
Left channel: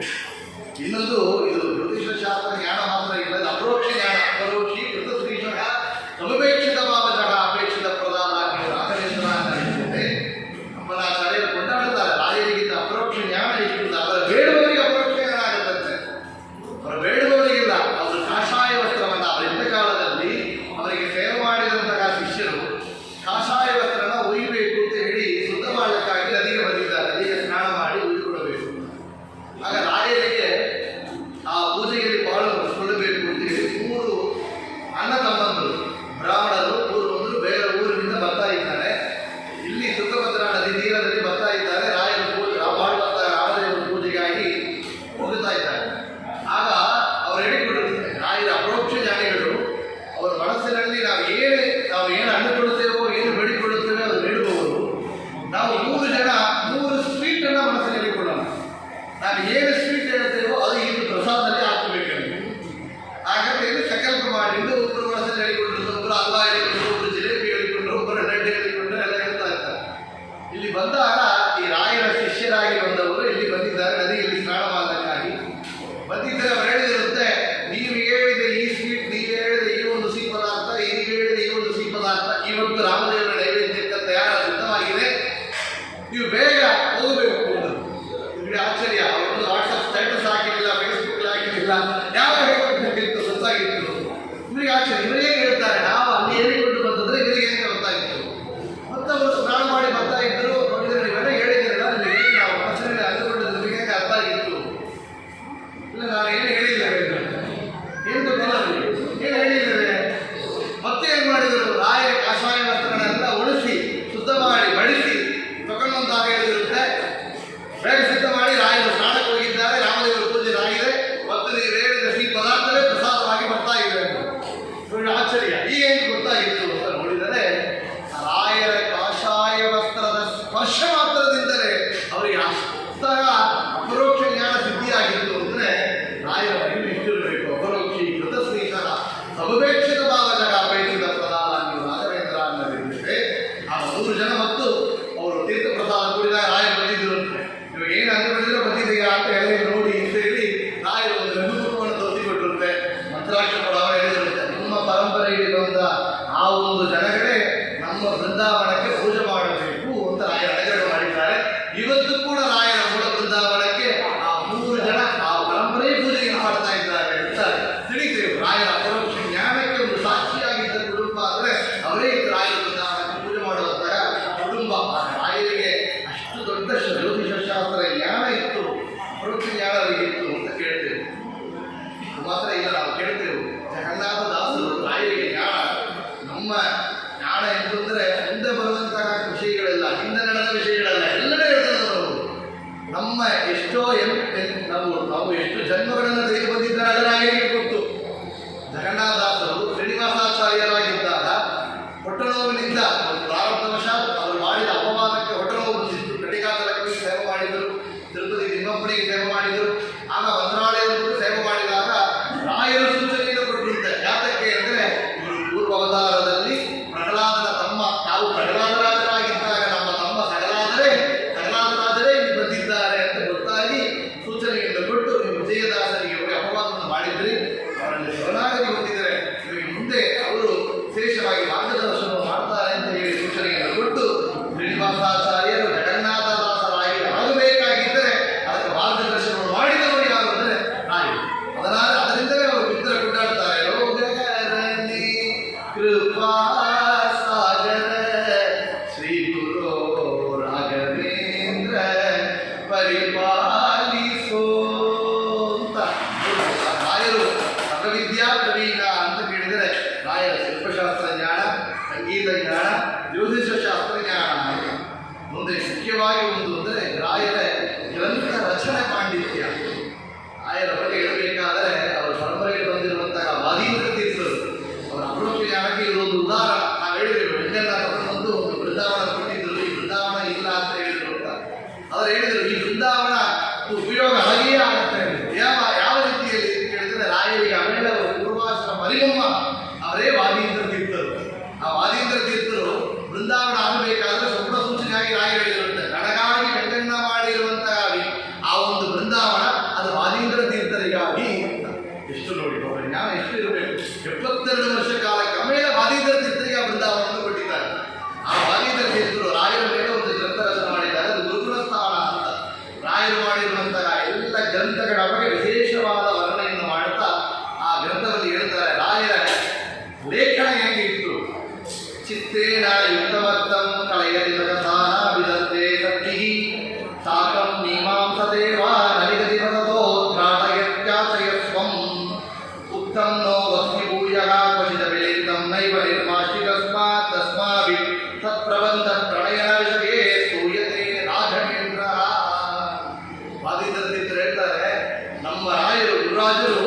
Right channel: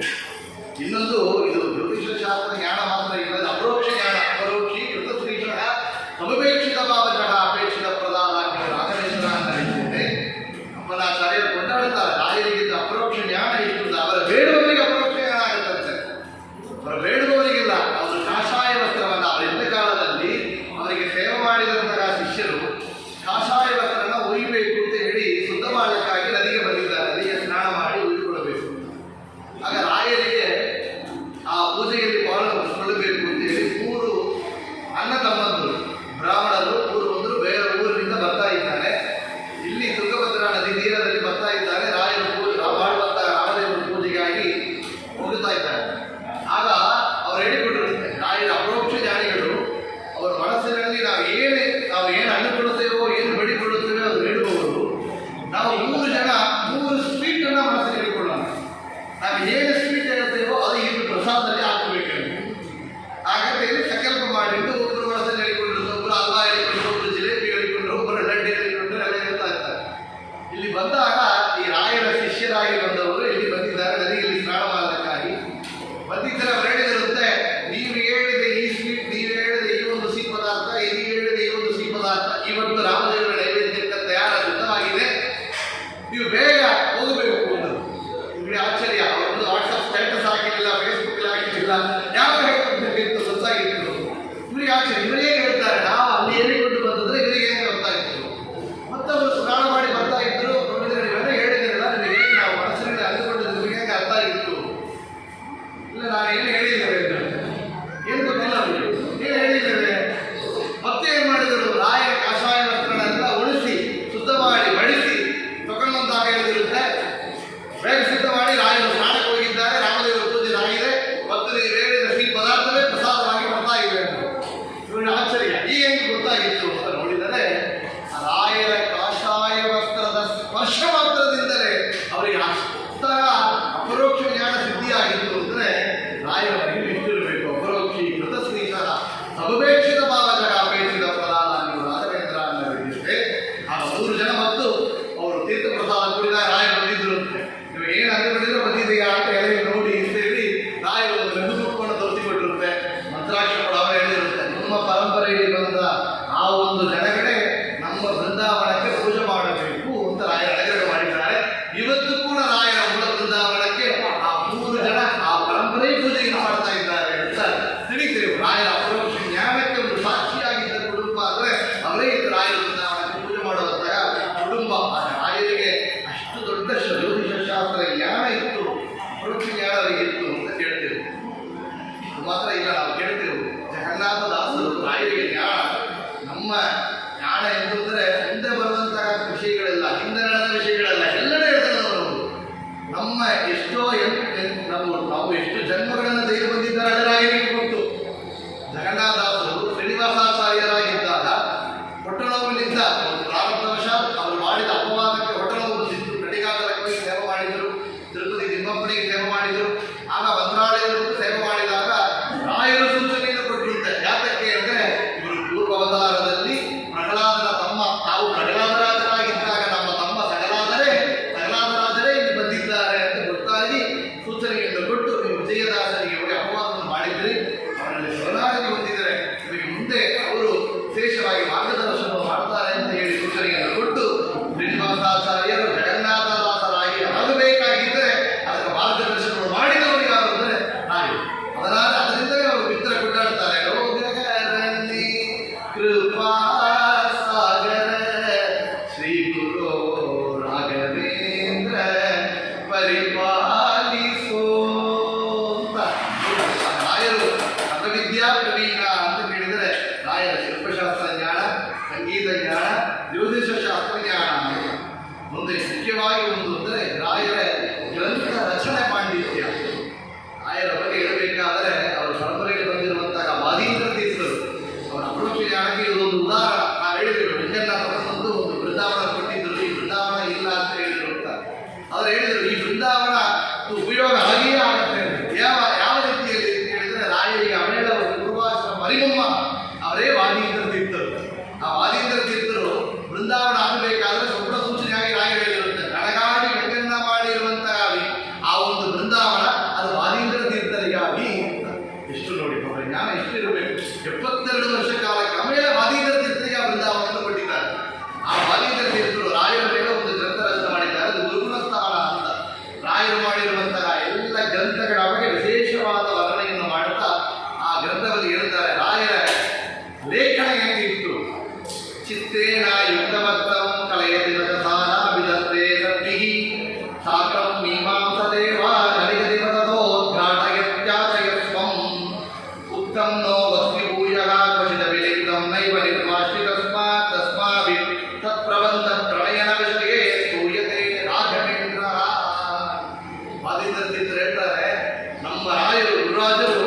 ಇನ್ನೊಂದು, ಇದು ಜ್ಯೋತಿಷ ಶಾಸ್ತ್ರ ಜ್ಞಾನ ಮಾತ್ರ ಇಲ್ಲ, ಇದು ಅಪರೋಕ್ಷ ಜ್ಞಾನ. ಅಪರೋಕ್ಷಿ ಕೃತಶ್ರೀಷಃ ಸಮಪೇಕ್ಷಿತ ಭಾವಜಃ ಅಪೇಕ್ಷಿತ ಪ್ರಧಾನ ರಾಘವೇಶ್ವರ ಅಂತ ಹೇಳ್ತೇವೆ. ಅಪ್ಪನಾಚಾರ್ಯರು ಕೊಂಡಾಡುತ್ತಾರೆ, ರಾಯರಿಗಿದ್ದ ಅಪರೋಕ್ಷ ಜ್ಞಾನ ಎಷ್ಟು ಅಂತ. ಅವರ ಬೇಡುವವರಿಗೆ ಅಪರೋಕ್ಷ ಜ್ಞಾನ ಆಗುತ್ತಂತೆ, ಅವರ ಬೇಡುವವರಿಗಿಲ್ಲ. ಅವರು ಕಾಷಾಯ ವಸ್ತ್ರವನ್ನು ಅವರಿದ್ದ ಕಾಲದಲ್ಲಿ ಅವರಿಗೆ ಸೇವೆ ಮಾಡಿದಂತಹ ಶಿಷ್ಯರು ಕಾಷಾಯ ವಸ್ತ್ರನ ಒಯ್ಯಬೇಕು ಅಂತ ಹೇಳಿ ಶುದ್ಧ ಮಾಡಲಿಕ್ಕಾಗಿ ನದಿಗೆ ಬಂದಿದ್ದಾರೆ. ನದಿಗೆ ಸ್ನಾನ ಮಾಡಿ ಉಯ್ದುಕೊಳ್ಳಬೇಕು. ಆಗ ರಾಯರಿಗೆ ಆ ಪೂಜೆಯಲ್ಲಿ ಪಾಲ್ಗೊಳ್ಳಬೇಕು ಅಂತೇಳಿ 3 ಅಣ್ಣ ತಮ್ಮಂದರು ಬ್ರಾಹ್ಮಣರು, ಪೂರ್ವಂದರು ಬೇರೆ ಊರಿನಿಂದ ಬರ್ತಾ ಇದ್ದಾರೆ. ಇಲ್ಲಿ ತುಂಗಭದ್ರಾ ನದಿ ತೀರದಲ್ಲಿ ಬರ್ತಾ ಇದ್ದಾರೆ. ರಾಯರ ಮಾಡುವಂತಹ ರಾಮದೇವರ ಪೂಜೆಗಾಗಿ ಹೋಗುತ್ತಾ ಇದ್ದಾರೆ. ಆಗ ಅವರು ಹೇಳಿಕೊಟ್ಟಿರುತ್ತಾರೆ, ರಾಯರ ಅಪರೋಕ್ಷ ಜ್ಞಾನಿಗಳು ಅವರ ಮನಸ್ಸಿನಲ್ಲಿ ನಾವು ಏನು ಅಂದುಕೊಳ್ಳುತ್ತೇವೋ, ಏನು ಬೇಡಿಕೊಳ್ಳುತ್ತೇವೋ ಅದು ಹೇಳುವವರು. ನಾವು 3 ಜನ 3 ಸ್ವೀಟನ್ನು ಮನಸ್ಸಿಗೆ ಹೇಳಿಕೊಳ್ಳೋಣ. ನಾವು ಏನು ಸ್ವೀಟ್ ಹೇಳುತ್ತೇವೋ ಅದು ಇದು ಪ್ರಸಾದದಲ್ಲಿ ಹಾಕಬೇಕಂತ ಹಾಗಂತೇಳಿ ಸಂಕಲ್ಪ ಮಾಡಿದ್ದು ಒಬ್ಬರು ಮನಸ್ಸಲ್ಲಿ ಹೇಳಿಕೊಂಡ್ರು, ಒಬ್ಬರು ಹಲ್ವಾ ಹೇಳಿಕೊಂಡ್ರು, ಒಬ್ಬರು ಜಿಲೇಬಿ ಹೇಳಿಕೊಂಡ್ರು, ಒಬ್ಬರು ಲಡ್ಡು ಹೇಳಿಕೊಂಡ್ರು, ಎಲ್ಲ ಹೇಳ್ತಾ ಇರ್ತಾರೆ. ಇಲ್ಲಿ ಬಂದಾಗ ಈ ರಾಯರ ಶಿಷ್ಯರಾಗಿ ಬಂದವರು ಇಲ್ಲಿ ಬಂದಿದ್ದಾರೆ. ನದಿಯಲ್ಲಿ ಸ್ನಾನ ಮಾಡಲಿಕ್ಕಾಗಿ ಬಂದಿದ್ದರೆ ಅವರು ಹೇಳಿದಿರುತ್ತೆ, ನೀವು ಹೇಳಿದ ಈ ಸ್ವೀಟ್, ನೀವು ಹೇಳಿದ ಈ ಒಂದು ಸಿಹಿ ಪದಾರ್ಥ, ನೀವು ಹೇಳಿದ ಈ ಒಂದು ಸಿಹಿ ಪದಾರ್ಥ ಇವತ್ತು ರಾಮದೇವರ ನೈವೇದ್ಯಕ್ಕೆ ತಯಾರ ಸಿದ್ಧವಾಗಿದೆ, ನೀವು ಬೇಗ ಹೋಗಬೇಕು ಅನ್ನೋದು. ನಿಮಗೆ ಆಶ್ಚರ್ಯ, ಅವರೊಂದು ವಾಟ್ಸಪ್ ಸ್ಟೇಟಸ್ ಹಾಕಿರಲಿಲ್ಲ, ಫೇಸ್ಬುಕ್ ಹಾಕಿರಲಿಲ್ಲ, ಯಾವ ಹೇಳಬೇಕಿತ್ತು ಗೊತ್ತಾಗಿತ್ತು. ಇವರಿಗೆ ಆಶ್ಚರ್ಯ, ಇವರಿಗೆ ಹೇಳ್ತಾರೆ ನಾವು ಅಲ್ಲಿ ಹೇಳಿಕೊಂಡು ಬಂದಿದ್ರೆ ಇವರಿಗೆ ಹೇಗೆ ಗೊತ್ತಾಗಿತ್ತು. ಮತ್ತವರು ಸ್ನಾನ ಮಾಡಿ ಬರ್ತಾ ಇದ್ರು. ನೋಡಿದರೆ ನೀವೆಲ್ಲ ಹೇಳಿದ್ರಲ್ಲ, ನಿಮಗೆ ನಾವು ಮನಸ್ಸಿನಲ್ಲಿ ಅಂದುಕೊಂಡಿದ್ದು ನಿಮಗೆ ಹೇಗೆ ಅರ್ಥ ಆಗಿತ್ತು? ಇಲ್ಲ, ನಾನು ಏನು ಹೇಳಿದ್ದೇವೆ, ಏನು ಗೊತ್ತಿಲ್ಲ, ಏನು ಹೇಳಿದ್ದೇವೆ. ಮತ್ತೆ ಏನು ಮಾಡಿದರು, ರಾಯ ಕಾಷಾಯ ವಸ್ತ್ರಗಳೆಲ್ಲ ಒಳಿಸಿ ಶುದ್ಧ ಮಾಡಿ ಬಡಿಸಿ ತಗೊಂಡು ಬಂದಾಗ ಹೇಳಿದಿರುತ್ತೆ, ಬೇಗ ಸಿದ್ಧ ಮಾಡಿ ರಾಯರು ಸ್ನಾನಕ್ಕೆ ಹೋಗಿದ್ದಾರೆ, ರಾಮದೇವರ ಪೂಜೆ ಆಗಿದೆ, ಮತ್ತು ನೀವು ಹೇಳಿದ ಸಿಹಿ ಪದಾರ್ಥವೇ ಪ್ರಸಾದವಾಗಿ ಬರ್ತಾ ಇದೆ ಅಂತ. ನೋಡಿ ಆಶ್ಚರ್ಯ, ಈಗ ಹೆಂಗೆ ಗೊತ್ತಾಗಿತ್ತು ಅಂತ ನೋಡಿದರೆ ರಾಯರ ಕಾಷಾಯ ವಸ್ತ್ರದ ಸ್ಪರ್ಶ ಮಾತ್ರದಿಂದಲೇ ಅವರಿಗೆ ಅಂತಹ ಅಪರೋಕ್ಷ ಜ್ಞಾನ ಸಿದ್ಧಿಯಾಗಿತ್ತು. ಅಂದರೆ ರಾಯರ ಮಹಿಮೆ ಎಷ್ಟಿರಬೇಕು. ಅಪರೋಕ್ಷಿ ಕೃತಶ್ರೀಷಃ ಸಮಪೇಕ್ಷಿತ ಭಾವಜಃ ಅಪೇಕ್ಷಿತ ಪ್ರಧಾನ ನೀವು ರಾಘವೇಂದ್ರ ಅನ್ನೋದಿದೆ. ಆಗ 3 ಜನ ಮತ್ತು ಅವರು ತೀರ್ಥ ಪ್ರಸಾದ ಕುಡಿದಾಗ ರಾಯರು ಬಂದಿದ್ರು ಅಂತೆ. ನಿಮಗೆ ಏನು ಅಂದುಕೊಂಡಿದ್ರೆ ಬಂದಿದೆಯಾ ಅಂತ ಹೇಳಿ ನೋಡಿ ಅಂತ ಹೇಳಿ ರಾಯರು ಒಂದು ಲಘುಮುಖವನ್ನು ತೋರಿಸಿಕೊಟ್ಟಿರುತ್ತೆ. ಮಂತ್ರಾಕ್ಷ ಕೂಡ ಅವರು ಹೇಳಿರುತ್ತೆ, ನಮ್ಮ ಪರಂಪರೆಯಲ್ಲಿ ಬಂದ ಆ ಒಂದು ಜನಗಳೇ ನಮ್ಮ ಬೃಂದಾವನಕ್ಕೆ ಪೂಜೆ ಮಾಡಬೇಕು ಅಂತ ರಾಯರ ಅನುಗ್ರಹ ಮಾಡಿದ್ದಾರೆ. ಇವತ್ತು ಕೂಡ ರಾಯರ ಮೂಲ ಬೃಂದಾವನಕ್ಕೆ ಆ 3 ಜನ ಆ ಪರಂಪರೆ ಪೂಜೆಯನ್ನು ಮಾಡ್ತಾ ಇದ್ದಾರೆ ಅಂತ ತಿಳಿತೇವೆ. ರಾಯರ ಅಪರೋಕ್ಷ ಜ್ಞಾನಕ್ಕೆ ಒಂದು ಸಾಕ್ಷಿಯಾಗಿದ್ದ ಕುಟುಂಬ ಅಂದರೆ ಅವರೇ ರಾಯರ ಬೃಂದಾವನಕ್ಕೆ ಪೂಜೆ ಮಾಡುವಂತಹ ಕುಟುಂಬ. ರಾಯರಿಗೆ ಅಷ್ಟು ದೊಡ್ಡ ಜ್ಯೋತಿಷ ಶಾಸ್ತ್ರ ಜ್ಞಾನ ಇತ್ತು, ಅಪರೋಕ್ಷ ಜ್ಞಾನ ಅವರಿಗೆ ಇತ್ತು ಅಂತ ಕೇಳ್ತೇವೆ. ಅದು ಮಾತ್ರ ಇಲ್ಲ, ನಾವು ಕೇಳ್ತೇವೆ ಜಗನ್ನಾಥ ದಾಸರು ರಾಯರಿಗೆ ಜ್ಞಾನ, ನಮ್ಮ ಜ್ಞಾನ ಎಂತಂದರೆ ಮುಂದೆ ಬರುವಂತಹ ವಿಷಯಗಳೆಲ್ಲ, ಹಿಂದೆ ನಡೆದ ವಿಷಯಗಳೆಲ್ಲ ಎಲ್ಲೆಡೆ ಇರ್ತದೆ ಅವರು. ನಮ್ಮ ನಮ್ಮ ಎಷ್ಟೋ ನಾವು ಎಷ್ಟು ಜನ್ಮಗಳನ್ನು ತೆಗೆದು ಬಂದಿದ್ದಾರೆ ರಾಯರಿಗೆ ಗೊತ್ತು. ಜಗನ್ನಾಥದಾಸರು ಶ್ರೀನಿವಾಸಾಚಾರ್ಯರಾಗಿದ್ದಾಗ ಹೊಟ್ಟೆನೋವಿನಿಂದ ಪ್ರಾರಬ್ಧವಶಾತ್ ಅವರು ಮಾಡಿದ ಅಪವಾದಕ್ಕೆ ಹೊಟ್ಟೆನೋವು ಬಂದಿತ್ತು. ಕಡಿಗಾಚಲಕ್ಕೆ ಸೇವೆ ಮಾಡಿದರು, ತಿರುಪತಿ ತಿಮ್ಮಪ್ಪನಿಗೆ ಸೇವೆ ಮಾಡಿದರು, ಆಗ ಮಂತ್ರಾಲಯದಲ್ಲೂ ಸೇವೆ ಮಾಡಿದಾಗ ರಾಯರು ಸೂಚನೆಯನ್ನು ಕೊಟ್ಟಿರುತ್ತೆ. ಯಾತಕ್ಕೆ ಅಂದರೆ ಇವರು ಪೂರ್ವ ಅವತಾರದಲ್ಲಿ ಪ್ರಹ್ಲಾದನ ತಮ್ಮ, ತಾವು ಪ್ರಹ್ಲಾದರಾಜರಾಗಿದ್ದಾಗ ನಮ್ಮ ತಮ್ಮ ಸಗಲಾದರೇ ಇಲ್ಲಿ ಬಂದಿದ್ದಾರೆ ಅಂತ ಗೊತ್ತಾಗಿ ಸೂಚನೆಯನ್ನು ಕೊಟ್ಟು ನೀವು ವಿಜಯದಾಸರಿಗೆ ಹೋಗಿ ಅಪವಾದವನ್ನು ಮಾಡಿದ್ರಿ, ಅವರಲ್ಲಿ ಶರಣಾಗತಿ ಹೊಂದಿದರೆ ನಿಮಗೆ ಮುಂದೆ ಅವರು ವಿಶೇಷವಾಗಿ ಮಾರ್ಗದರ್ಶನವನ್ನು ಮಾಡ್ತಾರೆ ಅಂತ ಹೇಳಿ ಸೂಚನೆಯನ್ನು ಕೊಟ್ಟು ಶ್ರೀನಿವಾಸಾಚಾರ್ಯರು ಜಗನ್ನಾಥದಾಸರಾಗಿ ಆಗಬೇಕಾಗಿದ್ದರೆ ಅದಕ್ಕೆ ಮಾರ್ಗದರ್ಶನವನ್ನು ಮಾಡಿದವರು ಯಾರು ಅಂದರೆ ರಾಯರು. ಅದರಿಂದಲೇ ಅವರು ಮಿತ್ರ ಕೊಂಡಾಡ್ತಾರೆ. ರೋಗರಲ್ಲಿ ಕೃಪಾ ಸಾಗರ ಶ್ರೀ ಗುರು ರಾಘವೇಂದ್ರ ಪರಿಪಾಲಿಸೋ ಅಂತ. ರಾಯರು ಸರ್ವವಿದ್ಯಾ ಪ್ರವೀಣ ಅಂತ ಕೇಳಿದರೆ ರಾಯರ ಶಿಲ್ಪಶಾಸ್ತ್ರ ಜ್ಞಾನ, ಸಂಗೀತ ಜ್ಞಾನ, ಜ್ಯೋತಿಷ ಶಾಸ್ತ್ರ ಜ್ಞಾನ ಅಂತ. ಮುಂದೆ ಮುಖ್ಯವಾಗಿ ಒಂದು ಅಂದರೆ ರಾಯರ ಗ್ರಂಥ ರಚನೆ ಪಾಂಡಿತ್ಯ. ರಾಯರ ಬಗ್ಗೆ ಹೇಳಬೇಕಾದರೆ ಅವರ ಪರಂಪರೆಗೆ ಬಂದಿರುವಂತಹ ವಾದೀಂದ್ರ ತೀರ್ಥರು ಅವರ ಅಪರೋಕ್ಷ ಜ್ಞಾನಕ್ಕೆ ಇದೊಂದು ಉದಾಹರಣೆ. ನಾವು ಹೇಳಿದ್ರು ಬೆಂಗನ್ನ ತಗೊಂಡು ಒಂದು ಬೃಂದಾವನ ಕೊಟ್ಟಿದ್ದರು, ಈ ಬೃಂದಾವನ ಇಲ್ಲ ಅಂತ ಹೇಳಿದ್ರು ಅಂತ. ಅವರು ಹೇಳಿದರು ಈ ಬೃಂದಾವನ ಉಪಯೋಗ ಹಾಗೆಯೇ ಆಗುತ್ತೆ. ಯಾವ ರೀತಿಯಲ್ಲಿ ಕೇಳಿದರೆ ರಾಯರಿಗೆ ಅಮೇಳವರು ಪೂರ್ವಾಶ್ರಮ ಮರಿಮಮ್ಮ ಅವರೇ ವಾದೀಂದ್ರ ತೀರ್ಥರು. ಆ ವಾದೀಂದ್ರ ತೀರ್ಥರು ಬೃಂದಾವನ ಆಗಬೇಕಾದ್ರೆ ಸಂಪೂರ್ಣ ಸೂಚನೆಯಾಗಿ ರಾಯರು ಹೇಳಿರುವಂತೆ ನನಗಾಗಿ ಬೆಂಗನ್ನ ಮಾಡಿರುವಂತಹ ಆ ಒಂದು ಬೃಂದಾವನ ಅದು ವಾದೀಂದ್ರ ತೀರ್ಥರಿಗಾಗಿ. ಎಷ್ಟು ನೋಡಿ ಅವರ ಜ್ಞಾನ ಎಷ್ಟು ಇರಬೇಕು. 72 ವರ್ಷ ಕಾಲಕ್ಕೆ ಆಮೇಲೆ ವಾದೀಂದ್ರ ತೀರ್ಥರಿಗೆ ಆ ಬೃಂದಾವನವನ್ನು ಕೊಟ್ಟಿದ್ದಾರೆ. ಆ ವಾದೀಂದ್ರ ತೀರ್ಥರು ರಾಯರ ಮೇಲೆ ಒಂದು ಗ್ರಂಥ ರಚನೆ ಮಾಡಿದ್ದಾರೆ, ಅದು ಗುರುಗುಣ ಸ್ಥಾನ ಅಂತ. ರಾಯರು ಮಾಡಿರುವಂತಹ ಎಲ್ಲ ಗ್ರಂಥಗಳ ಬಗ್ಗೆ ವಿಶೇಷವಾದ ವರ್ಣನೆಯನ್ನು ಮಾಡುತ್ತಾ ಆ ಗ್ರಂಥದಲ್ಲಿ ಹೇಳ್ತಾರೆ ರಾಯರ ಲೇಖನ ಹೇಗಿತ್ತು. ಚಿತ್ತೇನ ಯುಕ್ತಮರ್ಥಂ ಕಲಯತಿ ಲಕಸಾನ ವಿದಂತೆ ಸದ್ಭಿಃ ಸಾಕಂ ಮೀಮಾಂಸದೇವ ನಲಿಗದಿವದೋದ್ಘಾಟಯತ್ಯಾಚಯಸ್ವಂ ಉಕ್ತಂ ನೋ ವಸ್ತಿ ಭೂಯಃ ಕ್ವಚಿದ ವಿಲಿಖಿತಂ ನೈವ ನಿರ್ಮಾಷ್ಟಿತಸ್ಮಾತ್ ತಸ್ಮಾಭಿಃ ತತ್ಪ್ರಬಂಧ ಪ್ರಣಯನ ವಿಷಯೇ ಸ್ತೂಯತೆ ರಾಘವೇಂದ್ರ. ವಾದೀಂದ್ರ ತೀರ್ಥರು ಹೇಳ್ತಾರೆ ನಮ್ಮ ರಾಯರು ಗುರುರಾಜರು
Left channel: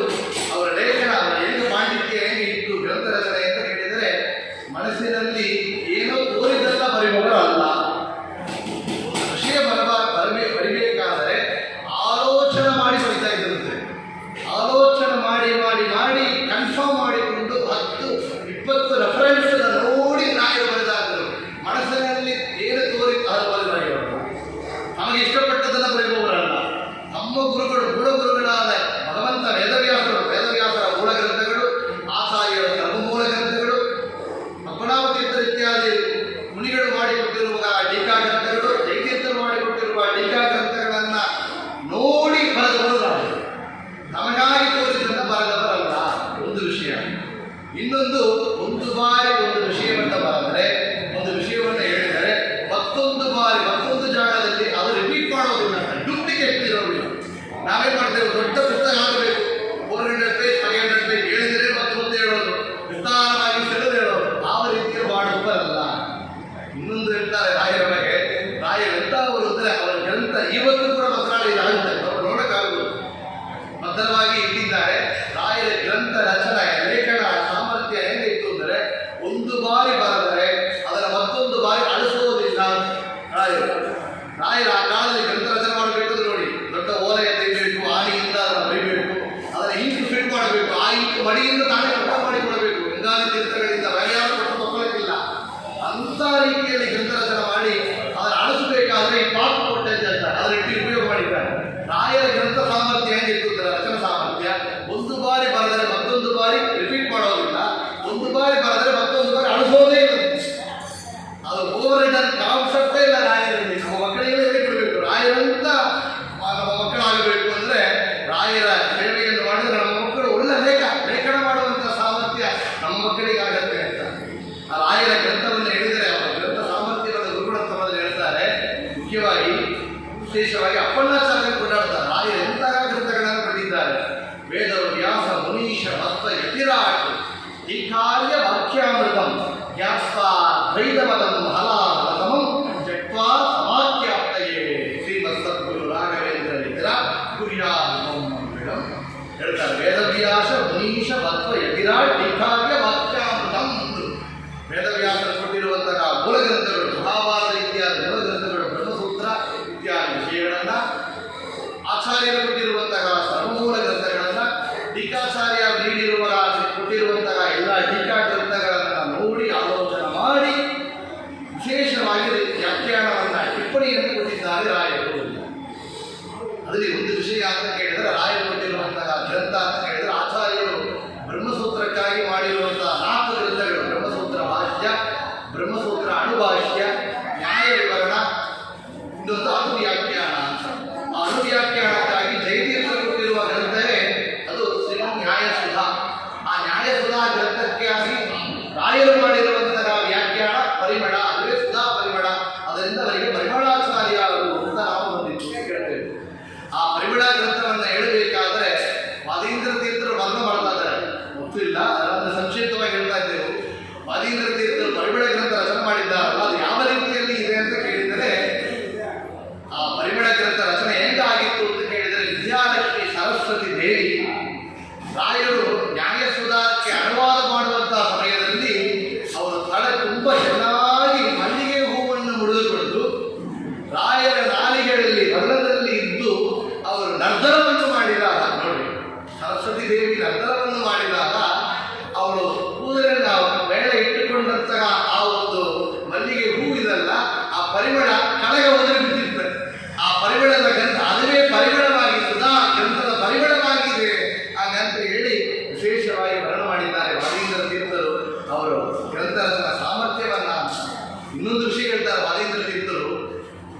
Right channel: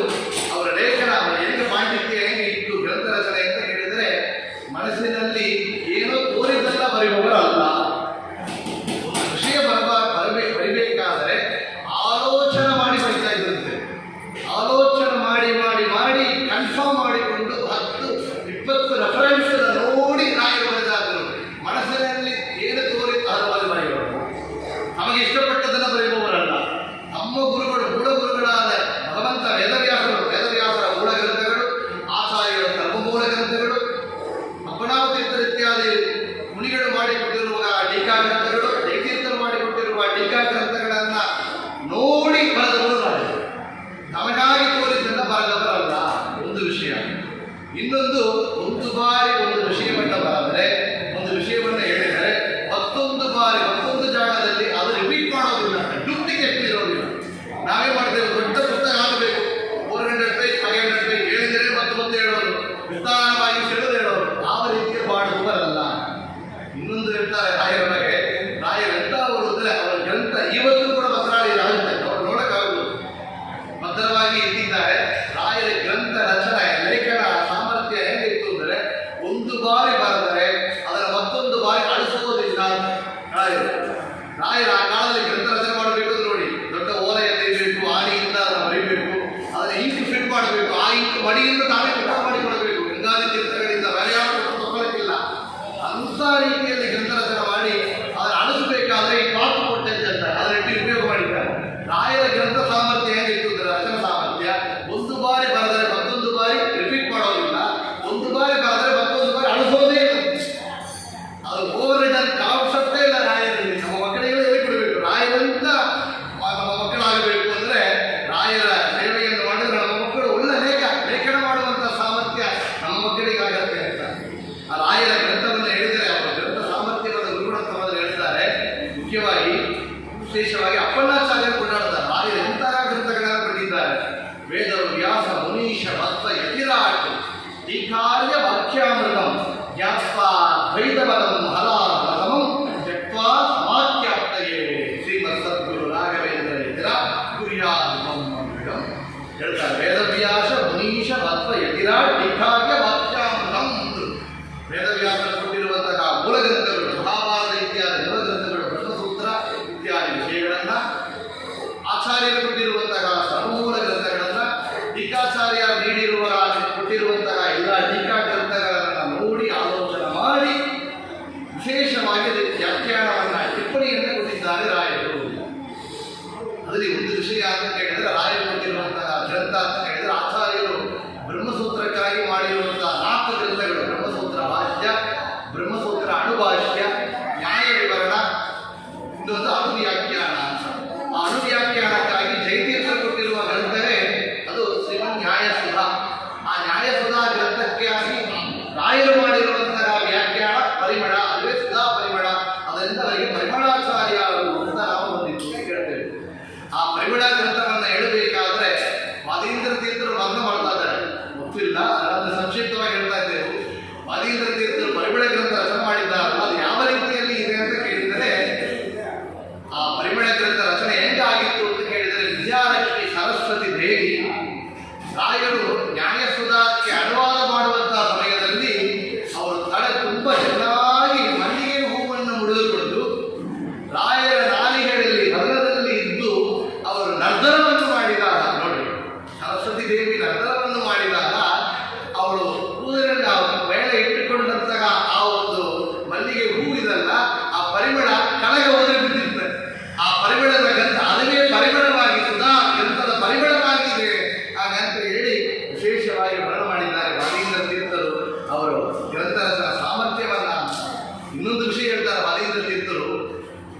ಅವರ ಲೇಖನ ಅವರ ಹೆಂಗೆ ಪಾಂಡಿತ್ಯ ಹೆಂಗೆ ಇತ್ತು ಗ್ರಂಥ ರಚನೆ ಅಂತ ಹೇಳಿದರೆ ಮನಸ್ಸಿನಲ್ಲಿ ಏನೋ ತೋರಿದೆಲ್ಲ ಬರೆಯುವವರಲ್ಲ. ಒಂದು ವಿಷಯ ಬರಿಬೇಕಾದರೆ ಆಲೋಚನೆ ಮಾಡಿ ಬರಿತಾ ಇದ್ದಂತೆ. ಆಲೋಚನೆ ಮಾಡಿ ಮಾಡಿ ಮಾಡಿ ಕನ್ಫರ್ಮ್ ಮಾಡಿಕೊಂಡು 10-20 ರೆಫರೆನ್ಸ್ ನೋಡಿ ರಾಯರು ಬರೆದಾದರು. ಮನಸ್ಸಿನಲ್ಲಿ ಏನು ತೋರಿತು ಅದು ಬರೆಯುವವರು, ನಮಗೆ ಇಷ್ಟಪಟ್ಟದನ್ನು ಬರೆಯುವವರಲ್ಲ. ನಮ್ಮ ಗುರುಗಳಾದ ಭಗವಂತ ವೇದವ್ಯಾಸರ ಮೂಲ ಗ್ರಂಥಗಳು, ಆಚಾರ್ಯರ ಸರ್ವಮೂಲ ಗ್ರಂಥಗಳು, ಅಪ್ಪಣಾವತೀರ್ಥರ ಇತ್ಯಾದಿ ಮುನಿಗಳು ಮಾಡಿಕೊಟ್ಟಿರುವ ಟೀಕಾ ಗ್ರಂಥಗಳು, ಜೈತೀರ್ಥರು ಮಾಡಿಕೊಟ್ಟಿರುವ ಟೀಕಾ ಗ್ರಂಥಗಳನ್ನು ನೋಡಿ ಬರೆದವರು ರಾಯರು. ನಮಗಾಗಿ ತೋರಿದ್ದನ್ನು ಬರೆದವರಲ್ಲ. ಒಂದು ವಿಷಯ. ಇನ್ನೊಂದು, ಒಂದು ಬಾರಿ ಒಂದು ವಿಷಯವನ್ನು ಬರೆದರೆ, ಒಂದು ವಿಷಯವನ್ನು ಹೇಳಿದರೆ ಮತ್ತೊಂದು ಬಾರಿ ಮತ್ತೊಂದು ಜಾಗದಲ್ಲಿ ಅದು ರಿಪೀಟ್ ಮಾಡೋದಿಲ್ಲ, ಡೂಪ್ಲಿಕೇಟ್ ಇರೋದಿಲ್ಲ. ನಾವೇ ಮಾಡ್ತೇವೆ, ದೊಡ್ಡ ಪುಸ್ತಕ ಆಗಬೇಕು, 400 ಪೇಜ್ 500 ಪೇಜ್ ಹೇಳಿದರೆ ಮತ್ತೆ ಹೇಳೋದು, ವಿಸ್ತಾರವಾಗಿ ಸೆಳೆದು ಹೇಳೋದು, ಯಾವ ರೀತಿಯಲ್ಲಿ ಮಾಡುವವರಲ್ಲ. ಇನ್ನೊಂದು ಹೇಳ್ತಾರೆ ರಾಯರೊಳಗೆ, ರಾಯರು ಎಂಥವರು ಅಂದರೆ ಅವರ ಗ್ರಂಥ ಇವತ್ತು ಕೂಡ ಭದ್ರಾಳಿಯಲ್ಲಿ ಆಗುತ್ತೆ, ಅವರು ನೋಡೋಕ್ಕಾಗುವುದು. ಭದ್ರವಾಗಿ ಇಟ್ಟಿದ್ದಾರೆ. ರಾಯರ ಗ್ರಂಥ ರಚನೆ ಲೇಖನ ಸಾಮರ್ಥ್ಯ ಹೇಗಿತ್ತು ಅಂದರೆ ಒಂದು ಬಾರಿ ಬರೆದರೆ ಅದರ ಮತ್ತೊಂದು ಬಾರಿ ಅಳಿಸುವುದಿಲ್ಲ ರಾಯರು. ರಾಯರು ಆ ಕಾಲದಲ್ಲಿ ಗ್ರಂಥ ರಚನೆ ಮಾಡಬೇಕು ನೋಡಿ, ದೊಡ್ಡ ಓಲೆಯ ತೆಗಿಬೇಕು, ಆಣಿಯಿಂದ ಅದನ್ನು ಬರೀಬೇಕು, ಅದನ್ನು ಇಂಕ್ ಫಿಟ್ ಮಾಡಬೇಕು, ಆ ಇಂಕ್ ಮಡಿಯಿಂದ ತಾವೇ ಕಟ್ಟ ಮಾಡಿಕೊಡಬೇಕು. ಗಂಗಾದಿ ತೀರ್ಥಗಳಿಂದ ಬೇರೆ ಯಾವ ಕೊಟ್ಟು ತಗೊಳ್ಳೋಕ್ಕಿಲ್ಲ. ಅಂಥ ರೀತಿಯಲ್ಲಿ ಗ್ರಂಥ ರಚನೆ ಮಾಡಿ ಅದನ್ನು ಅಳಿಸಬೇಕಾದ್ರೆ ಈ ಪಾಪು ಕೊಟ್ಟೆ ಅಂತ ಅದನ್ನು ಉಪಯೋಗ ಮಾಡಿದ್ದಾರೆ. ರಾಯರ ಗ್ರಂಥ ಸಾಮರ್ಥ್ಯ ಹೇಗಿತ್ತು ಅಂದರೆ ರಚನಾ ಸಾಮರ್ಥ್ಯ, ಒಂದು ಬಾರಿ ಬರೆದರೆ ಮತ್ತೊಂದು ಬಾರಿ ರಿಪೀಟ್ ಮಾಡೋದಿಲ್ಲ, ಒಂದು ಬಾರಿ ಬರೆದರೆ ಮತ್ತೊಂದು ಬಾರಿ ಅಳಿಸೋದೇ ಇಲ್ಲ. ಅದು ಓವರ್ ರಿಟರ್ನ್ ಕಾನ್ಸೆಪ್ಟೇ ಇಲ್ಲ ರಾಯರಲ್ಲಿ. ನಮ್ಮ ಮಕ್ಕಳಿಗೆ ಹೇಳಿಕೊಡ್ಬೇಕು, ರಾಯರಂತ ನಮ್ಮ ಮಕ್ಕಳಾಗಬೇಕು ಅಂದರೆ ರಾಯರ ಸೇವೆಯನ್ನು ಮಾಡಿದರೆ ನಮ್ಮ ಮಕ್ಕಳು ಒಳ್ಳೆ ಲೇಖನ ಮಾಡುವಂಥ ಸಾಮರ್ಥ್ಯ ನಮ್ಮ ಮಕ್ಕಳಿಗಾಗತ್ತೆ ಅಂತ. ಆ ರಾಯರ ಗ್ರಂಥವನ್ನು ಹೇಳಿದರೆ ಅವರ ಗ್ರಂಥ ಸಾಮರ್ಥ್ಯವಾದ ಗುರುಗುಣೋತ್ತಮದಲ್ಲಿ ಹೇಳ್ತಾರೆ. ಮುಖ್ಯವಾಗಿ ವಿಶೇಷವಾಗಿ ಅಪ್ಪಣ್ಣಾಚಾರ್ಯರು ಕೊಂಡಾಡ್ತಾರೆ. ರಾಯರು ಎಂತಹ ಗ್ರಂಥಗಳನ್ನು ಬರೆದಿದ್ದಾರೆ. ವೇದ ವ್ಯಾಸ ಮುನೀಶ ಮತ್ವ ಯತಿರಾಟ್ ಈ ಕಾರ್ಯ ವಾಕ್ಯಾಮೃತಂ ಜ್ಞಾತ್ವಾ ದ್ವೈತಪದಂ ಹಲಾಮಂ ಜಟ್ವಾ ಸಮಾಖ್ಯಾಪ್ತಯೇ ಶ್ರೀಮತ್ ಸದ್ಗುರು ರಾಘವೇಂದ್ರ ವತ್ವ ಯತಿರಾಟ್ ಟೀಕಾವ್ಯ ವಾಕ್ಯಾಮೃತಂ. ವೇದವ್ಯಾಸರು ಕೊಟ್ಟಿರುವಂತಹ ಮೂಲ ಗ್ರಂಥಗಳು, ಮಹಾಭಾರತ ಇತ್ಯಾದಿ ಮೂಲ ಗ್ರಂಥಗಳು, ಬ್ರಹ್ಮಸೂತ್ರ ಇತ್ಯಾದಿ ವಿಷಯಗಳನ್ನ, ಆಚಾರ್ಯರು ಕೊಟ್ಟಿರುವಂತಹ ಸರ್ವಮೂಲ ಗ್ರಂಥಗಳನ್ನ, ಟೀಕಾಚಾರ್ಯ ಕೊಟ್ಟಿರುವಂತಹ ಎಲ್ಲ ಟೀಕಾ ಗ್ರಂಥಗಳನ್ನ ನೋಡಿ ಆಲೋಚನೆ ಮಾಡಿ ವಿಶೇಷವಾಗಿ ವ್ಯಾಖ್ಯಾನವನ್ನ, ಟಿಪ್ಪಣಿಯನ್ನು ಕೊಟ್ಟಿದ್ದಾರೆ ರಾಯರು. ಅದರಲ್ಲಿ ಒಂದು ವಿಷಯ ಅಂತ ಕೇಳಿದರೆ, ರಾಯರು ಕೊಟ್ಟಿರುವಂತಹ ಗ್ರಂಥ ಅಂತ ಹೇಳಿದರೆ, ಆಚಾರ್ಯರು ಬ್ರಹ್ಮಸೂತ್ರಕ್ಕಾಗಿ ಮಾಡಿರುವಂತಹ 4 ಗ್ರಂಥಗಳು: ಬ್ರಹ್ಮಸೂತ್ರ ಭಾಷ್ಯ, ಬ್ರಹ್ಮಸೂತ್ರ ಅಣುಭಾಷ್ಯ, ನ್ಯಾಯ ವಿವರಣ, ಇನ್ನೊಂದು ಅಣುವ್ಯಾಖ್ಯಾನ ಅಂತ. ಆ ಅಣುವ್ಯಾಖ್ಯಾನಕ್ಕಾಗಿ ಜಯತೀರ್ಥರು ಕೊಟ್ಟಿರುವ ಗ್ರಂಥವೇ ಅದು ಶ್ರೀಮನ್ ನ್ಯಾಯಸುಧಾ. ಆ ನ್ಯಾಯಸುಧಾ ಗ್ರಂಥಕ್ಕಾಗಿ ರಾಯರು ಮಾಡಿರುವಂತಹ ವ್ಯಾಖ್ಯಾನ ಪರಿಮಳ, ಅದುವೇ ಸುಧಾ ಪರಿಮಳ. ಅದರಿಂದ ಅವರಿಗೆ ಪರಿಮಳಾಚಾರ್ಯ ಅವರು ಅಂತ ನಾವು ಬಂದಿತ್ತು ಕೇಳ್ತೇವೆ. ಆ ಪರಿಮಳ ಗ್ರಂಥವನ್ನು ಹೇಳಬೇಕಾದ್ರೆ ವಾದೀಂದ್ರ ತೀರ್ಥರು ವರ್ಣ ಮಾಡ್ತಾ ಇದ್ದಾರೆ, ಗೊತ್ತಿಲ್ಲ, ಅದನ್ನು ಸಂಕ್ಷಿಪ್ತವಾಗಿ ಹೇಳ್ತಾ ಇದ್ದೇವೆ. ವಾದೀಂದ್ರ ತೀರ್ಥರು ಪರಿಮಳ ಗ್ರಂಥ ರಚನೆ ಮಾಡಿದ್ದಾರಲ್ಲ, ಅದು ಯಾವ ರೀತಿಯಲ್ಲಿ ಇದೆ ಅಂತ ಕೇಳಿದರೆ, ಆ ಪರಿಮಳ ಗ್ರಂಥ ರಚನೆ ಹೆಂಗಾಗಿತ್ತು ಅಂತ ಕೇಳಿದರೆ, ವಿದ್ಯಾಲಕ್ಷ್ಮಿ ಸರಸ್ವತಿ ದೇವಿ ರಾಯರು ನ್ಯಾಯಸುಧಾಕ್ಕೆ ಅನುವಾದ ಮಾಡುವಂತಹ ಸಮಯದಲ್ಲಿ ಅವರು ತಲೆ ತುಂಬ ಚೆನ್ನಾಗಿ ಮಲ್ಲಿಗೆ ಹೂವನ್ನು ಮುಡಿದುಕೊಂಡು ರಾಯರ ನಾಲಿಗೆಯಲ್ಲಿ ನರ್ದನದಲ್ಲಿ ಇದ್ದು ಅವರು ನರ್ದನವನ್ನು ಮಾಡಿದಾಗ ನೋಡಿ, ಸರಸ್ವತಿ ದೇವಿ ನರ್ದನವನ್ನು ಮಾಡಿದಾಗ ಅವಳು ಕೂದಲಲ್ಲಿ ವೇಳೆ ಇಟ್ಟುಕೊಂಡಂತಹ ಆ ಒಂದು ಮಲ್ಲಿಗೆ ಹೂ ಇದಲ್ಲ, ಆ ಪರಿಮಳ ಕೆಳಗೆ ಒದರಿ ಬಿಟ್ಟಿರ್ತದೆ. ಆ ಪರಿಮಳದ ಗಂಧ ಅದುವೇ ಪರಿಮಳವಾಗಿ, ಸುಧಾ ಗ್ರಂಥದ ಪರಿಮಳವಾಗಿದೆ ಹಾಗಂತ ಹೇಳಿ ವಿಶೇಷವಾಗಿ ವರ್ಣ ಮಾಡಿದ್ದಾರೆ ವಾದೀಂದ್ರ ತೀರ್ಥರು. ಅವರು ಗ್ರಂಥ ರಚನಾ ಸಾಮರ್ಥ್ಯವನ್ನ. ಇನ್ನೊಂದು ವಿಷಯ ಹೇಳ್ತಾರೆ ವಾದೀಂದ್ರ ತೀರ್ಥರು,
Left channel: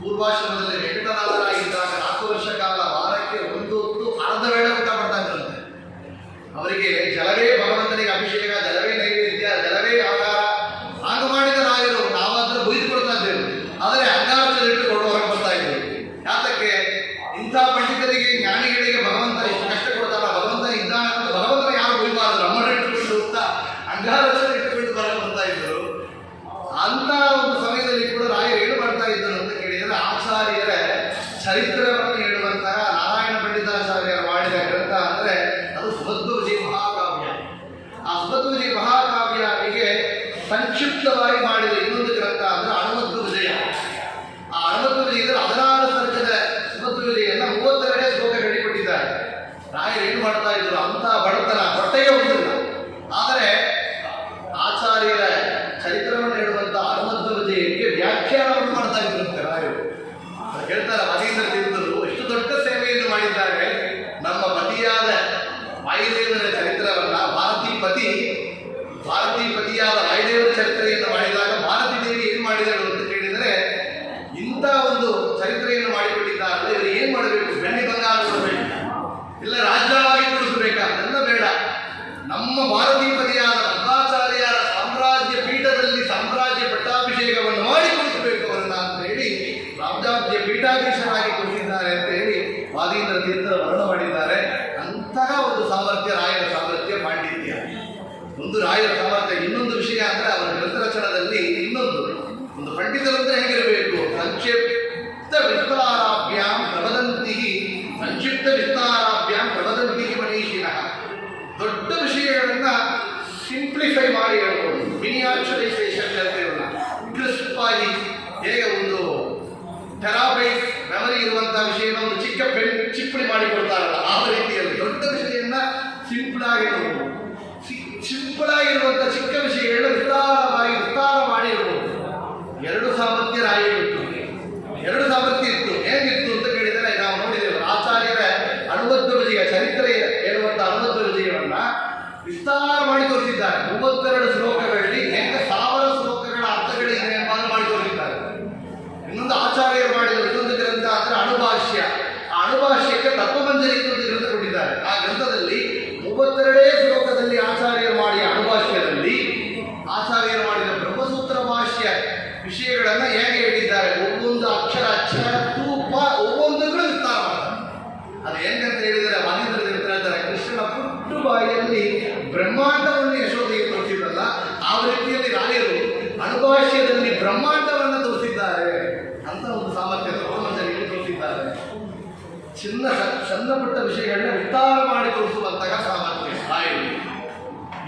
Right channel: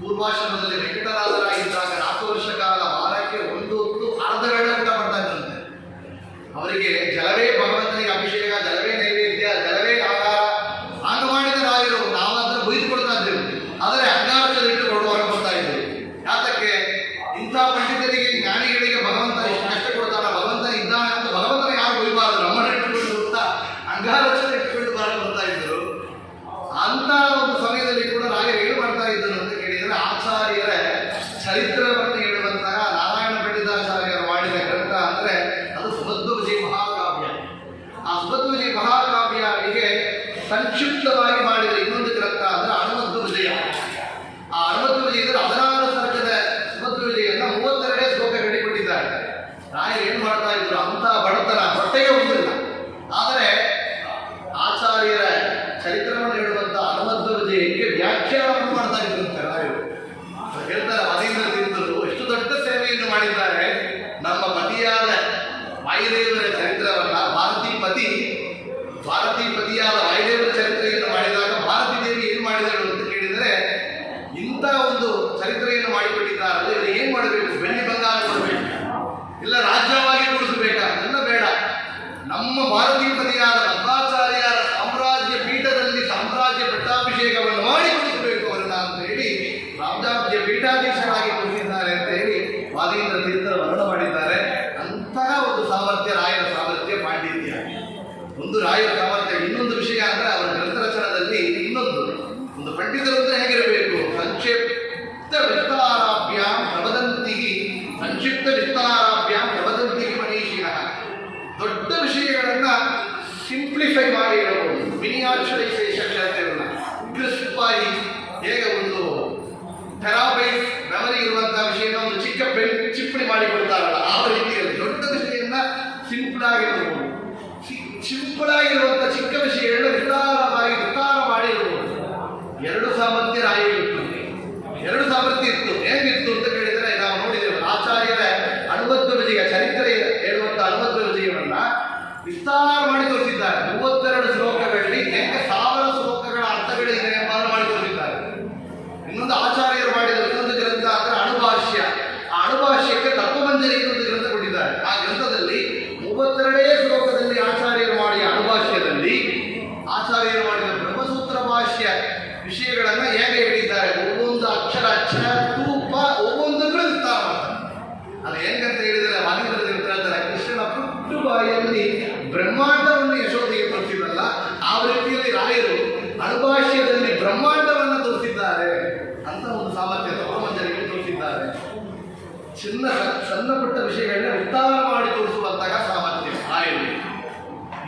ಪೂರ್ವಾಶ್ರಮದಲ್ಲಿ ವೆಂಕಟನಾಥರಾಗಿದ್ದಾಗ 4 ವರ್ಷ ಕಾಲ ವಾರಕ್ಕೆ ಒಂದು ಹೊತ್ತು ಅರ್ಧ ವೇಳೆ ಊಟ ಮಾಡ್ತಾ ಇದ್ರಂತೆ. ಅವರಿಗೆ ಜಲವೇ ಭಗವಂತನಿಗೆ ಅಭಿಷೇಕ, ಜಲವೇ ನೈವೇದ್ಯ, ಜಲವೇ ಆಹಾರ. ಆಗ ಮಾಡಿದ ರಾಯರು ನಾವಾದ್ರೆ ಬೈದುಕೊಳ್ತಾ ಇದ್ದೇವೆ, ಆದರೆ ಅಂಗಾರದಲ್ಲಿ ಇಟ್ಟುಕೊಂಡು ಹೊರಗೆ ಬರ್ತಾ ಇದ್ದೇವೆ. ಯಾತಕ್ಕೆ? ಇಂಥ ಪಂಡಿತರಿಗೆ, ಜ್ಞಾನಿಗಳಿಗೆ ಭಗವಂತ ಎಷ್ಟು ಕಷ್ಟ ಕೊಡ್ತಾರ, ಭಗವಂತ ಇದ್ದಾನೆ ಅಂತ ಭಗವಂತನ ಯಾರು ಬೈಬಾರದು. ನಮ್ಮನ್ನು ಇಟ್ಟುಕೊಂಡು ಅಂತ ಅಂಗಾರದಲ್ಲಿ ಇಟ್ಟುಕೊಂಡು ಹೊರಗೆ ಬರ್ತಾ ಇದ್ದರು. ಅಂತ ಒಂದು ಸಮಯದಲ್ಲಿ ಕೂಡ ರಾಯರು ಏನು ಮಾಡ್ತಾ ಇದ್ದರು ಅಂತ ಕೇಳಿದರೆ, ಆಚಾರ್ಯರ ಚರಿತ್ರವನ್ನು ಹೇಳುವಂತಹ ನಾರಾಯಣ ಪಂಡಿತಾಚಾರ್ಯರು ಮಾಡಿದ ಗ್ರಂಥ ಅಂದರೆ ಅದು ಸುಭದ್ರ ವಿಜಯ ಮಹಾಕಾವ್ಯ. ಆ ಸುಭದ್ರ ವಿಜಯ ಮಹಾಕಾವ್ಯನಿಗೆ ಸಂಕ್ಷಿಪ್ತವಾಗಿ ಮಾಡಿದ ಇನ್ನೊಂದು ಗ್ರಂಥ ಅಂದರೆ ಹನುಮಧ್ವ ವಿಜಯ. ಆ ಹನುಮಧ್ವ ವಿಜಯದಲ್ಲಿ 16 ಸರ್ಗದ ಸುಭದ್ರ ವಿಜಯನ್ನ 32 ಶ್ಲೋಕ ಹೇಳಿಕೊಟ್ಟಿದ್ದಾರೆ. ರಾಯರು ಏನು ಮಾಡ್ತಾ ಇದ್ರು, ಅಂತ ಬಡತನ ಹೊಟ್ಟೆಗೆ ಹೋಗುದಿಲ್ಲ. ಆದರೆ ಆಚಾರ್ಯರ ಚರಿತ್ರವನ್ನು ಹೇಳುವಂತಹ ಹನುಮಧ್ವ ವಿಜಯಕ್ಕೆ ವ್ಯಾಖ್ಯಾನವನ್ನು ಮಾಡ್ತಾ ಇದ್ರಂತೆ ರಾಯರು. ಹೇಳ್ತಾರೆ ವಾದೀಂದ್ರ ತೀರ್ಥರು ಎಷ್ಟು ದೊಡ್ಡ ಸೇವೆಯನ್ನು ಮಾಡಿದ್ದಾರೆ. ನಮ್ಮ ಪತಿಯಾದ ವಾಯುದೇವರ ಚರಿತ್ರವನ್ನ ಭಾರತೀ ಪತಿಯಾದ ವಾಯುದೇವರ ಚರಿತ್ರೆಯನ್ನು ಮಾಡಿದಾಗ ಭಾರತೀ ದೇವಿ ಏನು ಮಾಡಿದಳು ಅಂತ ಕೇಳಿದರೆ, ಇಂಥ ಒಂದು ಚರಿತ್ರೆಯನ್ನು ಮಾಡಿಕೊಟ್ಟಿದ್ದಾರೆ. ಇವರು ಏನು ಮಾಡಬೇಕು? ಬೆಳ್ಳಿ ಬಂಗಾರ ಕೊಡಬೇಕು, ಇಲ್ಲ ರಾಜ್ಯವಾಗಿ ಕೊಡಿಸಬೇಕಾ? ಎಲ್ಲ ಬೇಡ. ನಮ್ಮ ಭಾರತೀ ಪತಿಯಾದ ಮಧ್ವಾಚಾರ್ಯರ ಸಾಮ್ರಾಜ್ಯ ಪೀಠದಲ್ಲಿ ಸಾಮ್ರಾಜ್ಯ ಪಟ್ಟಾಭಿಷೇಕವನ್ನು ಮಾಡಿ ಕೊಡಿಸಬೇಕು ಅವರನ್ನ ಅಂತ ಹೇಳಿ ರಾಜ್ಯಾಬ್ಜ ಪೀಠಾಧೀಶರಾಗಿ ಕೊಡಿಸಿದ್ದಾರೆ ಅಂತ ಹೇಳಿ ವಾದೀಂದ್ರ ತೀರ್ಥರು ವರ್ಣ ಮಾಡಿದ್ದಾರೆ. ಅಂತಹ ಒಂದು ಸಾಮರ್ಥ್ಯ ರಾಯರ ಸಾಮರ್ಥ್ಯ, ಪಾಂಡಿತ್ಯ. ಒಂದು ರಾಯರ ಸಾಮರ್ಥ್ಯ. ಇನ್ನೊಂದು ವಿಷಯ ಅಂದರೆ ಅವರ ಗ್ರಂಥ ರಚನದಲ್ಲಿ ಒಂದು ಪಂಡಿತರು ಅಂದರೆ ಹೇಗಿರಬೇಕು? ಸಂಕ್ಷಿಪ್ತ ವಿಸ್ತಾರಾಭ್ಯಾಂ ಪ್ರವದಂತಿ ಮನೀಷಿಣಃ. ದೊಡ್ಡ ವಿಷಯಗಳನ್ನ ಸಿಂಪ್ಲಿಫೈ ಮಾಡಿ ಹೇಳ್ಬೋದು. ಮಿನಿಯಾಚರೈಸೇಷನ್ ಹೇಳ್ತೇವಲ್ಲ, ಕ್ರಿಸ್ಪಾಗಿ. ಹೇಗೆ ಒಂದು ಟೆರಾಬೈಟ್ ಮೆಮರಿ ಇರುವಂತಹ ವಿಷಯನ ಒಂದು ಚಿಕ್ಕ ಚಿಪ್ಪಣಿ ಮಾಡಿಕೊಡ್ತಾರಲ್ಲ, ಆ ರೀತಿಯಲ್ಲಿ ದೊಡ್ಡ ವಿಷಯವನ್ನ ಸಿಂಪಲ್ ಆಗಿರ್ಬೋದು. ಸಿಂಪಲ್ ಆಗಿರುವಂಥ ಚಿಕ್ಕ ವಿಷಯಗಳನ್ನ ವಿಸ್ತಾರ ಮಾಡಿರ್ಬೋದು. 2 ಸಾಮರ್ಥ್ಯ ರಾಯರಿತ್ತು. 2 ಸಾಮರ್ಥ್ಯ ಇತ್ತು. ಹೇಗಿತ್ತು ಅಂತ ಕೇಳಿದರೆ, ನಾವು ನೋಡಿದ್ದೇವೆ ಆಚಾರ್ಯರ ಹನುಮಧ್ವ ವಿಜಯ ಚರಿತ್ರೆ ಹೇಳುವಂಥ ಹನುಮಧ್ವ ವಿಜಯವನ್ನ ವಿಸ್ತಾರ ಮಾಡಿ ತೋರಿಸಿದ್ದಾರೆ. 32 ಶ್ಲೋಕಗಳಲ್ಲಿ ಹೇಗೆ 1000 ಶ್ಲೋಕಗಳ ಅರ್ಥಗಳಿದೆ ಎಂಬುದನ್ನು ಮಾಡಿ ತೋರಿಸಿದ್ದಾರೆ. ಇನ್ನೊಂದು ಆಚಾರ್ಯರು ಮಾಡಿದ ಇನ್ನೊಂದು ಗ್ರಂಥ ಅಂದರೆ ಅಣುಭಾಷ್ಯ. ಆ ಅಣುಭಾಷ್ಯಕ್ಕೆ ತತ್ವಮಂಜರಿ ಇನ್ನೊಂದು ಗ್ರಂಥ ಕೊಟ್ಟಿದ್ದಾರೆ. ಆ ಗ್ರಂಥದಲ್ಲಿ 32 ಶ್ಲೋಕದಲ್ಲಿ ಆಚಾರ್ಯರು ಮಾಡಿದ ಅಣುಭಾಷ್ಯದಲ್ಲಿ ಆಚಾರ್ಯರು ಮಾಡಿದ ಬ್ರಹ್ಮಸೂತ್ರ ಭಾಷ್ಯ ವಿಷಯಗಳನ್ನು ಹೇಗೆ ಹೇಳಿದ್ದಾರೆ, ಒவ்வೊಂದು ಅಕ್ಷರ ತೂಪ ಒவ்வೊಂದಕ್ಕೂ ವಿಸ್ತಾರ ಮಾಡ್ತಾರೆ. ಅದು ಹೆಂಗಂತ ಹೇಳಿದರೆ, ವಾದೀಂದ್ರ ದೇವತೆ ಹೇಳ್ತಾರೆ, ಕೃಷ್ಣನ ಪುಟ್ಟು ಬಾಯಿಯಲ್ಲಿ ಬ್ರಹ್ಮಾಂಡವನ್ನು ಯಶೋಧೆಗೆ ತೋರಿಸಿದ್ರಲ್ಲ, ಆ ರೀತಿಯಲ್ಲಿ ರಾಯರು ಅಣುಭಾಷ್ಯದಲ್ಲಿ ಬ್ರಹ್ಮಾಂಡವನ್ನು ತೋರಿಸಿದ್ದಾರೆ ಅಂತ ಒಂದು ಸಾಮರ್ಥ್ಯ ತತ್ವಮಂಜರಿಗೆ ತೋರಿಸಿದ್ದಾರೆ. ಸಣ್ಣ ಪುಟ್ಟ ವಿಷಯಗಳನ್ನ ವಿಸ್ತಾರ ಮಾಡಿ ತೋರಿಸುವಂತಹ ಸಾಮರ್ಥ್ಯ ರಾಯರು.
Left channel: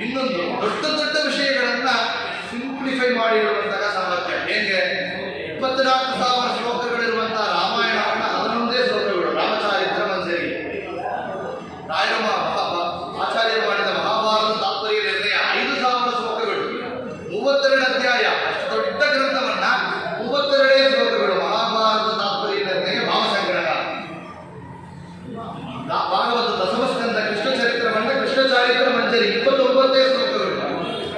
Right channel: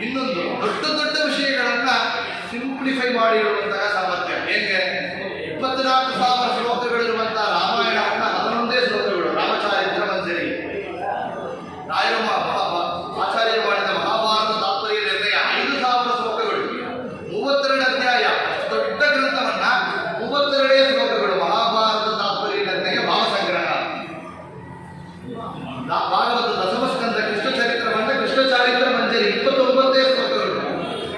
ಇನ್ನೊಂದು ದೊಡ್ಡ ದೊಡ್ಡ ವಿಷಯಗಳನ್ನ ಸಿಂಪ್ಲಿಫೈ ಮಾಡಿ ಇರುವಂತಹ ಸಾಮರ್ಥ್ಯ. ಹೇಗೆ 24,000 ಶ್ಲೋಕಗಳಿರುವಂತಹ ರಾಮಾಯಣವನ್ನ 11 ಶ್ಲೋಕಗಳು ರಾಮಚಾರಿತ್ರ ಮಂಜರಿ. ರಾಯರ ಆಚಾರ್ಯರು ಮಾಡಿದ ಮಹಾಭಾರತ ತಾತ್ಪರ್ಯ ನಿರ್ಣಯ 5,000 ಶ್ಲೋಕಗಳು, 32 ಅಧ್ಯಾಯ. ಅಷ್ಟು ದೊಡ್ಡ ಗ್ರಂಥವನ್ನ 32 ಶ್ಲೋಕಗಳು. ಮಹಾಭಾರತ ತಾತ್ಪರ್ಯ ನಿರ್ಣಯ ಭಾವಸಂಗ್ರಹ. ಭಾಗವತ ದಶಮಸ್ಕಂದ ಕೃಷ್ಣ ಚರಿತ್ರವನ್ನ ಕೃಷ್ಣ ಚಾರಿತ್ರ ಮಂಜರಿ 29 ಶ್ಲೋಕಗಳು.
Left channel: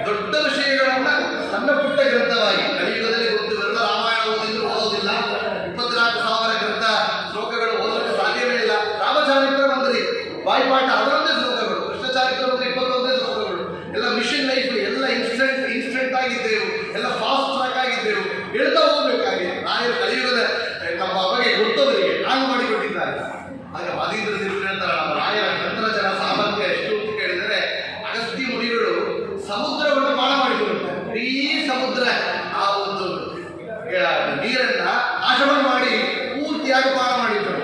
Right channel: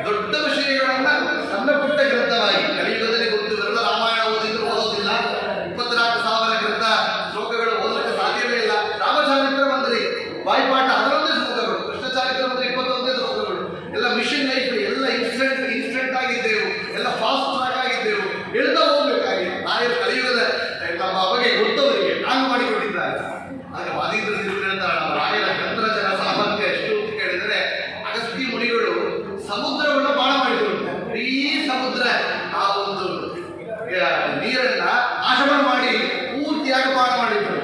ದೊಡ್ಡ ವಿಷಯಗಳನ್ನ ಸಣ್ಣ ಪುಟ್ಟ ಗ್ರಂಥವಾಗಿ ಕಲಿಯುಗದಲ್ಲಿ ಗೊತ್ತಿರಲ್ಲ. ರಾಮಾಯಣ ಓದಿದ್ರು ಓದೋದಿಲ್ಲ. 24,000 ಗ್ರಂಥ ಶ್ಲೋಕಗಳು ಓದಲಿಕ್ಕೆ ಸಾಧ್ಯವೇ ಇಲ್ಲ. ರಾಮಚಾರಿತ್ರ ಮಂಜರಿ ಬಾಯ್ಪಾಠ 11 ಶ್ಲೋಕಗಳು. ಕೃಷ್ಣ ಚಾರಿತ್ರ ಮಂಜರಿ 21 ಶ್ಲೋಕಗಳು. ಎಲ್ಲ ಮಿಷನ್ ಲೈಫ್, ಎಲ್ಲ ಇನ್ಸ್ಟೆಂಟ್ ಆಗಿದ್ದೆವು, ಎಲ್ಲ ಫಾಸ್ಟ್ ಟ್ರ್ಯಾಕ್ ಆಗಿದ್ದೆವು, ಹೇಳ್ತಾ ಹೋಗ್ಬೇಕಾಗಿದೆ. ನಾಯರು ಕಲಿಯುಗದ ನಮ್ಮ ಬಗ್ಗೆ ಗೊತ್ತವರಿಗೆ ನಾನು ಮಾಡಿಕೊಟ್ಟಿದ್ದಾರೆ. ಆಗ ವಾದೀಂದ್ರ ತಿರುಗಿ ಹೇಳ್ತಾರೆ, ನಮ್ಮ ರಾಯರ ಗ್ರಂಥರಚನ ಸಾಮರ್ಥ್ಯ ಎಷ್ಟು ಅಂತ ಕೇಳಿದರೆ, ಅಗಸ್ತ್ಯ ಮುನಿಗಳು ಸಮುದ್ರವನ್ನು ಪಾನ ಮಾಡಿಕೊಳ್ಳುತ್ತಾರೆ. ಇಡೀ ಸಮುದ್ರ ಆ ಒಂದು ನೀರನ್ನ ನಾಶವನ್ನು ಮಾಡಿ ಪೂರ್ತಿಯಾಗಿ ಪಾನ ಮಾಡಿದ್ದರು.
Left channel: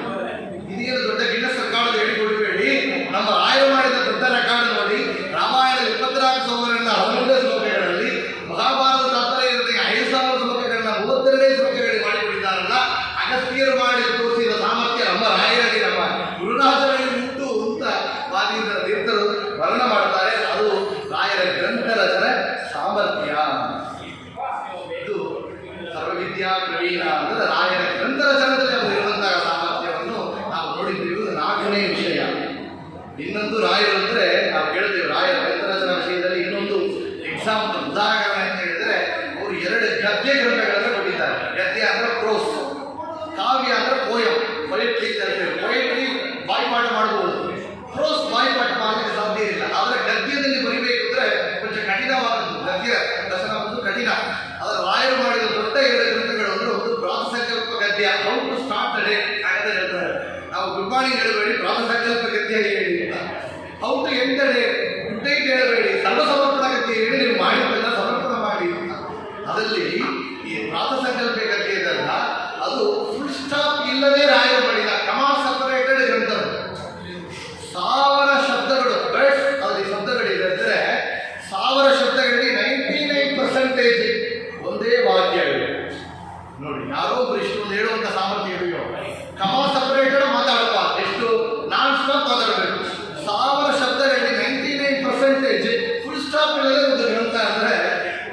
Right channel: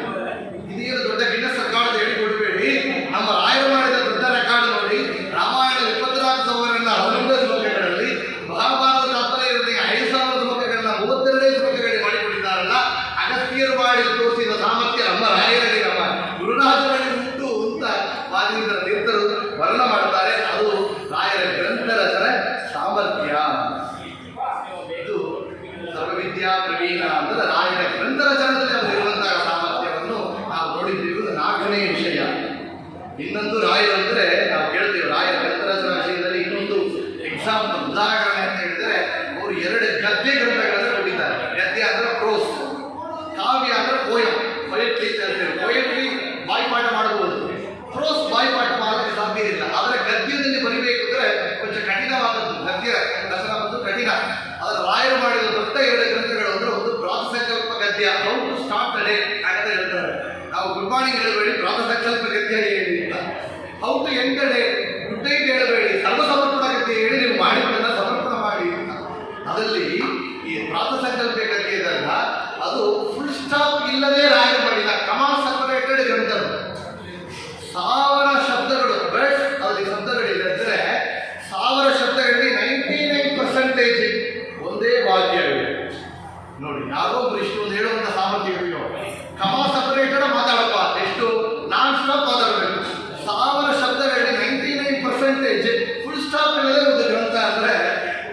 ಇದೇನು ದೊಡ್ಡ ಗಿನ್ನಸ್ ರೆಕಾರ್ಡ್ ಹೇಳಿಕೊಡಬೇಡಿ. ನಮ್ಮ ರಾಯರು ಮಾಡಿದ ದೊಡ್ಡ ರೆಕಾರ್ಡ್ ನೋಡಿ. ರಾಮಾಯಣದ 24,000 11 ಶ್ಲೋಕಗಳಲ್ಲಿ, ಮಹಾಭಾರತ ತಾತ್ಪರ್ಯ 5,000 ಶ್ಲೋಕಗಳನ್ನ 32 ಶ್ಲೋಕಗಳಿಗೆ ಮಾಡಿಕೊಂಡಿದ್ದಾರಲ್ಲ. ಅಗಸ್ತ್ಯರು ಮಾಡಿ ತೋರಿಸಿದ ಸಾಮರ್ಥ್ಯ ನಮ್ಮ ರಾಯರಲ್ಲಿ, ನಮ್ಮ ಗುರುರಾಜರಲ್ಲಿ ಉಂಟು ಅಂತ ವಾದೀಂದ್ರ ತೀರ್ಥರು ವರ್ಣ ಮಾಡ್ತಾರೆ. ಅದು ರಾಯರ ಗ್ರಂಥ ರಚನೆ ಸಾಮರ್ಥ್ಯ. ಇದು ಸರ್ವವಿದ್ಯಾ ಪ್ರವೀಣ ಅಂದರೆ ರಾಯರ ಗ್ರಂಥ ರಚನದಲ್ಲಿ ಅವರಿರುವಂತಹ ಸಾಮರ್ಥ್ಯವನ್ನು ನಾವು ನೋಡಿದ್ದೇವೆ. 4ನೇ ವಿಷಯ. ಇನ್ನೊಂದು ರಾಯರು ಅಂದರೆ ನಾವು ಕೇಳ್ತೇವೆ, ರಾಯರ ಗ್ರಂಥ ರಚನಾ ವಿಷಯದಲ್ಲಿ ಇನ್ನೊಂದು ಎಕ್ಸಾಂಪಲ್ ಉದಾಹರಣೆ ಅಂತ ಹೇಳಿದರೆ, ಅವರು 2 ಗದ್ಯ ಗ್ರಂಥಗಳನ್ನು ಕೊಟ್ಟಿದ್ದಾರೆ. ಗದ್ಯ ಅಂದರೆ ಪ್ರೋಸ್, ಕಾವ್ಯ ಅಂದರೆ ಪೋಯಮ್, ಪೊಯೆಟ್ರಿ ಅಂತ ಹೇಳ್ತೇವೆ. ಪೊಯೆಟ್ರಿ ಬಾಯ್ಪಾಠ ಮಾಡಬಹುದು, ಪ್ರೋಸ್ ಬಾಯ್ಪಾಠ ಮಾಡಲಿಕ್ಕೆ ಸಾಧ್ಯ ಇಲ್ಲ. ಆದರೆ ಗದ್ಯದಲ್ಲಿ ಬರಿಬೇಕು ಅಂದರೆ ಕೊಂಚ ಕಠಿಣವಾದದ್ದು. ಗದ್ಯ ದರ್ಶನ ಒಂದು ಕಠಿಣ. ಅದರ ರಾಯರು ಮಾಡಿದ ದೊಡ್ಡ 2 ಗ್ರಂಥಗಳು ಅಂದರೆ, ಒಂದು ಪ್ರಾತಸಂಕಲ್ಪ ಗದ್ಯ, ಹೌ ಟು ಸ್ಟಾರ್ಟ್ ಡೇ ಅಂತ ಹೇಳ್ತಾರೆ. ನಾವು ಗುಡ್ ಮಾರ್ನಿಂಗ್ ಹೇಳಬೇಡಿ, ಪ್ರಾತಸಂಕಲ್ಪ ಗದ್ಯ ಹೇಳಿ ಅಂತ. How to end day, good night ಹೇಳಬೇಡಿ, ಸರ್ವಸಮರ್ಪಣ ಗದ್ಯ ಹೇಳಿ ನೀವು ಮಾಡಿದ್ದನ್ನು ಸಮರ್ಪಣ ಮಾಡಿ ಅಂತ. ಅದರಲ್ಲಿ ಈ ಪ್ರಾತಸಂಕಲ್ಪ ಗದ್ಯ ಇದಲ್ಲ, ಅದು ಫುಲ್ ಸ್ಟಾಪ್ ಇಲ್ಲದೆ ರಾಯರು ಮಾಡಿದ ಕಮಾ ಸಪರೇಟೆಡ್ ಗ್ರಂಥಗಳು. 1000 ಶಬ್ದಗಳು, ವರ್ಡ್ಸ್ ಅದರಲ್ಲಿ ಶಬ್ದಗಳಿದೆ ಅಂದರೆ 1000 ಶಬ್ದಗಳಲ್ಲಿ 99% ಒಂದೇ ವಾಕ್ಯವಿದೆ. ನೋಡಿ, ಯಾರೋ ಒಬ್ಬರು ಇಷ್ಟೊಂದು ಹೇಳುವಂಥ ಸಾಮರ್ಥ್ಯ ಇದೆಯೋ. ಕಮಾ ಸಪರೇಟೆಡ್ ಮಾತಾಡಪ್ಪ, ಎಷ್ಟು ನಾನ್ ಸ್ಟಾಪ್ ಮಾತಾಡಬೇಕು. 1000 ಶಬ್ದಗಳಲ್ಲಿ 99% ಫುಲ್ ಸ್ಟಾಪ್ ಇಲ್ಲದೆ ಒಂದು ಗ್ರಂಥ ಅಂದರೆ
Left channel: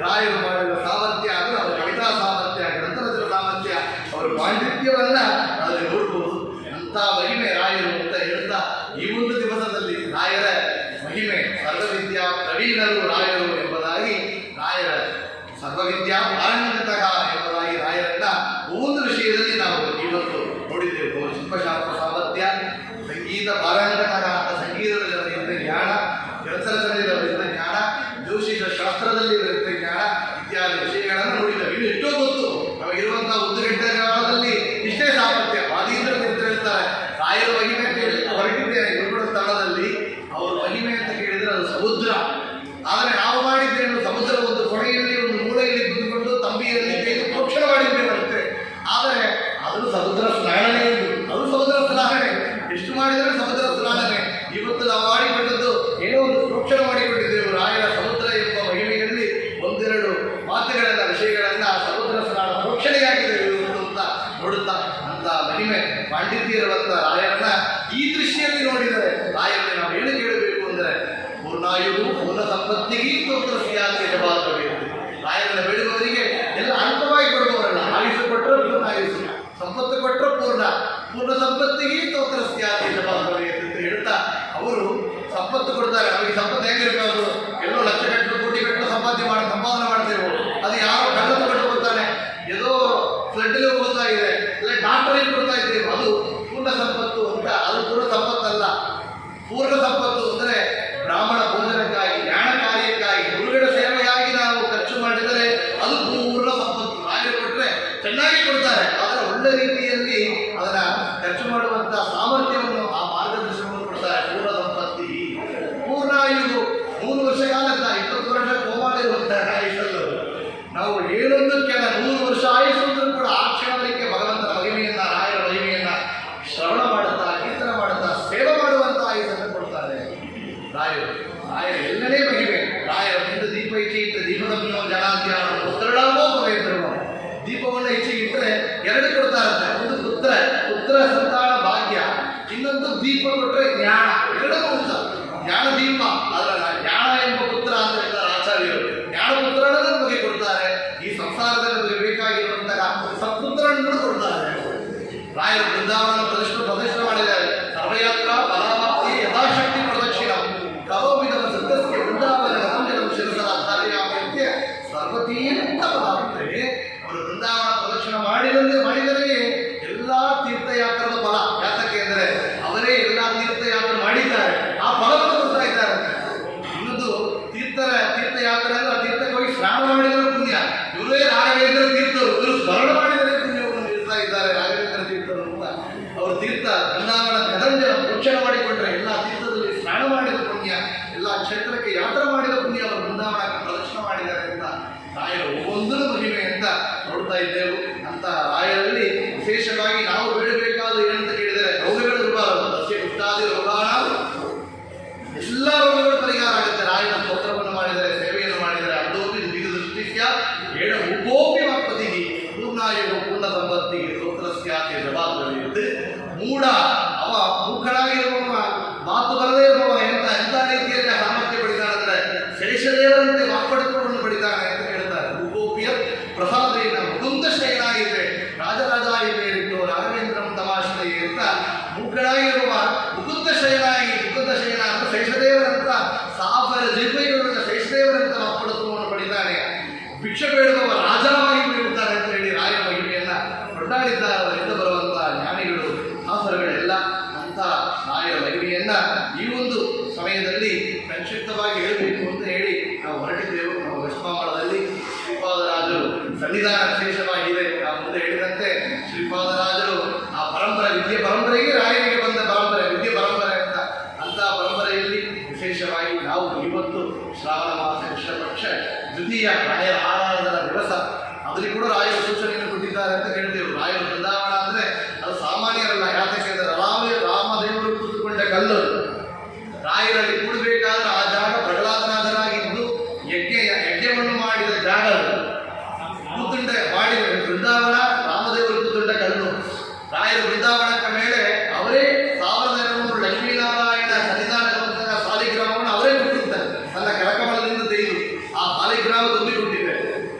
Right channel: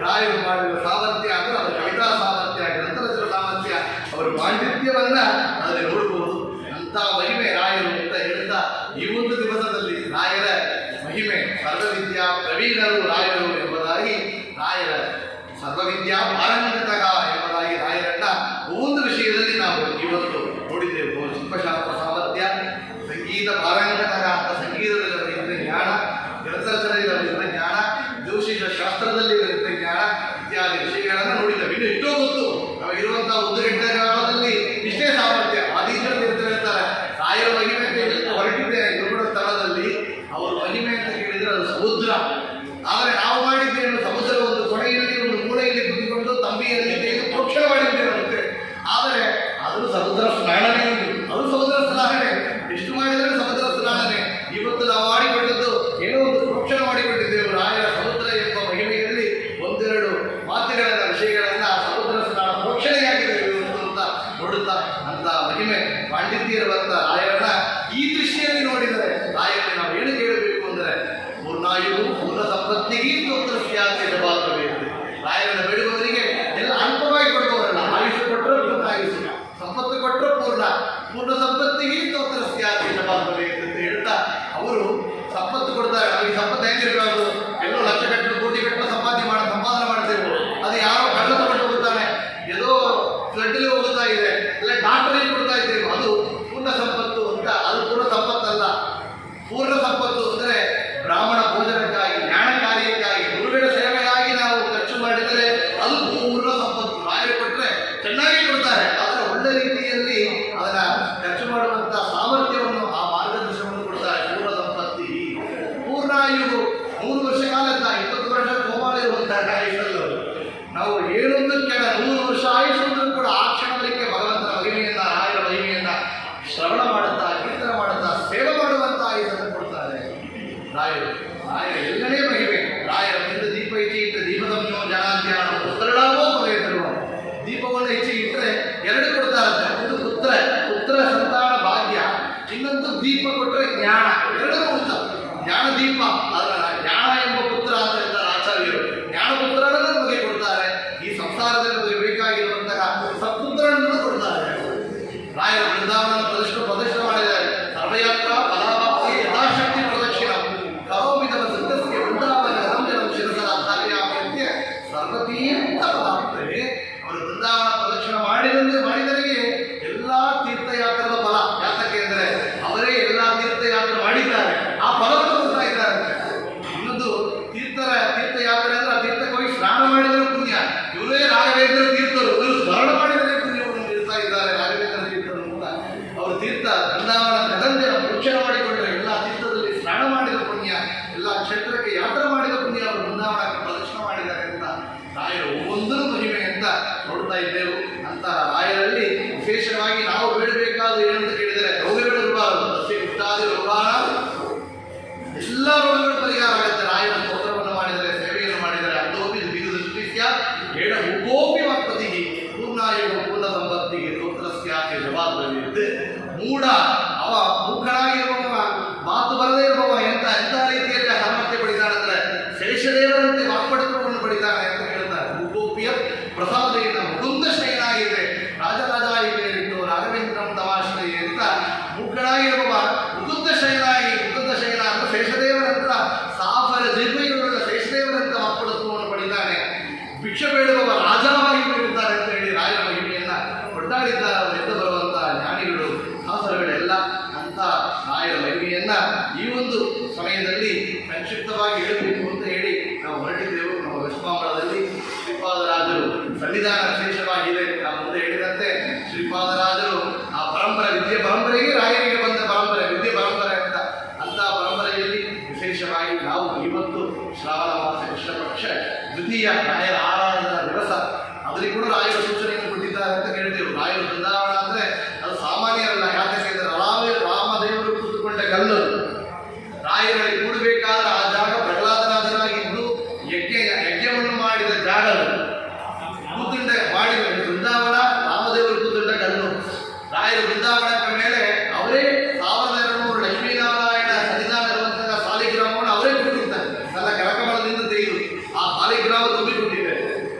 ರಾಯರು ಮಾಡಿದ ಸಾಮರ್ಥ್ಯ. ಅಂದರೆ ಅವರ ಕವಿತಾ ಸಾಮರ್ಥ್ಯ, ಗ್ರಂಥರಚನ ಸಾಮರ್ಥ್ಯ, ಅವರ ಪಾಂಡಿತ್ಯವನ್ನ ಅದರಲ್ಲಿ ನೋಡ್ಬೋದು. ಅಂಥ ಮಹಿಮೆ ರಾಯರು ಅಂತ ಹೇಳ್ತಾ, ಈ ಒಂದು ದಿವಸದಲ್ಲಿ ರಾಯರ ಮಹಿಮೆ, ಸರ್ವವಿದ್ಯಾ ಪ್ರವೀಣರು ರಾಯರು ಎಂಬುದಾಗಿ, ರಾಯರ ಸರ್ವವಿದ್ಯಾ ಪಾರಂಗತಃ ಎಂಬುದಾಗಿ ರಾಯರನ್ನ ಒಂದು ವಿಷಯದಲ್ಲಿ ನಾವು ಇವತ್ತು ನೋಡಿದ್ದೆವು. ಶಿಲ್ಪಶಾಸ್ತ್ರ ಸಾಮರ್ಥ್ಯ, ಸಂಗೀತ ಪಾರಂಗತಃ ಅಂತ ಸಂಗೀತದಲ್ಲಿ ಅವರಿಗಿದ್ದ ಜ್ಞಾನ, ಗ್ರಂಥರಚನೆಯಲ್ಲಿ ಅವರಿಗಿದ್ದ ಜ್ಞಾನ, ಜ್ಯೋತಿಷ ಶಾಸ್ತ್ರದಲ್ಲಿ ಅವರಿಗಿದ್ದ ಜ್ಞಾನ ಇತ್ಯಾದಿ ವಿಷಯಗಳನ್ನು ನೋಡಿದ್ದೇವೆ. ಇನ್ನು ಎಷ್ಟೋ ಗೊತ್ತು ನಮಗಿರುವಂತಹ 1 ಗಂಟೆ ಕಾಲದಲ್ಲಿ ಇಷ್ಟೇ ಸಾಮರ್ಥ್ಯ. ವಾದೀಂದ್ರ ಹೇಳ್ತಾರೆ, ರಾಯರ ಮಹಿಮೆ ಅಂತ ಹೇಳಿ ಹೊರಟಿದ್ದೆ ಗುರುಗಳ ಸ್ಥಳದಲ್ಲಿ. ಅವರ ಮಹಿಮೆ ಅಂತ ಕೇಳಿದರೆ ಅದು ಸಮುದ್ರ. ಆದರೆ ನಾವು ಮಾಡಿದ್ದೇನು, ಸಮುದ್ರ ಒಂದು ಕೊನೆಯಲ್ಲಿ ಒಂದು ಮೂಲೆಯಲ್ಲಿ ಕುತ್ಕೊಂಡು ತಂಬಿಯಲ್ಲಿ ತೆಗೆದು ಪ್ರೋಕ್ಷಣೆ ಮಾಡಿದ್ದೇವಂತೆ. ಆದರೆ ಅದು ಸಮುದ್ರ ಸ್ನಾನನೇ ಉಂಟು, ಅದು ಸಮುದ್ರ ಸ್ನಾನನೇ. ಎಷ್ಟು ಮಾಡಿದರೆ ಸಮುದ್ರ ಸ್ನಾನನೇ. ಇವತ್ತು ನಾವು ಮಾಡಿಕೊಂಡದ್ದು ಏನೋ ಒಂದು ಪ್ರೋಕ್ಷಣೆ ಮಾಡಿಕೊಂಡಿದ್ದೇವೆ. ರಾಯರ ಸಮುದ್ರ ಎಂಬ ಮಹಿಮೆಯಲ್ಲಿ 1-2 ಮಾತುಗಳನ್ನ, ವಿಷಯಗಳನ್ನ ಸಮುದ್ರ ಸ್ನಾನ ಪ್ರೋಕ್ಷಣೆಯಾಗಿದೆ ಅಂತ ನೋಡುತ್ತಾ, ಅಂತ ಮಹಿಮೆ ಪಾಂಡಿತ್ಯರುವಂತ ರಾಯರನ್ನ ಈ ದೃಷ್ಟಿಯಲ್ಲಿ ನೋಡಿದರೆ, ರಾಯರಿಗೆ ನಾವು ಏನು ಕೇಳಬೇಕು ಅಂದರೆ, ಪೂರ್ಣಾಯುವು ಪೂರ್ಣ ಸಂಪತ್ತಿಗೆ ಸ್ತೋತ್ರ ಸ್ಯಾತಿ ಜಪಾತ್ರವೇನು. ರಾಯರನ್ನ ಬೇಡುವವರಿಗೆ ಎಲ್ಲ ಅಲ್ಪವಾಗಿ ಕೊಡುವವರಲ್ಲ. ಆಯುಷು ಕೊಟ್ಟರೆ ಪೂರ್ಣ ಆಯುಷು, ಸಂಪತ್ತು ಕೊಟ್ಟರೆ ಪೂರ್ಣ ಸಂಪತ್ತಿಗೆ ಸ್ತೋತ್ರ ಸ್ಯಾತಿ ಜಪಾತ್ರವೇನು ಅಂತ ಹೇಳ್ತಾ, ಅವರು ಸಂಪತ್ತು ಕೊಡ್ತಾರೆ. ಅವರಿಗೆ ಸಂಪತ್ತು ಹೆಂಗಿರಬೇಕು? ಎಲ್ಲೋ ಲಕ್ಷ ಗಟ್ಟಲು ಕೋಟಿ ಗಟ್ಟಲು ಸಂಪಾದನೆ ಮಾಡ್ತೇವೆ. ಅದು ಯಾರೋ ಕಳ್ಳ ತಗೊಂಡು ಹೋಗ್ತಾನೆ, ಏದೋ ಫ್ಲಡ್ಲಿ ಹೋಗ್ತಾ ಇದೆ, ಇಲ್ಲ ಡಾಕ್ಟರಿಗೆ ಕೊಡ್ತಾ ಇದ್ದೇವೆ, ಅದು ಪೂರ್ಣ ಸಂಪತ್ತು ಅಂತ. ಅದು ಪೂರ್ಣ ಸಂಪತ್ತಲ್ಲ. ಪೂರ್ಣ ಸಂಪತ್ತು ಅಂದರೆ ಬ್ರಾಹ್ಮಣ ಭೋಜನಕ್ಕಾಗಿ, ಜ್ಞಾನ ಕಾರ್ಯಕ್ಕಾಗಿ, ಗುರುಗಳ ಸೇವೆಯಾಗಿ ನಾವು ಖರ್ಚು ಮಾಡಿದರೆ ಅದು ಪೂರ್ಣ ಸಂಪತ್ತು. ರಾಯರು ಕೊಟ್ಟರೆ ಚೆನ್ನಾಗಿ ಕೊಡ್ತಾರೆ, ಆದರೆ ಒಳ್ಳೆ ರೀತಿಯಲ್ಲಿ ಅದನ್ನ ಖರ್ಚು ಮಾಡುವಂಥ ಸಾಮರ್ಥ್ಯವನ್ನು, ಆ ಮಾರ್ಗದರ್ಶನವನ್ನು ಕೊಡ್ತಾರೆ. ಪೂರ್ಣ ಸಂಪತ್ತಿ, ಪೂರ್ಣಾಯುವು 3 ವರ್ಷ ಕಾಲದ 20 ವರ್ಷ ಕೋಮಾಳ ಇರುವಂತಹ ಆಯುಷಲ್ಲೂ ನಾವು ಏನೊಂದು ಕೆಲ 100 ವರ್ಷ ಆಯುಷ್ಯಂದ್ರೂ ಕೂಡ ಆ ಕ್ಷಣದಕ್ಕೆ ಭಗವಂತನ ಮಹಿಮೆಯನ್ನ, ರಾಯರ ಮಹಿಮೆಯನ್ನ ಶ್ರವಣ ಮಾಡುತ್ತಾ, ಕೀರ್ತನ ಮಾಡುತ್ತಾ, ಸೇವೆ ಮಾಡುವಂಥ ಆಯುಷನ್ನು ಕೊಡ್ತಾರೆ ರಾಯರು. ರಾಯರ ಎಲ್ಲನೇ ಮಹಿಮೆ. ಇನ್ನೊಂದು ದೀಪ ಕೊಟ್ಟರೆ ಜ್ಞಾನ, ಎರಡೂ ಉಂಟ. ಜ್ಞಾನ ದೀಪ, ಅದರ ಜ್ಞಾನ ಎಂಬ ಪುತ್ರ ಅಂತ ಹೇಳ್ತಾರೆ ಆಚಾರ್ಯರು. ಜ್ಞಾನಪುತ್ರನ ನಮಗೆ ಕೊಡ್ತಾರೆ, ಈ ಸಂಸಾರದಲ್ಲಿ ನಮಗೆ ಬೇಕಾಗಿರುವಂತಹ ಸತ್ಪುತ್ರನನ್ನು ಕೊಡ್ತಾರೆ. ರಾಯರು ಬೃಂದಾವನ ಪ್ರದರ್ಶನ ಮಾಡಿದ್ದಾರೆ. ಸರ್ವಯಾತ್ರ ಫಲಾವಾಪ್ತಿ ಯಥಾಶಕ್ತಿ ಪ್ರದಕ್ಷಿಣ ಕರೋಮಿದವ ಸತ್ಯಸ್ಯ ಬೃಂದಾವನ ರಂಜನಂ ಶಿರಸರ ಧಾರ್ಯಾಮಕ್ಕೆ ಸರ್ವತೀರ್ಥ ಫಲಾಪ್ತೆ. ಅವರು ಬೃಂದಾವನ ಪ್ರದಕ್ಷಿಣ ಮಾಡಿದವರಿಗೆ ಎಲ್ಲ ತೀರ್ಥಯಾತ್ರದ ಫಲ. ಯಾತಕ್ಕೆ ಅಂದರೆ ಅವರೇ ಎಲ್ಲ ತೀರ್ಥಯಾತ್ರೆ ಮಾಡಿದ್ದಾರೆ, ಆ ಫಲವನ್ನು ಕೊಡ್ತಾ ಇದ್ದಾರೆ. ಇನ್ನೊಂದು ತೀರ್ಥಯಾತ್ರೆ ಅಂದ್ರೆ ಆ ತೀರ್ಥಕ್ಕೆ ಹೋಗಿ ಸ್ನಾನ ಮಾಡಿದರೆ ಪುಣ್ಯ. ಇವರೇ ರಾಘವೇಂದ್ರ ತೀರ್ಥರು, ಇವರು ಸ್ಮರಣ ಮಾಡಿದರೆ ಪುಣ್ಯವನ್ನು ನೀಡ್ತಾ ಇದ್ದಾರೆ. ರಾಘವೇಂದ್ರ ತೀರ್ಥರು ಕೂಡ ಅವರು ತೀರ್ಥ ಬೃಂದಾವನ ಗದಂಜನ ಪ್ರೋಕ್ಷಣ ಮಾಡಿಕೊಂಡ್ರೆ ಎಲ್ಲ ತೀರ್ಥದಲ್ಲಿ ಸ್ನಾನ ಮಾಡಿದ ಪುಣ್ಯ, ಎಲ್ಲ ಕ್ಷೇತ್ರಕ್ಕೆ ಯಾತ್ರೆ ಮಾಡಿದ ಪುಣ್ಯ ಅವರು ಬೃಂದಾವನಕ್ಕೆ ಪ್ರದರ್ಶನ ಮಾಡಿದ್ದಾರೆ ಅಂತ ರಾಯರು ಒಂದೊಂದು ಮಹಿಮೆ ಅಂತ ನೋಡ್ತಾ ಇದ್ದೆವು. ಅಂತ ರಾಯರಲ್ಲಿ ವಿಶೇಷವಾಗಿ ನಾವು ಬೇಡಬೇಕಾದ ಏನಂತ ಕೇಳಿದರೆ ರೋಗಗಳು ಇರಬಾರದು. ಅಷ್ಟೇ ಇಷ್ಟಾದಿ ರೋಗಾಣ ಎಲ್ಲ ರೋಗಗಳು ಪರಿಹಾರ ಆಗುತ್ತೆ. ರಾಯನ ಸ್ತೋತ್ರವನ್ನು ಮಾಡಿದರೆ, ಸೇವೆಯನ್ನು ಮಾಡಿದರೆ ಅದೋಪಿ ದೃಷ್ಟಿಸ್ಯ ಏಳ ಉಪೋಪಿ ವಾಕ್ಪತಿಗೆ ಪೂರ್ಣಾಯುಗ ಪೂರ್ಣ ಸಂಪತ್ತಿಗೆ ಸ್ತೋತ್ರಸ್ಯಾಕೆ ಜವಾಬ್ದಾರಿ. ಮೂಢ ಅವ ಮೂಖನಾಗಿರುವವ, ಮಾತು ಬರದೇ ಇರುವವ ಎಂತ ರೀತಿಯಲ್ಲಿ ಸಾಮರ್ಥ್ಯ ಪಡಿತಾನಂದ್ರೆ ಶೇಷದೇವರಂತೆ ವಾಕ್ಪಡಿತವನ್ನು ಪಡಿತಾನೆ ಅಂತ ಹೇಳ್ತಾರೆ. ಉಪೋಪಿಯ ಪ್ರಸಾದೇನ ಮುಕುಂದ ಶಯನಾಗಿದೆ ರಾಜರಾಜ ಇಲ್ಲಿ ಹೇಳಿದ್ದು ರಾಘವೇಂದ್ರಂ ತಮಾಶ್ರಯ ಅಂತ ಮೂಖನಾಗಿರುವವ ಮುಕುಂದ ಶಯನ ಅಂತ ಶೇಷದೇವರಂತ ಸಾಫರ ಜಿರ್ಮೈಗಳುಳ್ಳ ಶೇಷದೇವರಂತ ವಾಕ್ಪಡಿತವನ್ನು ಪಡಿತಾನೆ. ಭಿಕ್ಷೆ ಬೇಡುವವ ರಾಜವಾಗಿ ಬೇಡುತ್ತಾರೆ ಅಂತ ಹೇಳಿ ರಾಯರ ಮಹಿಮೆಯನ್ನ ಕೊಂಡಾಡಿದ್ದಾರೆ. ಅವರಿಂದ ಬರುವಂತಹ ಜ್ಞಾನಿಗಳು ಹಾಸರಗಳೆಲ್ಲ ಅಂತ ರಾಯರ ಮಹಿಮೆಯನ್ನ ಈ ಒಂದು ಸಮಯದಲ್ಲಿ ಸಂಕ್ಷಿಪ್ತವಾಗಿ ಹೇಳಬೇಕು ಅಂತ ಹೇಳಿ ನಾವು ಹೊರಟಿದ್ದೆವು. ನಮ್ಮ ವೆಸ್ಟ್ಮಾಂಬಳದಲ್ಲಿ ಶ್ರೀಪಾದರಾಜರು ಸನ್ನಿಧಾನ ವಿಶೇಷವಾಗಿದೆ. ನಾವು ಮುಂದೆ ಹೇಳಿದಂತೆ ಶ್ರೀಪಾದರಾಜರು ಆ ವಿದ್ಯೆ ಪರಂಪರೆಗೆ ರಾಯರಿಗೆ ಬಂದ ಪರಂಪರೆ, ವಿದ್ಯೆ ಪರಂಪರೆ ಅಂತ ಪರಂಪರೆಯಲ್ಲಿ ವಿಶೇಷವಾಗಿ ನಾವು ಇವತ್ತು ಶ್ರಾವಣ ಮಾಸ ಕೃಷ್ಣ ಪಕ್ಷ ದ್ವಿತೀಯ ರಾಯರ ಆರಾಧನಾ ದಿವಸ, ಅದರಲ್ಲಿ ಕೂಡ ರಾಯರ ಸೂಚನೆಯನ್ನು ಕೊಟ್ಟಿದ್ದಾರೆ ಅಂತ ಹೇಳ್ತೇವೆ. ರಾಯರ ಬೃಂದಾವನ ಅಂದರೆ ಅದು ಸಾಮಾನ್ಯರಲ್ಲ. ಯಾತಕ್ಕೆ ಅಂದರೆ ರಾಮದೇವರು ಕೂತುಕೊಂಡ ಕಲ್ಲು. ರಾಯರಲ್ಲಿ ಕೂಡಬೇಕಾದ್ರೆ ಆ ಜಾಗ ಪ್ರಹ್ಲಾದನಾಥನಾಗಿದ್ದು ಯಜ್ಞವನ್ನು ಮಾಡಿದ ಜಾಗ. ಕೂತುಂಡ ಮಾಡಿದ ಬೃಂದಾವನ ರಾಮದೇವರು ಕೂತುಂಡ ಕಲ್ಲು. ರಾಯರ ಬೃಂದಾವನದ ಮೇಲೆ ಅವರೇ 1200 ಲಕ್ಷ್ಮೀನಾರಾಯಣ ಸನ್ನಿಧಾನ ಇರುವಂತಹ ಸಾಲಿಗ್ರಾಮವನ್ನು ಅವರೇ ಕೊಟ್ಟಿರ್ತಾರೆ. ತನ್ನ ಕರಕಮಲದಿಂದ ತೆಗೆದು ಆ ಸಾಲಿಗ್ರಾಮ ತುಂಬಿಕೊಂಡಿದೆ.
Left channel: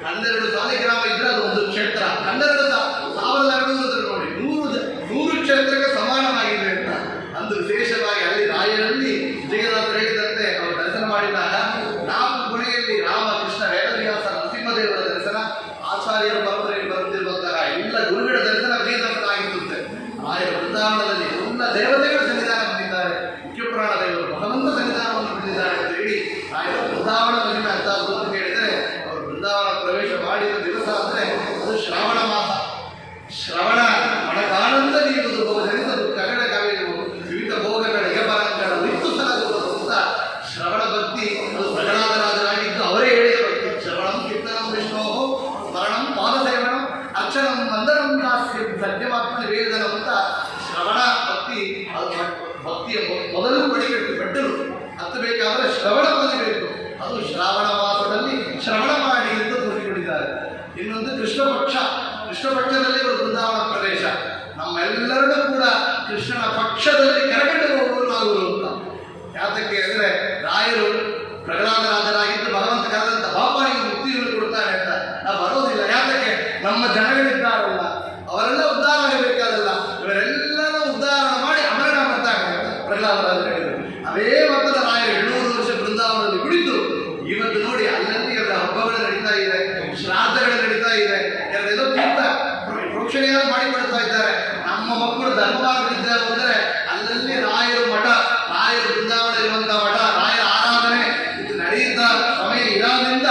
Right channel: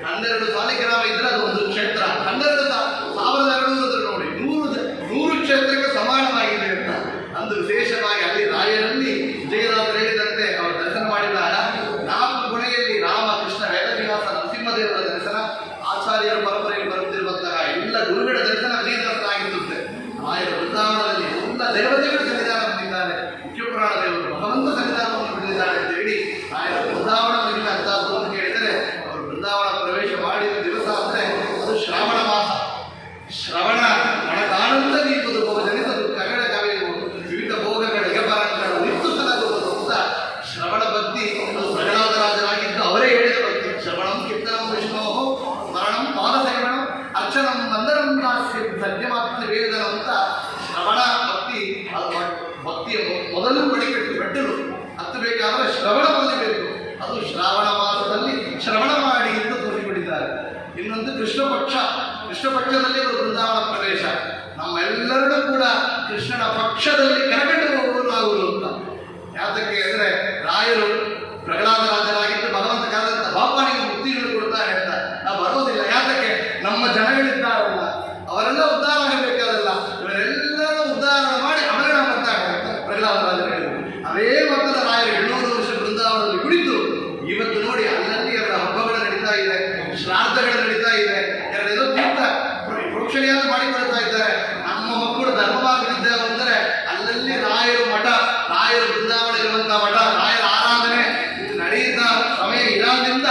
12 ಸಾಲಿಗ್ರಾಮ ಇದ್ರೆ ಅದು ಒಂದು ಕ್ಷೇತ್ರ. 12,200 ನೋಡಿ 100 ಕ್ಷೇತ್ರಕ್ಕೆ ಸಮಾನವಾಗಿದೆ ಅಂತ ಅಂದು ವಿಶೇಷವಾಗಿ ಅಲ್ಲಿ ರಾಯರಲ್ಲಿ ವಿಜಯನಾಥರು ಹೇಳಿದಂತೆ ಅವರು ದರ್ಶನ ಮಾಡಿದಾಗ 4 ಕೊನೆಯಲ್ಲಿ ರಾಮ, ಕೃಷ್ಣ, ವೇದವ್ಯಾಸ, ನರಸಿಂಹದೇವರ ದರ್ಶನ, ಆಚಾರ್ಯರ ಪರಂಪರೆಯಲ್ಲಿ ಬರುತ್ತಿರುವಂತಹ ಎಲ್ಲ ಗುರುಗಳ ದರ್ಶನ ವಿಜಯನಾಥರ ಆಗಿರುತ್ತೆ. ರಾಯರ ಬೃಂದಾವನದಲ್ಲಿ ಎಲ್ಲ ದೇವತೆಗಳು ಸನ್ನಿಧಾನ ಹೊಂದಿದ್ದಾರೆ. ಮುಖ್ಯಪುರಾಣ ದೇವರು ಭಗವಂತ ಸನ್ನಿಧಾನವನ್ನು ಹೊಂದಿದ್ದಾರೆ ಅಂತ ಹೇಳಿ ರಾಯರ ಬೃಂದಾವನ ಮಹಿಮೆ ಅಂತದ್ದು ಅಂತ ಹೇಳಿದರೆ, ಅವರು ಬೃಂದಾವನ ಪ್ರವೇಶ ಮಾಡಿದ ದಿವಸ ಅಂದರೆ ಅದು ಶ್ರಾವಣ ಮಾಸ. ಶ್ರವಣ ಮನಕಾನಂದ ನೀಡುವುದು ಬಹುಜನಿತದು ಕಗಡ ಕವೆಯುವುದು ವಿವಿಧ ಭೋಗಗಳ ಯಪರಂಗಳು ಇತ್ತು ಸಲಗುವುದು ಅಂತ ಶ್ರವಣ ಭಕ್ತಿ ಅದು ಪ್ರಹ್ಲಾದರಾಜರಾಗಿದ್ದು ಅವರೇ ಹೇಳಿದ ಭಕ್ತಿ. ಶ್ರವಣಂ ಕೀರ್ತನಂ ವಿಷ್ಣೋ ಸ್ಮರಣಂ ಪಾದಸೇವನಂ ಅರ್ಚನಂ ವಂದನಂ ದಾಸ್ಯಂ ಸತ್ಯಮಾತ್ಮ ನಿವೇದನ ಅಂತ ಶ್ರವಣ ಭಕ್ತಿ. ಅದು ಭಕ್ತಿಯ ಮೊದಲು ಪಡಿಬೇಕು, ಮೆಟ್ಟಲು ಹತ್ತಬೇಕಾದ್ರೆ ಶ್ರವಣ ಕಲಿಬೇಕು. ಅದು ಶ್ರಾವಣ ಮಾಸದಲ್ಲಿ ಶ್ರವಣ ಮಾಡಿ ಎಂದು ತೋರಿಸಿಕೊಟ್ಟಿದ್ದಾರೆ. ಇನ್ನೊಂದು ಕೃಷ್ಣ ಪಕ್ಷದಲ್ಲಿ ಅವರು ಬೃಂದಾವನ ಪ್ರವೇಶ. ನಮ್ಮೆಲ್ಲರನ್ನೂ ಕೂಡ ಕೃಷ್ಣನ ಪಕ್ಷದಲ್ಲಿ ಕರಗಂಡು ಹೋಗುವರು ಅಂತ. ಯಾತಕ್ಕೆ ಅಂದರೆ ರಾಯರು ಪ್ರಹ್ಲಾದರಾಜರಾಗಿದ್ದು ಭಗವಂತ ಕರೆದಂತ ಬಾಪಾನಿಗೆ ಮುಕ್ತಿಯನ್ನು ಕೊಡ್ತಾರೆ ಅಂತ ನಾವು ಬರೋದಿಲ್ಲ. ಯಾತಕ್ಕೆ ನಮ್ಮ ಜನಗಳಿದ್ದಾರಲ್ಲ ಅವರೆಲ್ಲ ಉದ್ಧಾರ ಆಗಬೇಕಾದಲ್ಲ, ಇವರೆಲ್ಲರೂ ಉದ್ಧಾರ ಮಾಡಿ ಅಮರಣ ಬರ್ತಾರೆ ಅಂತ ಪ್ರಹ್ಲಾದರಾಜರು ಹೇಳಿದರು. ಅದೇ ಮೊದಲ ರಾಯರು 700 ವರ್ಷ ಬೃಂದಾವನದಲ್ಲಿ ಕುಳಿತು ಇವತ್ತು ನೋಡಿ ಅಲ್ಲಲ್ಲಿ ಅವರ ಹಬ್ಬಗಳು ನಡೀತಾ ಇದೆ, ಶ್ರಾದ್ದಗಳು ನಡೀತಾ ಇದೆ, ಎರಡೆಲ್ಲೋ ತೀರ್ಥ ಪ್ರೋಕ್ಷಣೆಯನ್ನು ಮಾಡಿಕೊಳ್ತಾ ಇದ್ದಾರೆ. ನಮ್ಮ ಮಕ್ಕಳು ಧರ್ಮವಾಗಿದ್ದಾರೆ ಅಂದರೆ ಅಲ್ಲಲ್ಲಿ ರಾಯರು ಮಠ, ರಾಯರು ಬೃಂದಾವನ ಇರುವಂತಹ ಮಠ, ರಾಯರ ಆರಾಧನೆ ಇದು ನಡೆಯುತ್ತಾ ಸಮಯ ಇರೋದ್ರಿಂದ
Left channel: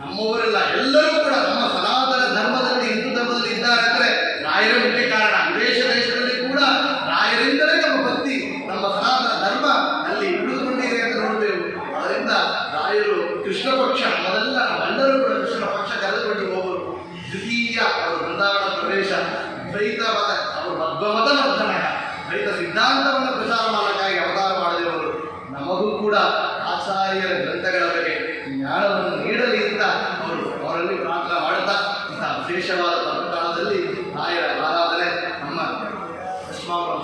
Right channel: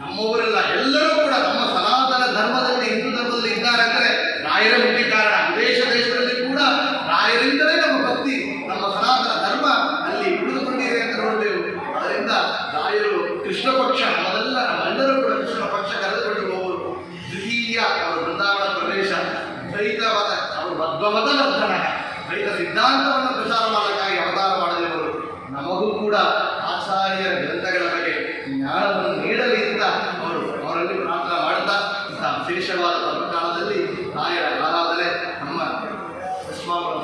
ನಮ್ಮವರೆಲ್ಲ ಎಲ್ಲರೂ ಕೂಡ ನಮ್ಮ ಸನಾತನ ಧರ್ಮದಲ್ಲಿ, ಹಿಂದೂ ಧರ್ಮದಲ್ಲಿ ಇದ್ದಾರೆ ಅಂದರೆ ರಾಯರ ಮುಖ್ಯ ಕಾರಣ. ದೇಶದಲ್ಲಿ ಕೂಡ ರಾಯರಿಂದಲೇ ನಮ್ಮ ಭಕ್ತಿ, ನಮ್ಮ ಸನಾತನ ಧರ್ಮ ಅಲ್ಲಿ ಉಳಿದುಕೊಂಡಿದೆ ಅಂತ ನೋಡ್ತೇವೆ. ಅದರಿಂದ ರಾಯರು ಕೃಷ್ಣ ಪಕ್ಷ ಮೊದಲ ನಮ್ಮೆಲ್ಲರೂ ಕೂಡ ಕೃಷ್ಣ ಪಕ್ಷ ಕರೆದುಕೊಂಡು ಹೋಗುವರು. ದ್ವಿತೀಯ ಅವರು ಬೃಂದಾವನ ಪ್ರವೇಶ ದ್ವೈತವಾದ ಅವರು ಮಧ್ವಮತ ನರ್ತನ ದ್ವೈತ ಸಿದ್ಧಾಂತವನ್ನು ಪ್ರಚಾರ ಮಾಡಕ್ಕಾಗಿ ಅವತಾರ ಮಾಡಿದವರು. ನಮಗೂ ಕೂಡ ಆಚಾರ್ಯರ ಗ್ರಂಥಗಳ ಬಗ್ಗೆ ಜ್ಞಾನವನ್ನು ನೀಡಲಿ ಅಂತ ಅವರಲ್ಲಿ ಪ್ರಾರ್ಥನೆ ಮಾಡುತ್ತಾ ಇಂತಹ ವಿಶೇಷವಾದ ಪರ್ವಕಾಲದಲ್ಲಿ ರಾಯರ ಆರಾಧನೆ ನಮ್ಮ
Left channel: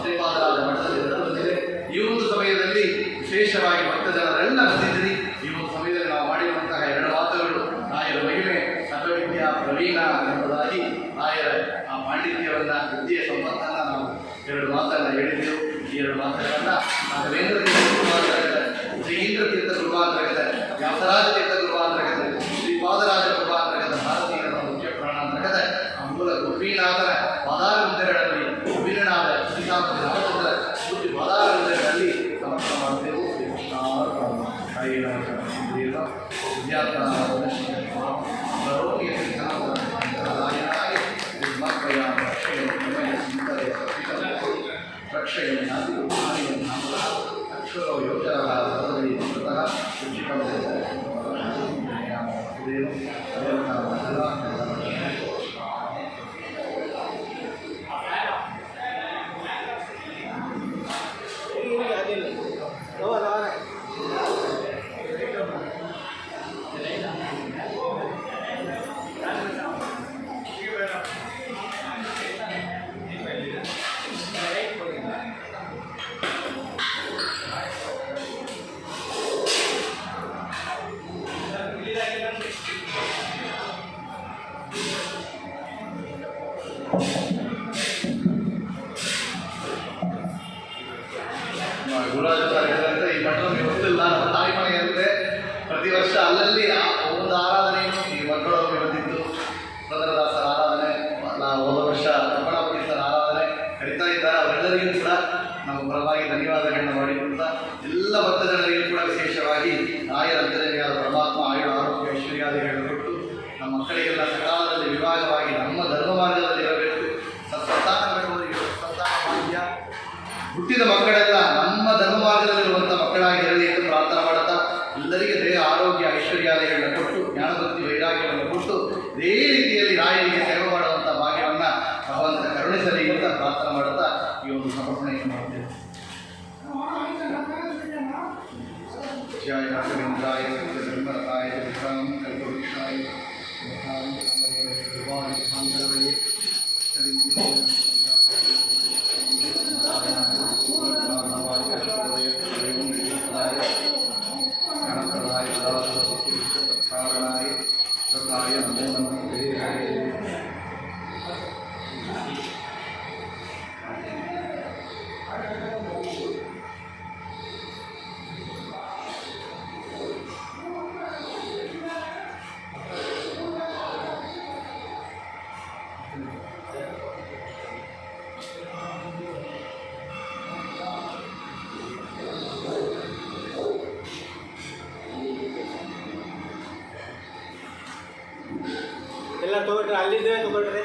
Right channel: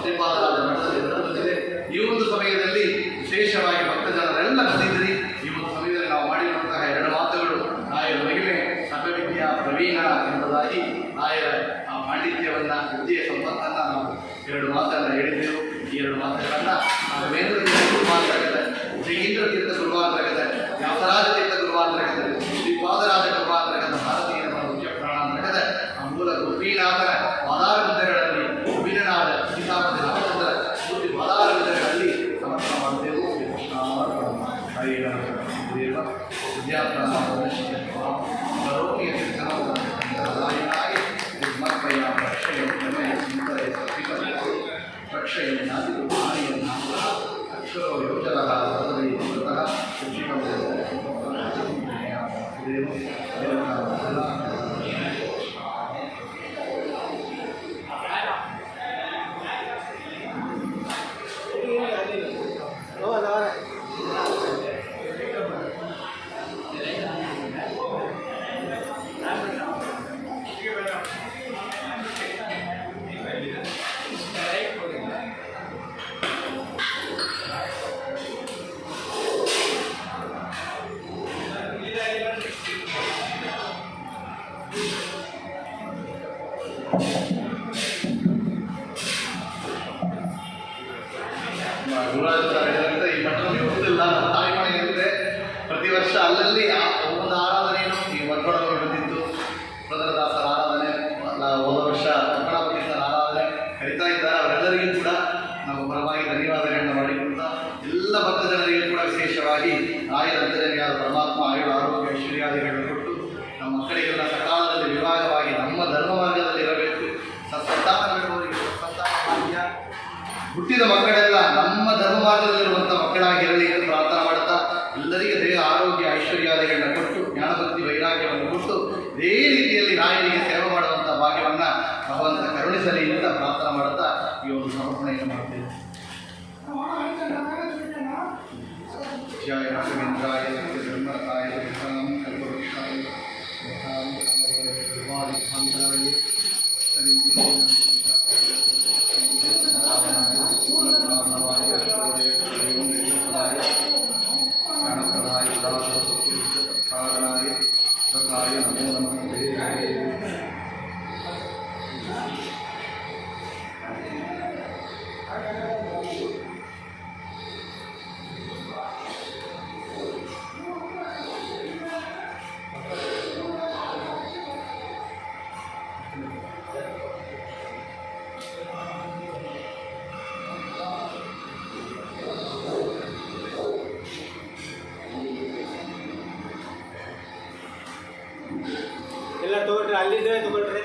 ಶ್ರೀಪಾದರಾಜ ದೇವರಾಜ ಮಠದಲ್ಲಿ ನಡೆದಿದೆ. ಈ ಒಂದು ಸಮಯದಲ್ಲಿ ವಿಶೇಷವಾಗಿ ಭಕ್ತ ಜನರೆಲ್ಲ ಬಂದಿದ್ದೀರಿ. ಈ ಒಂದು ಸಮಯದಲ್ಲಿ ನಾವು ಮಾಡಿರುವಂತಹ 2 ಮಾತುಗಳು ರಾಯರ ಮಹಿಮೆ ಸರ್ವವಿದ್ಯಾ ಪ್ರವೀಣ ಎಂಬುದಾಗಿ ರಾಯರ ಆ ಪಾಂಡಿತ್ಯವನ್ನ ವಿದ್ಯೆಯ ಸಂಪತ್ತನ್ನು ನಾವು 2 ಮಾತನ್ನು ಹೇಳಿದ್ದೆವು. ಈ 2 ಮಾತುಗಳನ್ನು ರಾಘವೇಂದ್ರ ತೀರ್ಥ ಗುರುವಾಂತರ್ಗತ, ಜಯೇಂದ್ರ ತೀರ್ಥ ಗುರುವಾಂತರ್ಗತ, ವ್ಯಾಸರಾಜ ತೀರ್ಥ ಗುರುವಾಂತರ್ಗತ, ಶ್ರೀಪಾದರಾಜ ಗುರುವಾಂತರ್ಗತ, ಭಾರತೀಯ ಮುಖ್ಯ ಪ್ರಾಣಾಂತರ್ಗತ ಆ ಮೂಲ ಗೋಪೀನಾಥನ ವಾದಾರ ವಿದ್ಯೆಗಳಲ್ಲಿ ಅಭಿನನಾದ ಶ್ರೀನಾಥ ರಾಮಚಂದ್ರ ಮೂರ್ತಿ ವಾದಾರ ವಿದ್ಯೆಗಳಲ್ಲಿ ಸಮರ್ಪಣೆ ಮಾಡುತ್ತೇವೆ. ಅಕ್ಷರೋ ಯೋಚನ ಗುರುರಾಜ ಸರ್ ಹೇಳಿದಂತೆ ಈ ಮಠ ನಮಗೆ ಗೊತ್ತಿಲ್ಲ. ನಮ್ಮ ತಾಯಿ ಮನೆ ಅಂದರೆ ಪ್ರತಿ ವರ್ಷ ಅಲ್ಲಲ್ಲಿ ಒಂದೊಂದು ಆರಾಧನೆಯನ್ನು ಈ ವರ್ಗಡದಲ್ಲಿ ಬಂದಿತ್ತು. ಪುರಂದರದಾಸರ ಆರಾಧನೆ, ಹೋದ ವರ್ಷ ಪದ್ಮನಾಭತೀರ್ಥರ ಆರಾಧನೆ ಕರೀತಾ ಇದ್ದಾರೆ. ಅವರೆಲ್ಲರಿಗೂ ಕೂಡ ನಮ್ಮ ಪರವಾಗಿ ಧನ್ಯವಾದಗಳನ್ನು ಮಾಡಿಕೊಳ್ತಾ ಎಲ್ಲ ಭಕ್ತ ಜನರಿಗೂ ಕೂಡ ವಿಶೇಷವಾಗಿ ರಾಯರ ಅಂತ್ಯದಲ್ಲಿಯಾದ ಪರಮಾತ್ಮ ಆಯುಳ ಆರೋಗ್ಯ ಐಶ್ವರ್ಯಾದಿಗಳನ್ನು ಕೊಟ್ಟು ನಮ್ಮ ಮಕ್ಕಳಿಗೆಲ್ಲ ಸಕಾಲದಲ್ಲಿ ವಿಭಾಗವಾಗಿ ನಮ್ಮ ಧರ್ಮ ಮಾರ್ಗದಲ್ಲಿ ಇರಬೇಕು. ಸತ್ಸಂತಾನ ಬೇಡುವವರಿಗೆ ಸತ್ಸಂತಾನ ಭಾಗ್ಯ, ಹುಟ್ಟಿದ ಮಕ್ಕಳೆಲ್ಲ ನಮ್ಮ ಧರ್ಮ ಮಾರ್ಗದಲ್ಲಿರುವಂಥ ಮಕ್ಕಳಾಗಿ ಇರಲಿ ಎಂದು ಪ್ರಾರ್ಥನೆ ಮಾಡುತ್ತಾ ಎಲ್ಲರಿಗೂ ದೇಹ ಆರೋಗ್ಯ ಐಶ್ವರ್ಯಾದಿಗಳನ್ನು ಕೊಟ್ಟು ಜ್ಞಾನಭಕ್ತಿ ವೈರಾಗ್ಯವನ್ನು ಕೊಟ್ಟು ಇದೇ ರೀತಿಯಲ್ಲಿ ರಾಯರಿಗೆ ಸೇವೆ ಮಾಡುವಂಥ ಭಾಗ್ಯವನ್ನು ಭಗವಂತ ಕರುಣಿಸಲಿ ಅಂತ ಪ್ರಾರ್ಥನೆ ಮಾಡುತ್ತಾ ಈ ಒಂದು ಸಮರ್ಪಣೆಯನ್ನು ಮಾಡುತ್ತೇವೆ. ಜಯ ರಾಘವೇಂದ್ರಾಯ ಧರ್ಮರತಾಯ ವಿಕ್ರಮಂ ಕಲ್ಪವೃಕ್ಷಾಯ ಎಲ್ಲ ತಗೊಳ್ರಿ, ಅಲ್ಲಿದ್ದೇ ತಗೊಳ್ರಿ.